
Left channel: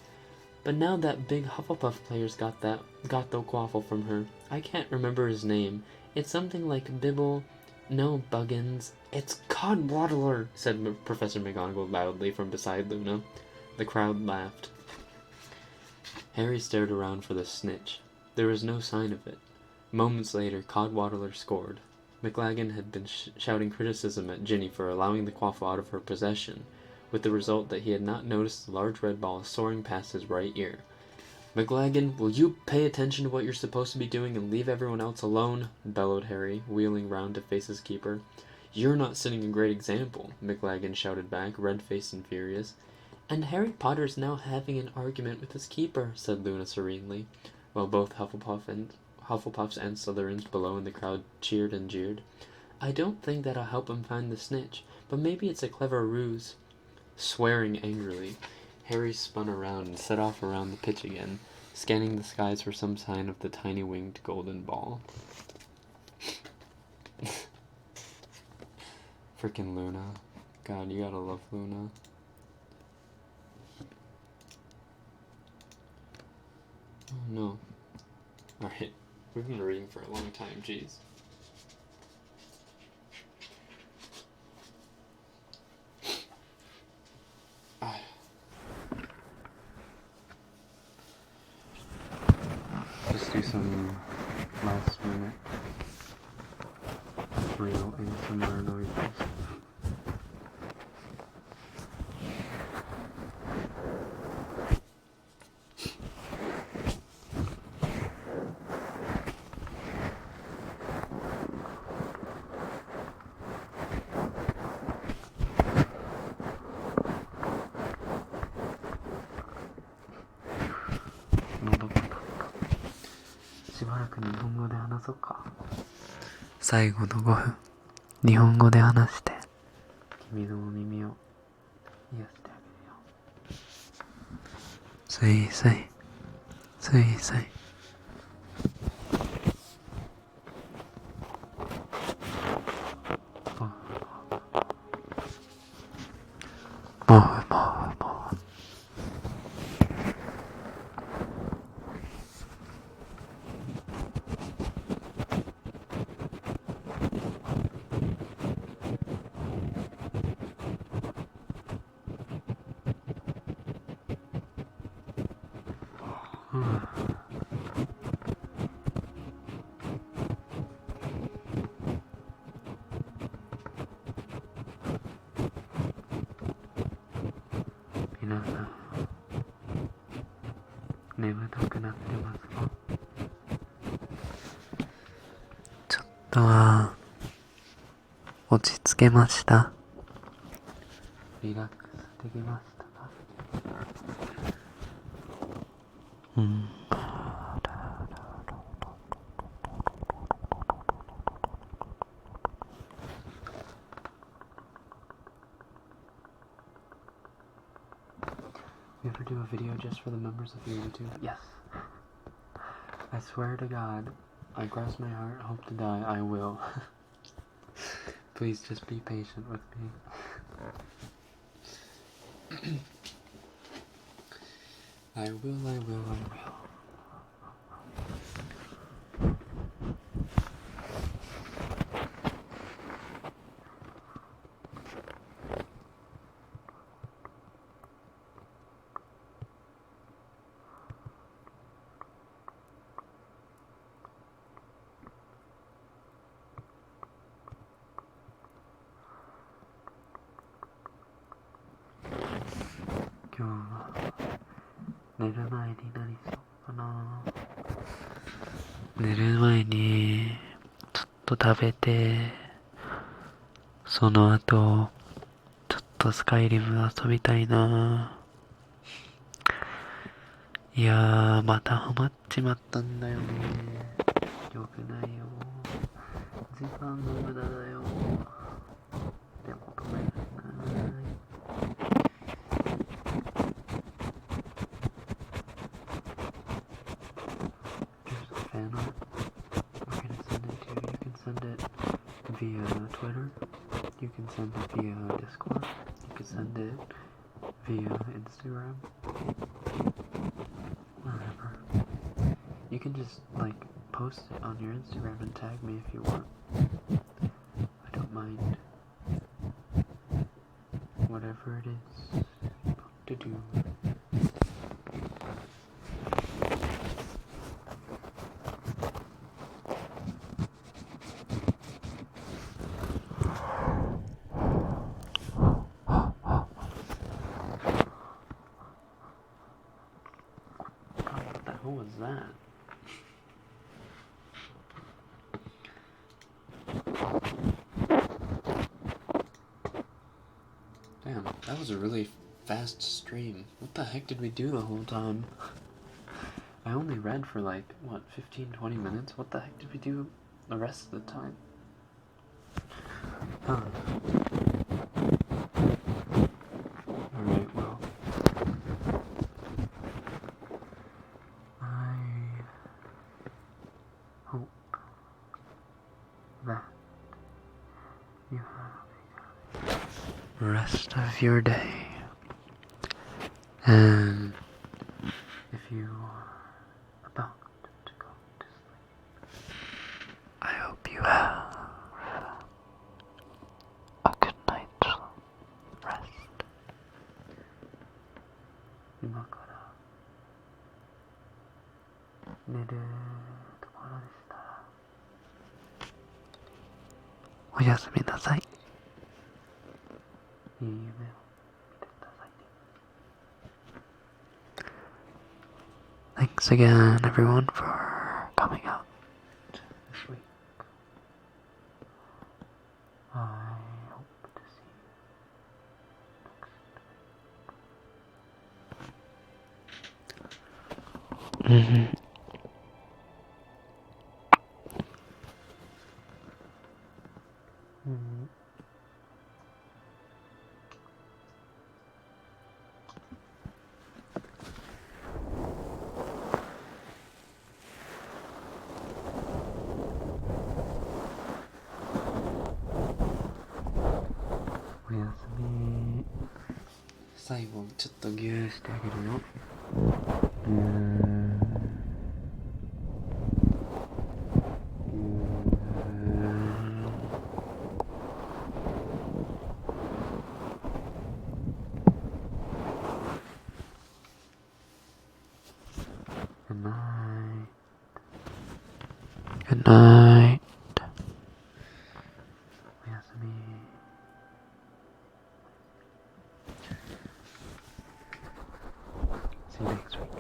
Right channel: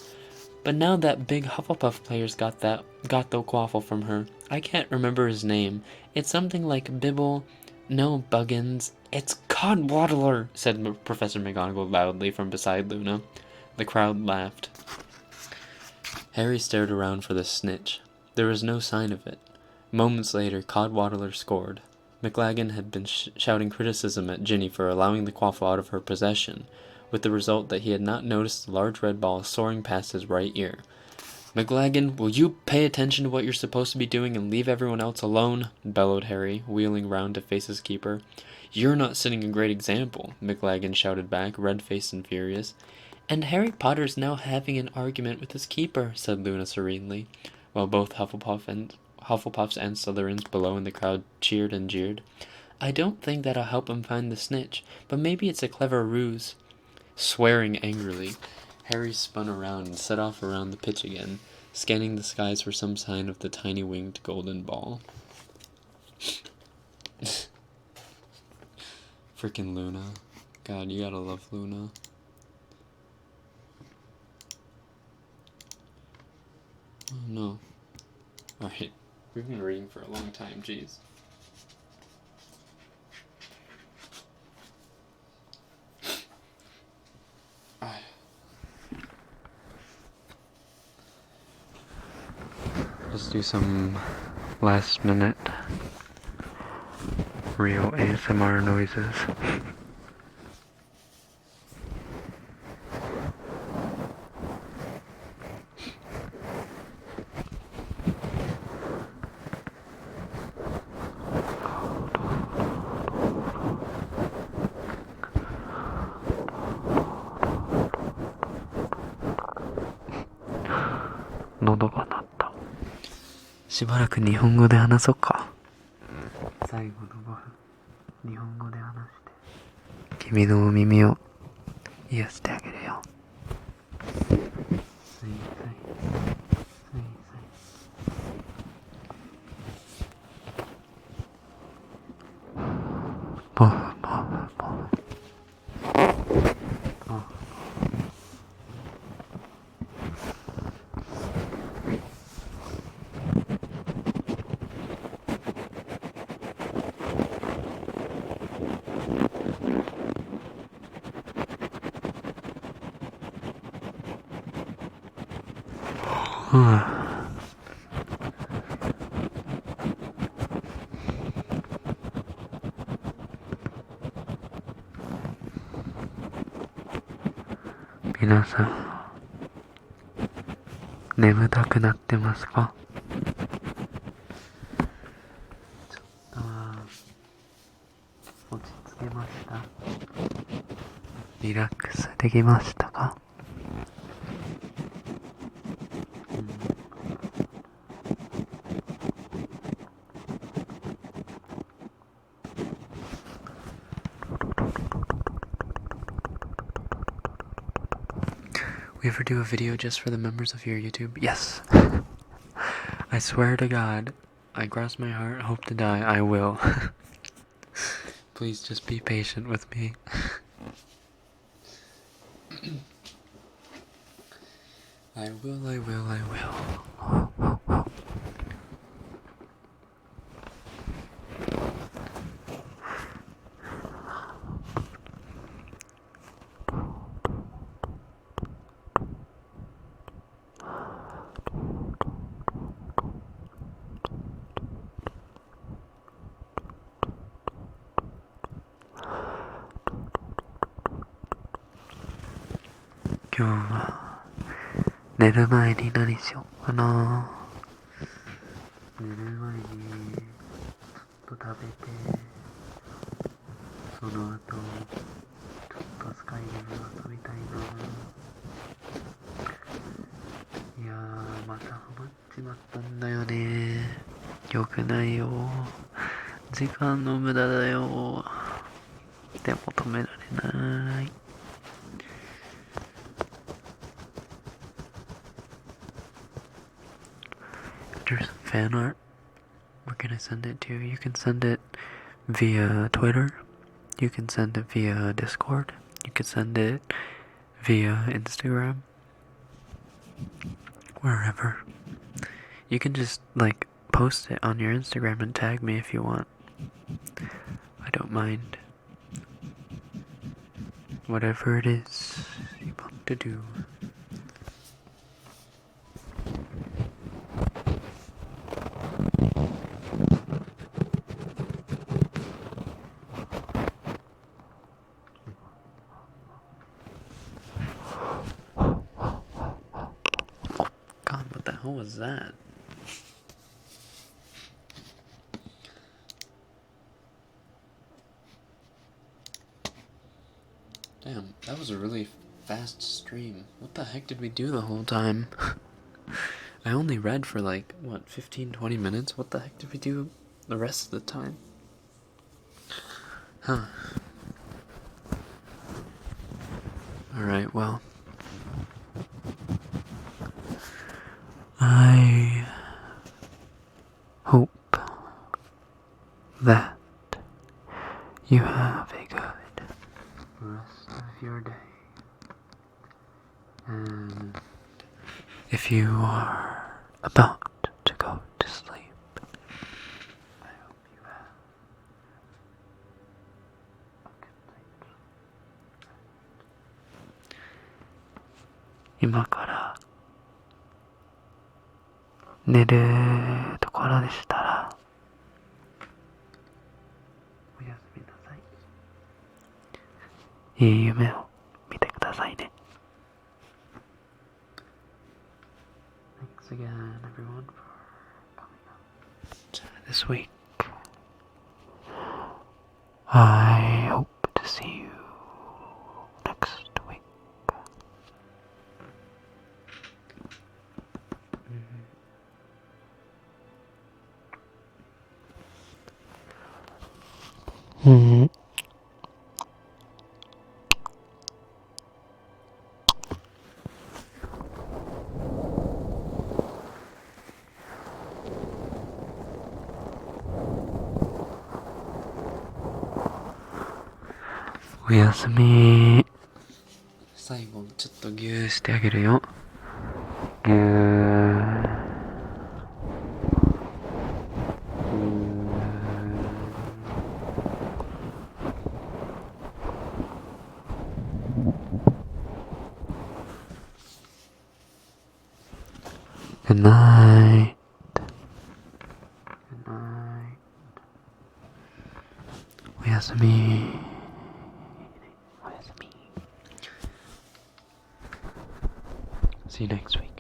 "But now that big Hufflepuff player's got the quaffle from her. I can't remember his name. It's something like Bibble... No, Buggins. It's Codwaddler," said Professor McGonagall loudly from beside Luna. The crowd laughed. Harry stared around for the snitch. There was no sign of it. Moments later, Codwaddler scored. McLagan had been shouting criticism at Ginny for allowing the quaffle out of her possession, with the result that he had not noticed the large red ball soaring past his right ear. "McLagan, will you pay attention to what you're supposed to be doing and leave everyone else alone?" bellowed Harry, wheeling round to face his keeper. "You're not setting a great example," McLagan shouted back, red-faced and furious. "And Harry Potter's now having an argument with his keeper," said Luna serenely, while both Hufflepuffs and Slytherins below in the crowd cheered and jeered. "I don't think that'll help him find the snitch, but maybe it's a clever ruse." Swearing angrily, Harry spun around and set off around the pitch again, scanning the skies for some sign of the tiny winged golden ball. Frickin' Luna. God, you gotta love Luna. Oh no. Alright, we've been reading for a long time, jeez. do some last minute real ASMR noises.喉が鳴った。しばらく日本語で話そうか。最後の5分、日本語で話して君のお耳を癒してあげるよ。すいすいすいすい。ポフポフポフポフポフポフ。皆さん、眠たくなってますか？ちょっとは落ち着けました？リラックスできましたか？We ever do a video just for the members of your YouTube? Yes. I swear to God, I cross my heart, hope to die, I will. Please just be patient with me. I will, I will, I will.今日は寝る前に何しようかな。寝る前にちょっと食べて、その後ちょっとスカイリム遊びたいな。いやー、またハマっちまったんだよね。よくないよ、時間の無駄だよ。でも止められない。There's some fan art. We're gonna send it to you. You can send it via Twitter. You can send it via Discord. You can send it via Instagram. Wherever. You can just, like, post it on your Instagram and tag me if you want. I don't mind. Whatever it is you want to do. God, what the hell was that? Damn, that was a really fast stream. What the heck did we do the whole time? I only read for like, what, 15-20 minutes? What the heck did we do the rest of the time? Huh. Alright, well. I hope that you have a good rest of your day. And if you are about to go to sleep, I hope you have a good night's rest. 今から寝るところでしたら、おやすみなさい。いい夢を見てくださいね。Thanks again, everyone, for coming out this week. I hope to see you next week. O yasumi. 最後ちょっとギューしてあげるよ。ギュー。Good night. Good night. おやすみ。おやすみ。See you next week.